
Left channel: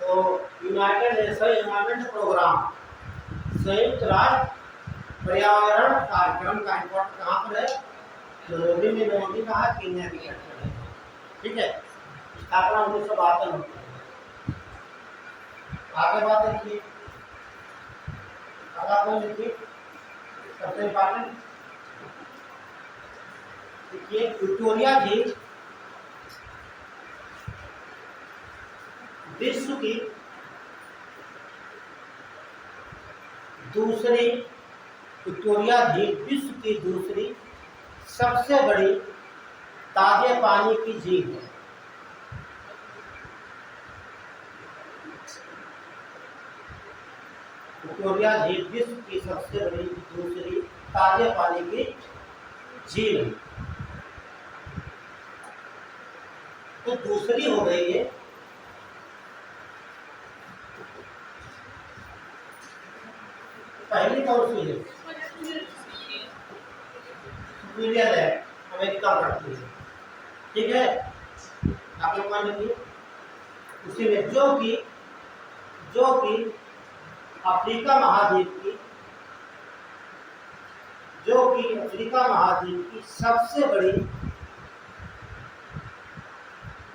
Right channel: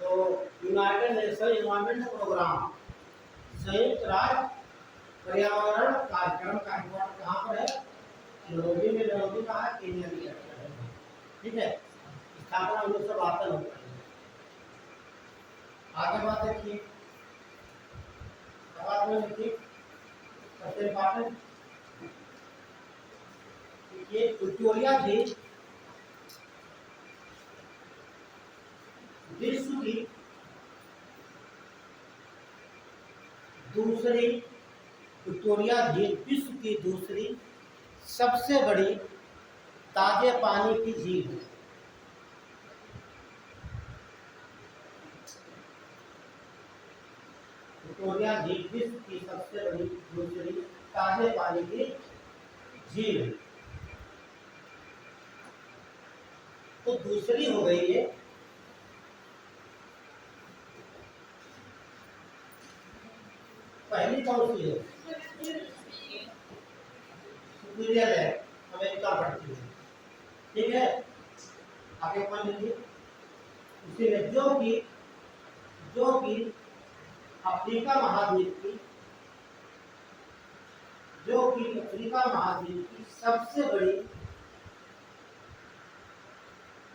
तो यूनाइटेड नेशन एनवायरमेंट प्रोग्राम, संयुक्त राष्ट्र पर्यावरण कार्यक्रम का हेडक्वार्टर कहाँ पर है? नैरोबी में। नैरोबी कहाँ? केन्या की कैपिटल है। ठीक है, स्थापना 1972 में। आगे बात देखिए, अब आप लिखिए सबसे इम्पोर्टेंट, देखिए विक्टोरिया झील विश्व की दूसरी, विक्टोरिया झील विश्व की दूसरी सबसे बड़ी ताजे पानी की झील है। विक्टोरिया झील विश्व की सबसे बड़ी दूसरी ताजे पानी की झील है। तो दूसरी हो गई है, पहली कौन सी है? सुपीरियर है, अमेरिका पड़ती है। ठीक है, आगे पॉइंट लिखिए, उसी में जो कि अफ्रीका महाद्वीप की, जो कि अफ्रीका महाद्वीप की सबसे बड़ी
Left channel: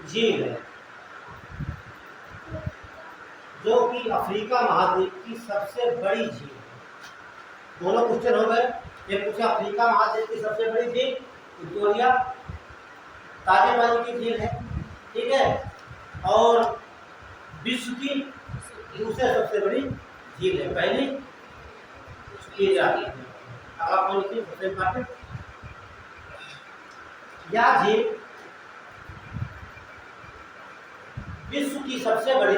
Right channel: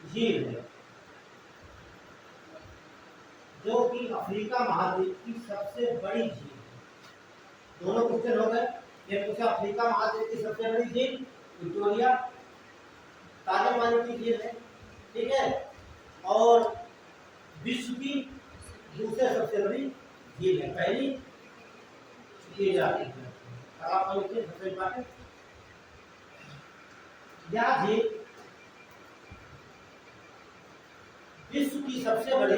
झील है, जो कि अफ्रीका महाद्वीप की सबसे बड़ी झील है। दोनों क्वेश्चन हो गए। एक पूछा अफ्रीका महाद्वीप की सबसे बड़ी झील विक्टोरिया, ताजे पानी की झील है। ठीक है, और विश्व की दूसरे सबसे बड़ी झील है, पहली सुपीरियर। अगला पॉइंट लिखिए, सबसे इम्पोर्टेंट, यह झील विश्व की सबसे बड़ी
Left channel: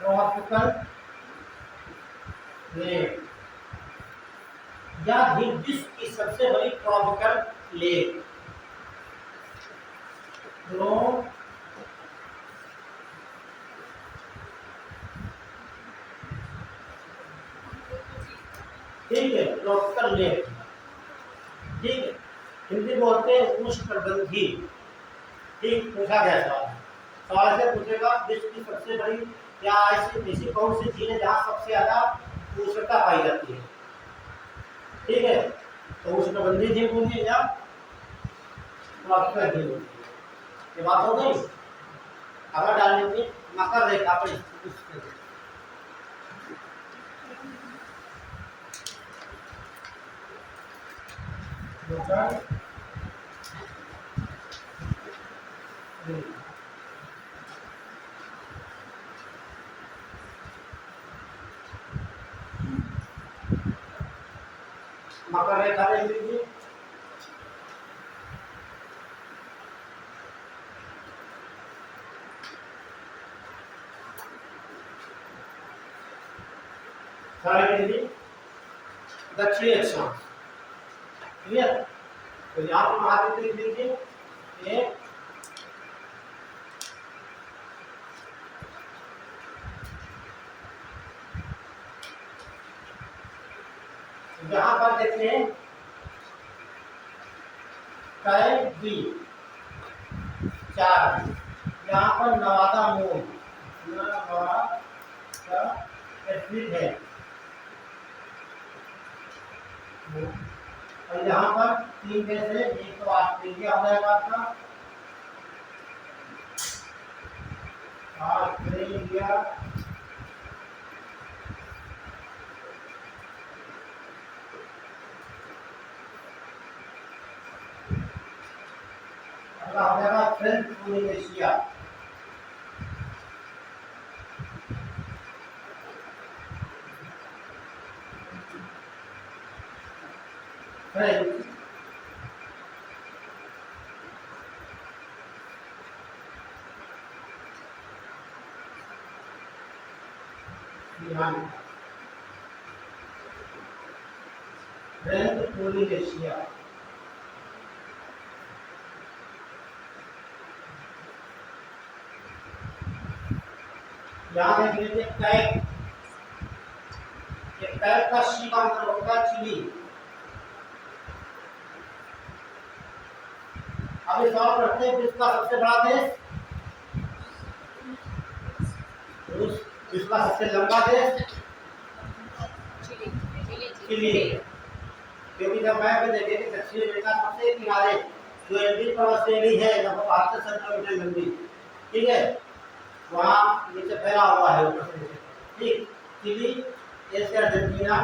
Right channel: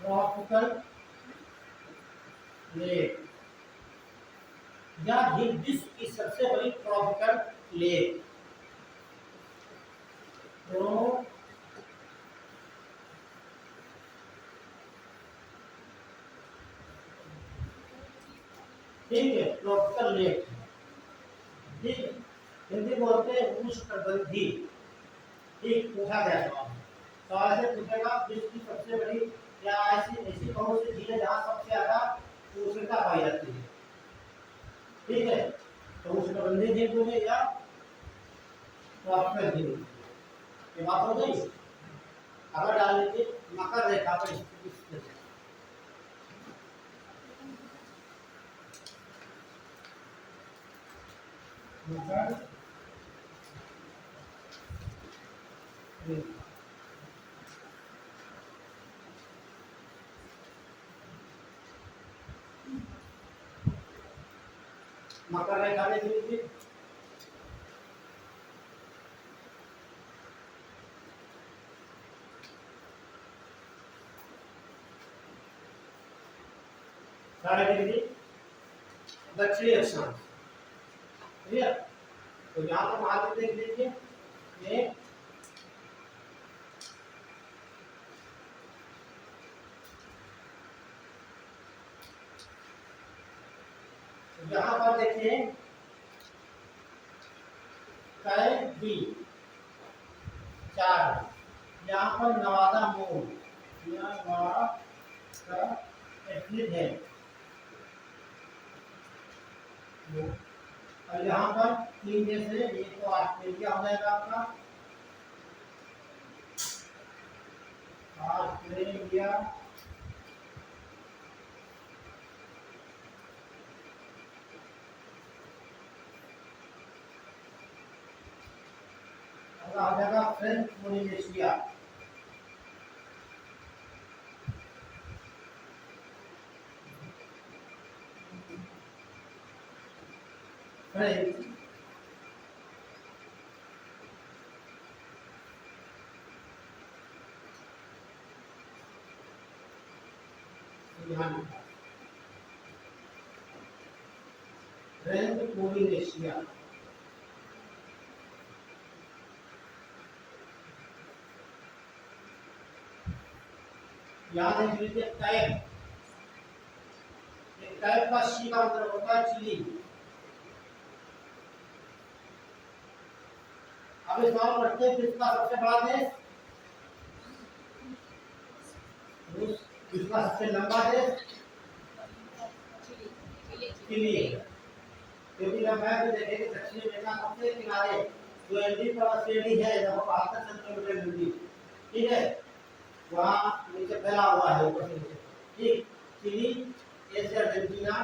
ट्रॉपिकल लेक, यह झील विश्व की सबसे बड़ी ट्रॉपिकल लेक, ठीक है, ट्रॉपिकल लेक। ठीक है, हिंदी बोलते हैं उष्णकटिबंधीय। ठीक, पूछा गया सवाल, सवाल से पूछेगा विश्व की सबसे बड़ी या ऐसी कौन सी झील है जहाँ सबसे ज्यादा उष्णता पाई जाती है। ठीक है, तो उष्णकटिबंधीय झील बोलिए या ट्रॉपिकल झील बोलिए। ये बात हो गई। अगर डाल लेंगे मकर रेखा पर स्थित, मकर रेखा देख लीजिए, दक्षिणी अक्षांश। क्लियर, तो यहाँ पर महाद्वीप देख लीजिए, यहाँ पर देखिए तय बी 4, यहाँ पर नवादा मूल नवादा एथनिक है, और यहाँ पर 3 देश है, एक तो ऑस्ट्रेलिया हो जाएगा आपका, ऑस्ट्रेलिया, अगला हो जाएगा French Polynesia, French, French Polynesia, यहाँ देख लीजिए कैप, ये कैप का सी का मतलब होता है चिली। अब इस सवाल करते हैं विश्व का सबसे बड़ा देश रूस, विश्व का सबसे लंबा देश चिली, क्योंकि जब मैप में देखें कि दक्षिण अमेरिका सबसे किनारे जो एंडीज पर्वत श्रेणी है लगभग 72 किलोमीटर लंबी, ठीक है, वहाँ नीचे फैला हुआ है ऊपर से नीचे, ठीक, चिली, एशिया, अर्जेंटीना,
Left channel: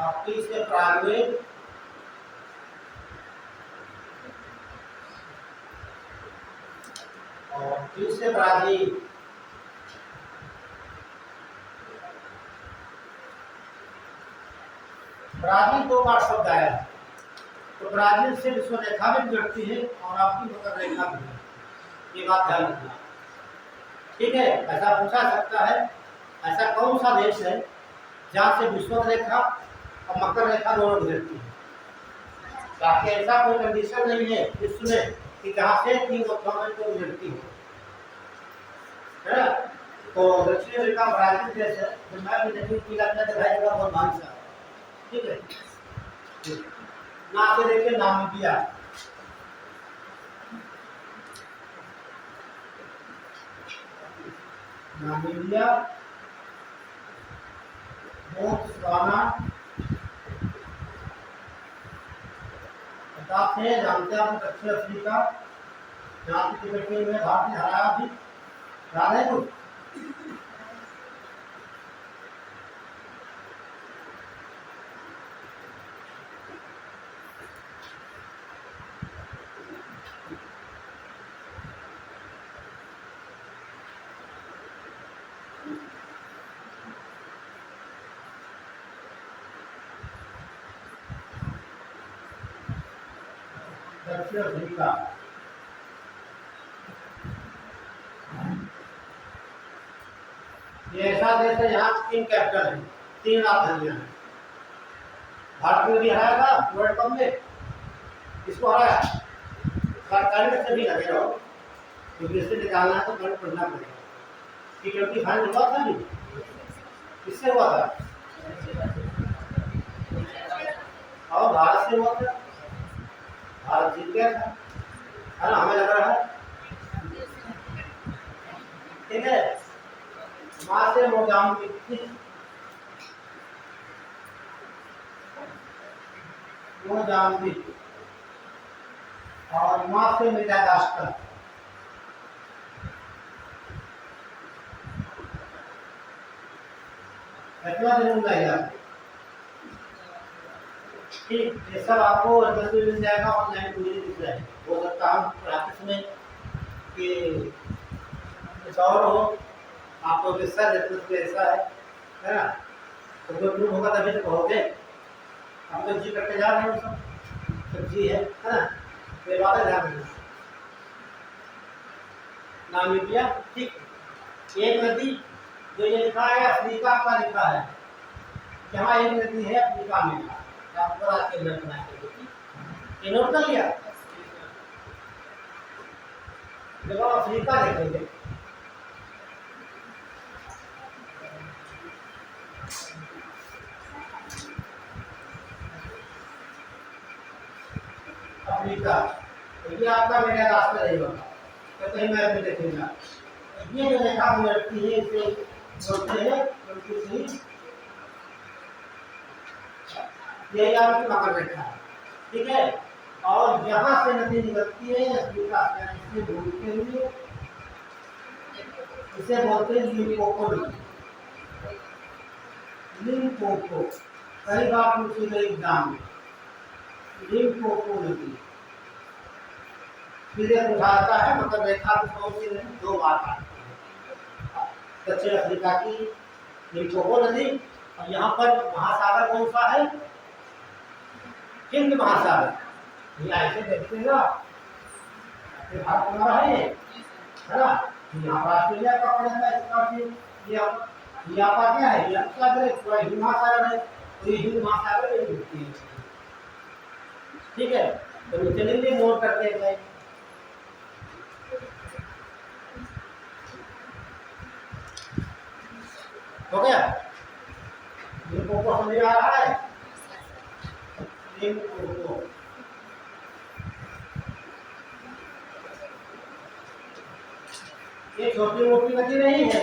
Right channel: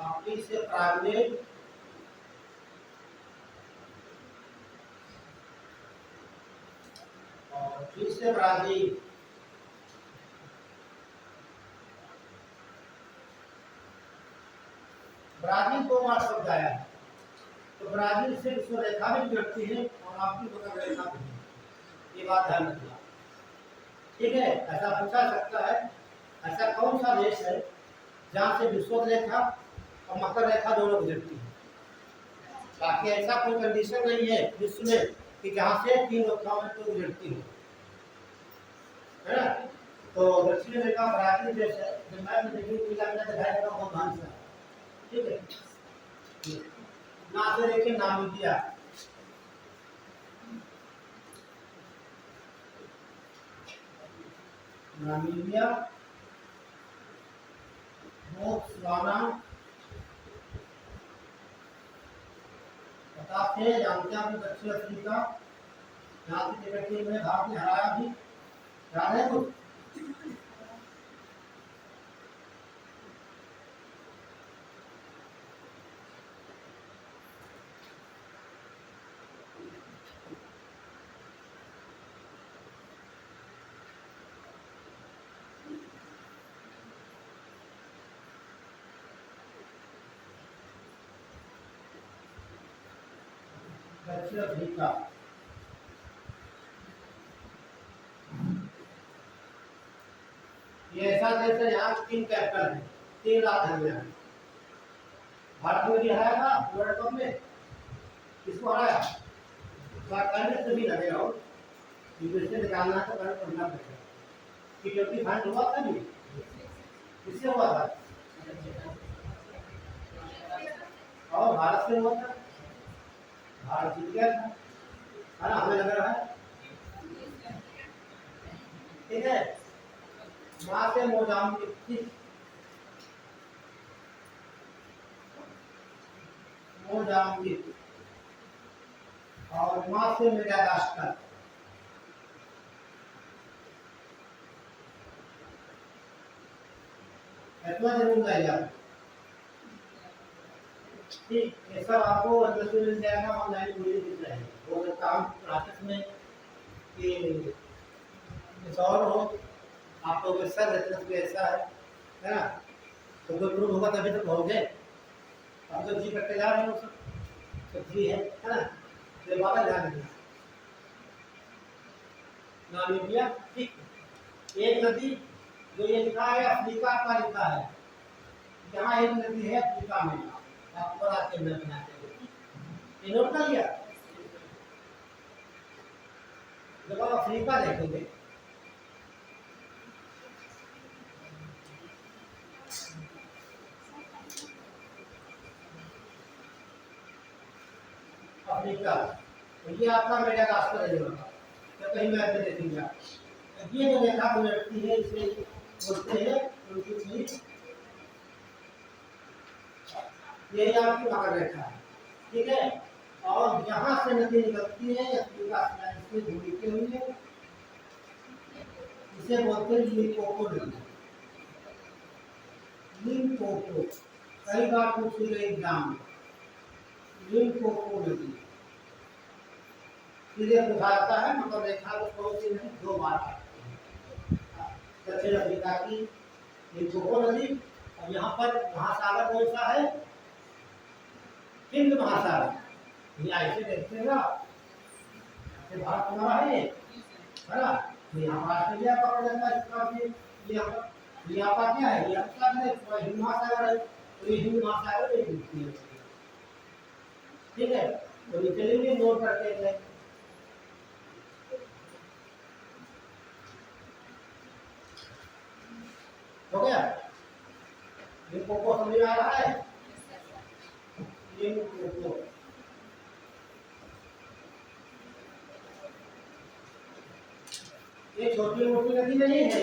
और इसके प्रारंभिक और फिर से ब्राजील, ब्राजील 2 बार शब्द आया है, तो ब्राजील से विश्व रेखा भी गुजरती है और आपकी मकर रेखा भी है, ये बात ध्यान रखना, ठीक है। ऐसा पूछा सकता है ऐसा कौन सा देश है जहाँ से विश्व रेखा और मकर रेखा दोनों गुजरती है, ताकि ऐसा कोई कंडीशन नहीं है विश्व में कि जहाँ से 3 अवस्थाओं में तो गुजरती हो, है ना। तो दक्षिण अमेरिका ब्राजील देश है, जो मैं भी देखिए पीला पीला दिखाई देगा बहुत भारी सा, ठीक है। ना से देखिए नामीबिया, नामीबिया, बोत्सवाना, बताते हैं जानते हैं आप दक्षिण अफ्रीका, जहाँ की टिबेट में भारत ने हराया भी, याद है कुछ? दक्षिण अफ्रीका, ये ऐसा देश है यहाँ 3 कैप्टन है, 3 राजधानियां हैं। भारत में भी हराया था वर्ल्ड कप में, किसको हराया? करंट से भी लगे रहो, क्योंकि इससे निकालना है तो करंट पढ़ना पड़ेगा। T20 फाइनल हुआ था नहीं, किससे हुआ था? और भारत से हुआ था, भारत जीत गया था, है ना, हमें लग रहा है, ठीक है। माँ से मोजाम्बिक, मोजाम्बिक, और माँ से मेडागास्कर, इतना जरूर जाएगा, ठीक। ये सब आपको एड्रेस मिल जाएगा, ऑनलाइन पूरी दिख जाएगी। हो सकता है प्रैक्टिस में कि कुछ और हो, आपको वैसा एड्रेस ऐसा है ना, तो कोई प्रूफ होगा तभी तो कहोगे। हम तो जी करके जा रहे हैं, सब जी है ना, तो ये बात है, ध्यान रखना। नामीबिया, ठीक। एक नदी जो ये लिखा है अफ्रीका का लिखा है, यहाँ एक नदी है अफ्रीका में, आपको आज के नोट कर लिया, देखो अफ्रीका देखेंगे, अफ्रीका, तो ये आपका मेडागास्कर नहीं होगा, तो कहीं मैप में देखेंगे। ये जो रेखा गुजरती है इसे बोलते हैं कंट्री, यही आपकी मकर रेखा है, ठीक है। और यहाँ से नदी निकलती है अफ्रीका से घूमते हुए, इसे बोलते हैं लिम्पोपो नदी। लिम्पोपो कई बार पूछी गई एग्जाम में, लिम्पोपो नदी सीधे उठाता है, मतलब रेखा को दो बार काटती है। दक्षिण अफ्रीका की लिम्पोपो नदी, और यहाँ पर महासागर कौन सा है? हिंद महासागर। ये ऐसे देखते ना, भारत हमारा है ये, है ना। यहाँ पर ऑस्ट्रेलिया का पड़ता है, इसका यहाँ पर क्या है? यहाँ क्या हिंद महासागर है, तो ये हिंद महासागर में डूबती है, ठीक है। तो चलेंगे नोट करते हैं। हो गया? लिम्पोपो समझ आ रहा है? लिम्पोपो ये छोटी मोटी नदी नहीं है,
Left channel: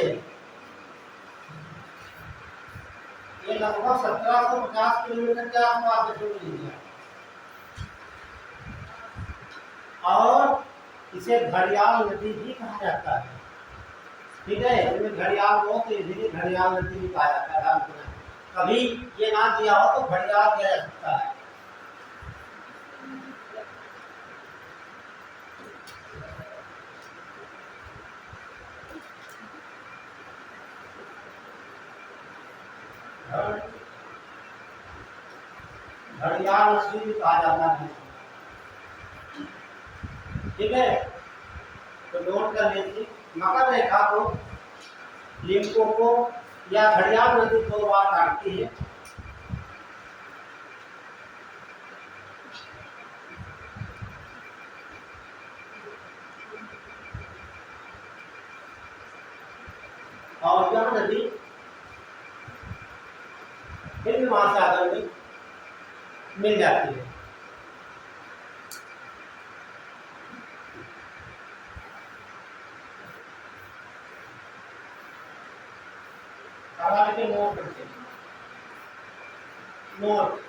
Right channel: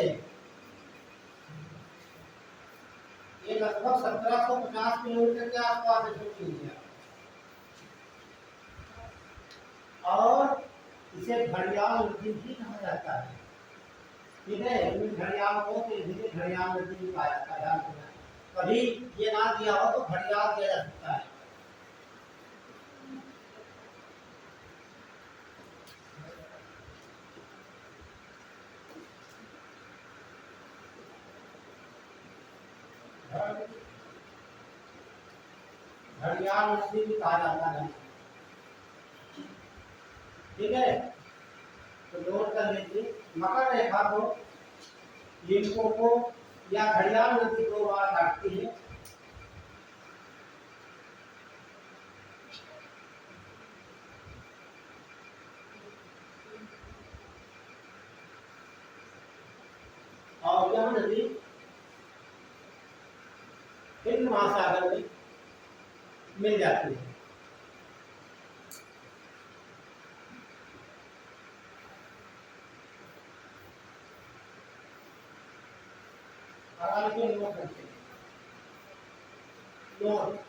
ये लगभग 1750 किलोमीटर के आसपास है, सुन लीजिए। और इसे घड़ियाल नदी भी कहा जाता है, ठीक है। इसमें घड़ियाल बहुत इजीली घड़ियाल नदी भी कहा जाता है। कभी ये ना दिया हो तो घड़ियाल दिया जा सकता है। घड़ियाल नदी भी कहा जाता है, ठीक है। तो नोट कर लीजिए, मकर रेखा को लिम्पोपो या घड़ियाल नदी दो बार काटती है। और यह नदी हिंद महासागर में मिल जाती है। के नोट करते हैं, नोट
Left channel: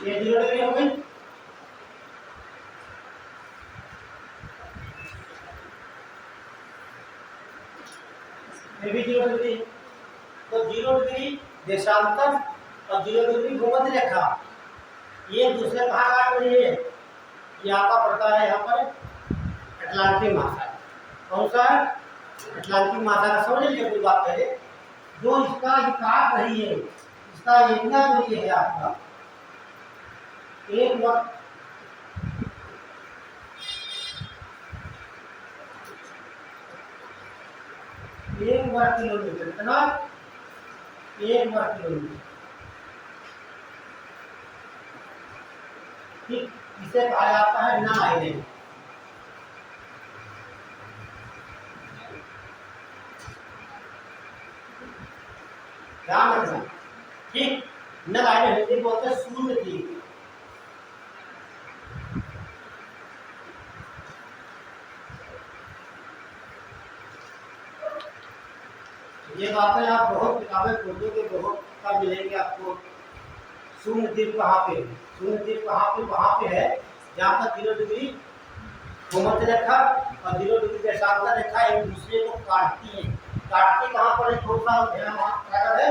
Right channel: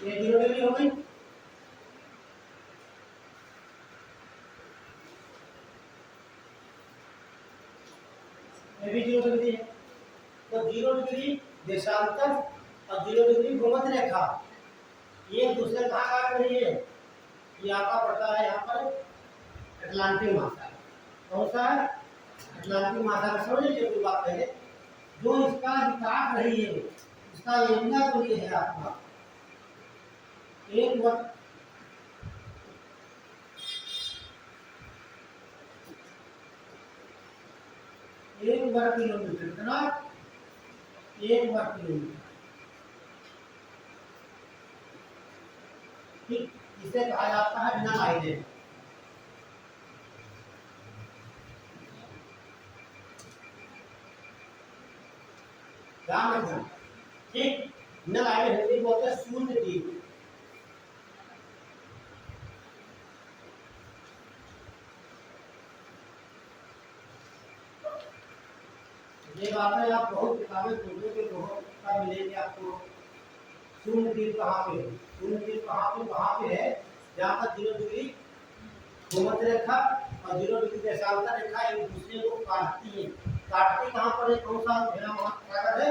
ये 0 डिग्री हो गई। ये भी 0 डिग्री है, तो 0 डिग्री देशांतर और 0 डिग्री भूमध्य रेखा, ये दूसरे कहाँ काट रही है? ये आपका पड़ता है यहाँ पर अटलांटिक महासागर। कौन सा है? अटलांटिक महासागर। समझ लीजिए कोई बात पहले, जो इसका काट रही है, इसका एरिया जो ये है आपका एक वर्ग किलोमीटर, कितना? 1 वर्ग किलोमीटर, ठीक। इसे कहा जाता है ना आइलैंड। ध्यान रखना, ठीक। नल आइलैंड हिंदी बोलते हैं शून्य द्वीप। ये बातें आप बहुत किताबें खोजोगे, बहुत कम मिलेंगे आपको। शून्य द्वीप कहाँ पे है? शून्य द्वीप कहाँ पे? वहाँ पे है जहाँ पर 0 डिग्री भूमध्य रेखा और 0 डिग्री देशांतर रेखा एक दूसरे को काटती है। काटती कहाँ पर है? कौन सा महासागर है?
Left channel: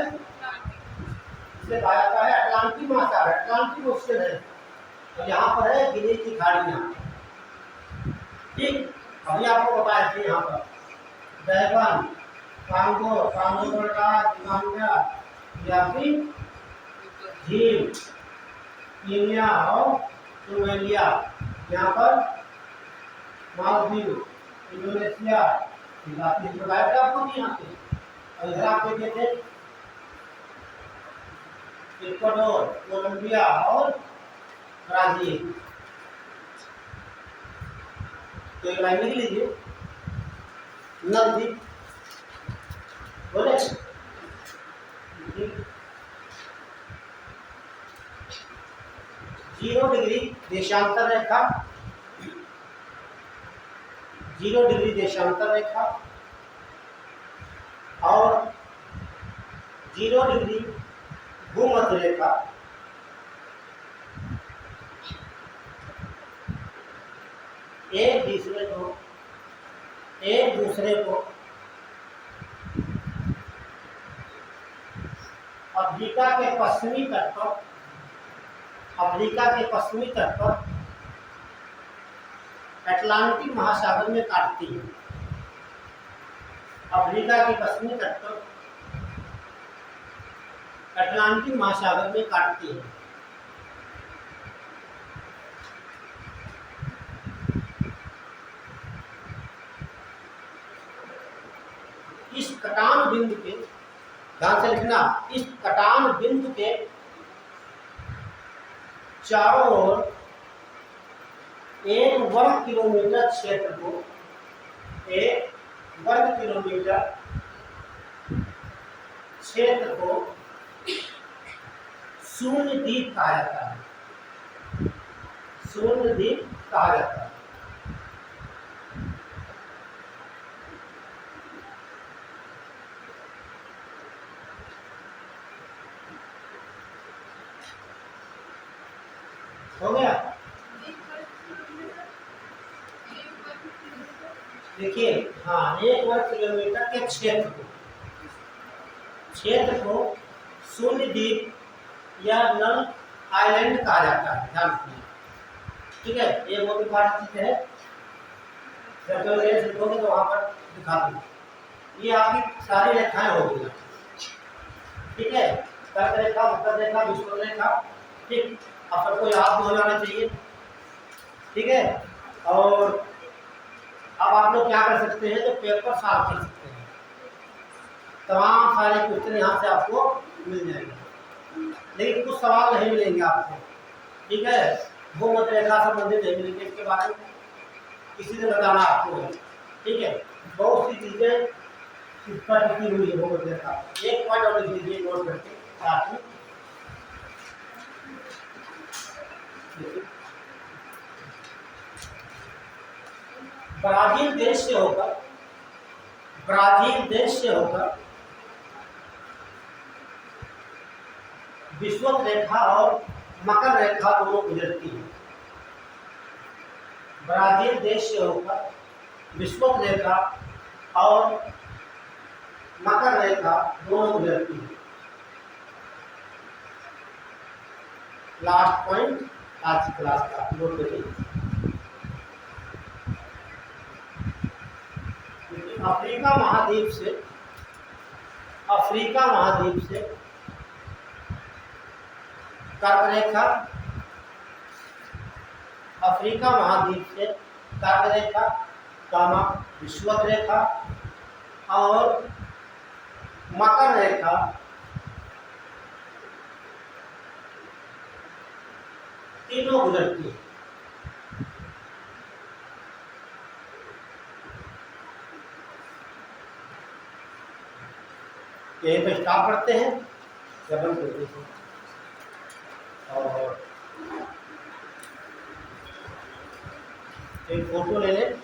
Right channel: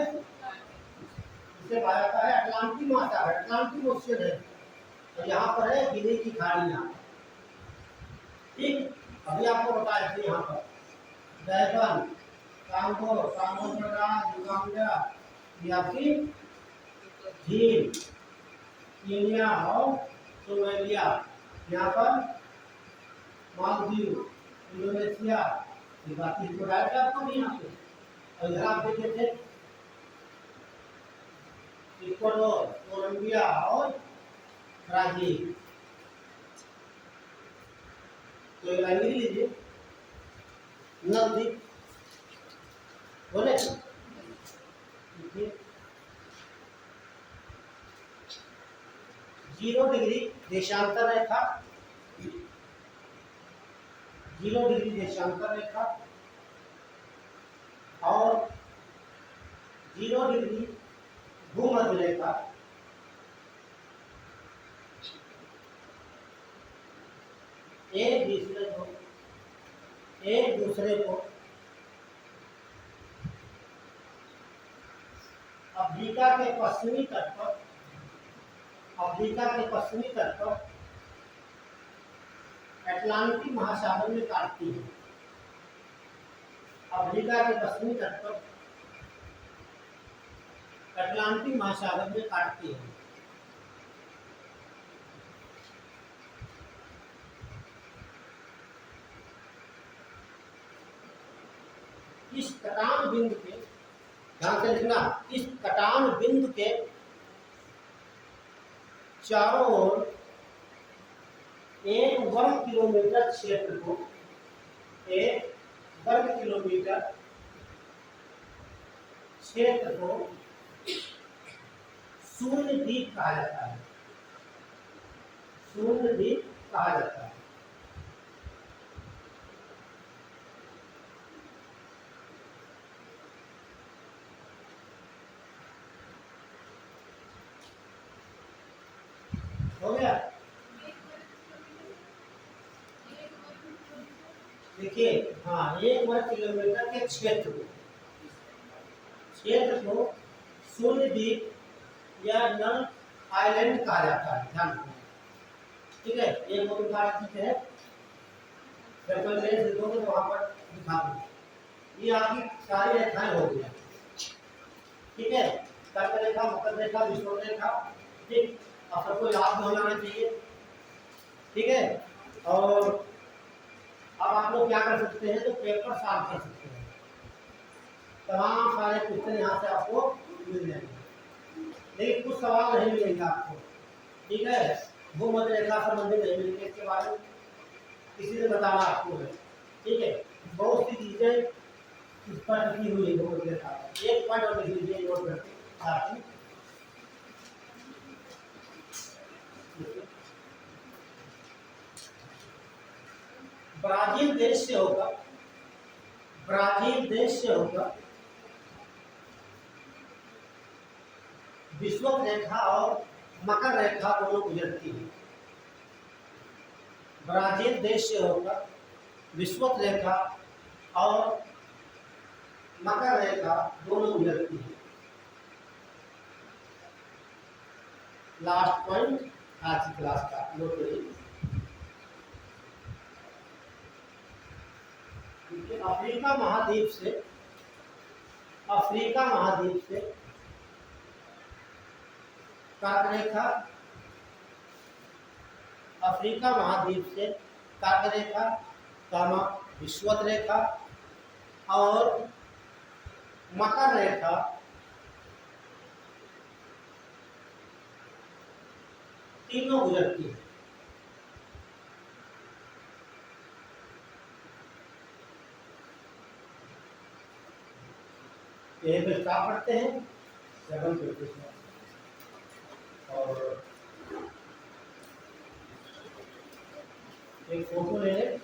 इसे कहा जाता है अटलांटिक महासागर, अटलांटिक ओशन है। और यहाँ पर है गिनी की खाड़ियाँ, ठीक। अभी आपको बताया थे यहाँ पर बैगन, कांगो, दिगांगा, याफी, झील, कीनिया और सोमालिया, यहाँ पर मालदीव, इंडोनेशिया, बाकी बताया था आपको भी यहाँ पे। और इधर आप देखे थे इक्वाडोर, कोलंबिया और ब्राजील। तो एक लाइन लिख लीजिए, नजदीक बोले 0 डिग्री देशांतर रेखा, 0 डिग्री देशांतर रेखा और 0 डिग्री भूमध्य रेखा एक दूसरे को अफ्रीका के पश्चिमी तट पर अटलांटिक महासागर में काटती है। अफ्रीका के पश्चिमी तट पर अटलांटिक महासागर में काटती है। इस कटान बिंदु के, ध्यान से लिखना, इस कटान बिंदु के चारों ओर 1 वर्ग किलोमीटर क्षेत्र को 1 वर्ग किलोमीटर क्षेत्र को शून्य द्वीप कहा जाता है। शून्य द्वीप कहा जाता है। हो गया? देखिए, हाँ, 1 वर्ग किलोमीटर के क्षेत्र को शून्य द्वीप या नल आइलैंड कहा जाता है। ध्यान रखिए, ठीक है? ये बहुत इंपॉर्टेंट चीज है, जब मेरे लिखोगे तो वहां पर दिखा दूंगा। ये आपकी सारी रेखाएं हो गई, ठीक है? कर्क रेखा, वक्र रेखा, विषुवत रेखा, ठीक। अब सबको याद हो जाना चाहिए, ठीक है? और अब आप लोग क्या कर सकते हैं, तो पेपर साफ कर सकते हैं। तमाम सारे क्वेश्चन यहाँ से आपको मिल जाएंगे, लेकिन कुछ सवाल नहीं मिलेंगे आपको, ठीक है? भूमध्य रेखा संबंधित नहीं मिलेंगे, इसके बारे में किसी ने बताना आपको है, ठीक है? बहुत सी चीजें इस पर लिखी हुई है भूमध्य रेखा। एक पॉइंट और लिख लीजिए नोट करके साथ में। ब्राजील देश से होकर विषुवत रेखा और मकर रेखा दोनों गुजरती है। ब्राजील देश से होकर विषुवत रेखा और मकर रेखा दोनों गुजरती है। लास्ट पॉइंट आज की क्लास का नोट करिए। अफ्रीका महाद्वीप से कर्क रेखा, अफ्रीका महाद्वीप से कर्क रेखा, विषुवत रेखा और मकर रेखा तीनों गुजरती है। यही तो स्टाफ पढ़ते हैं, जब हम और एक फोटो ले लें।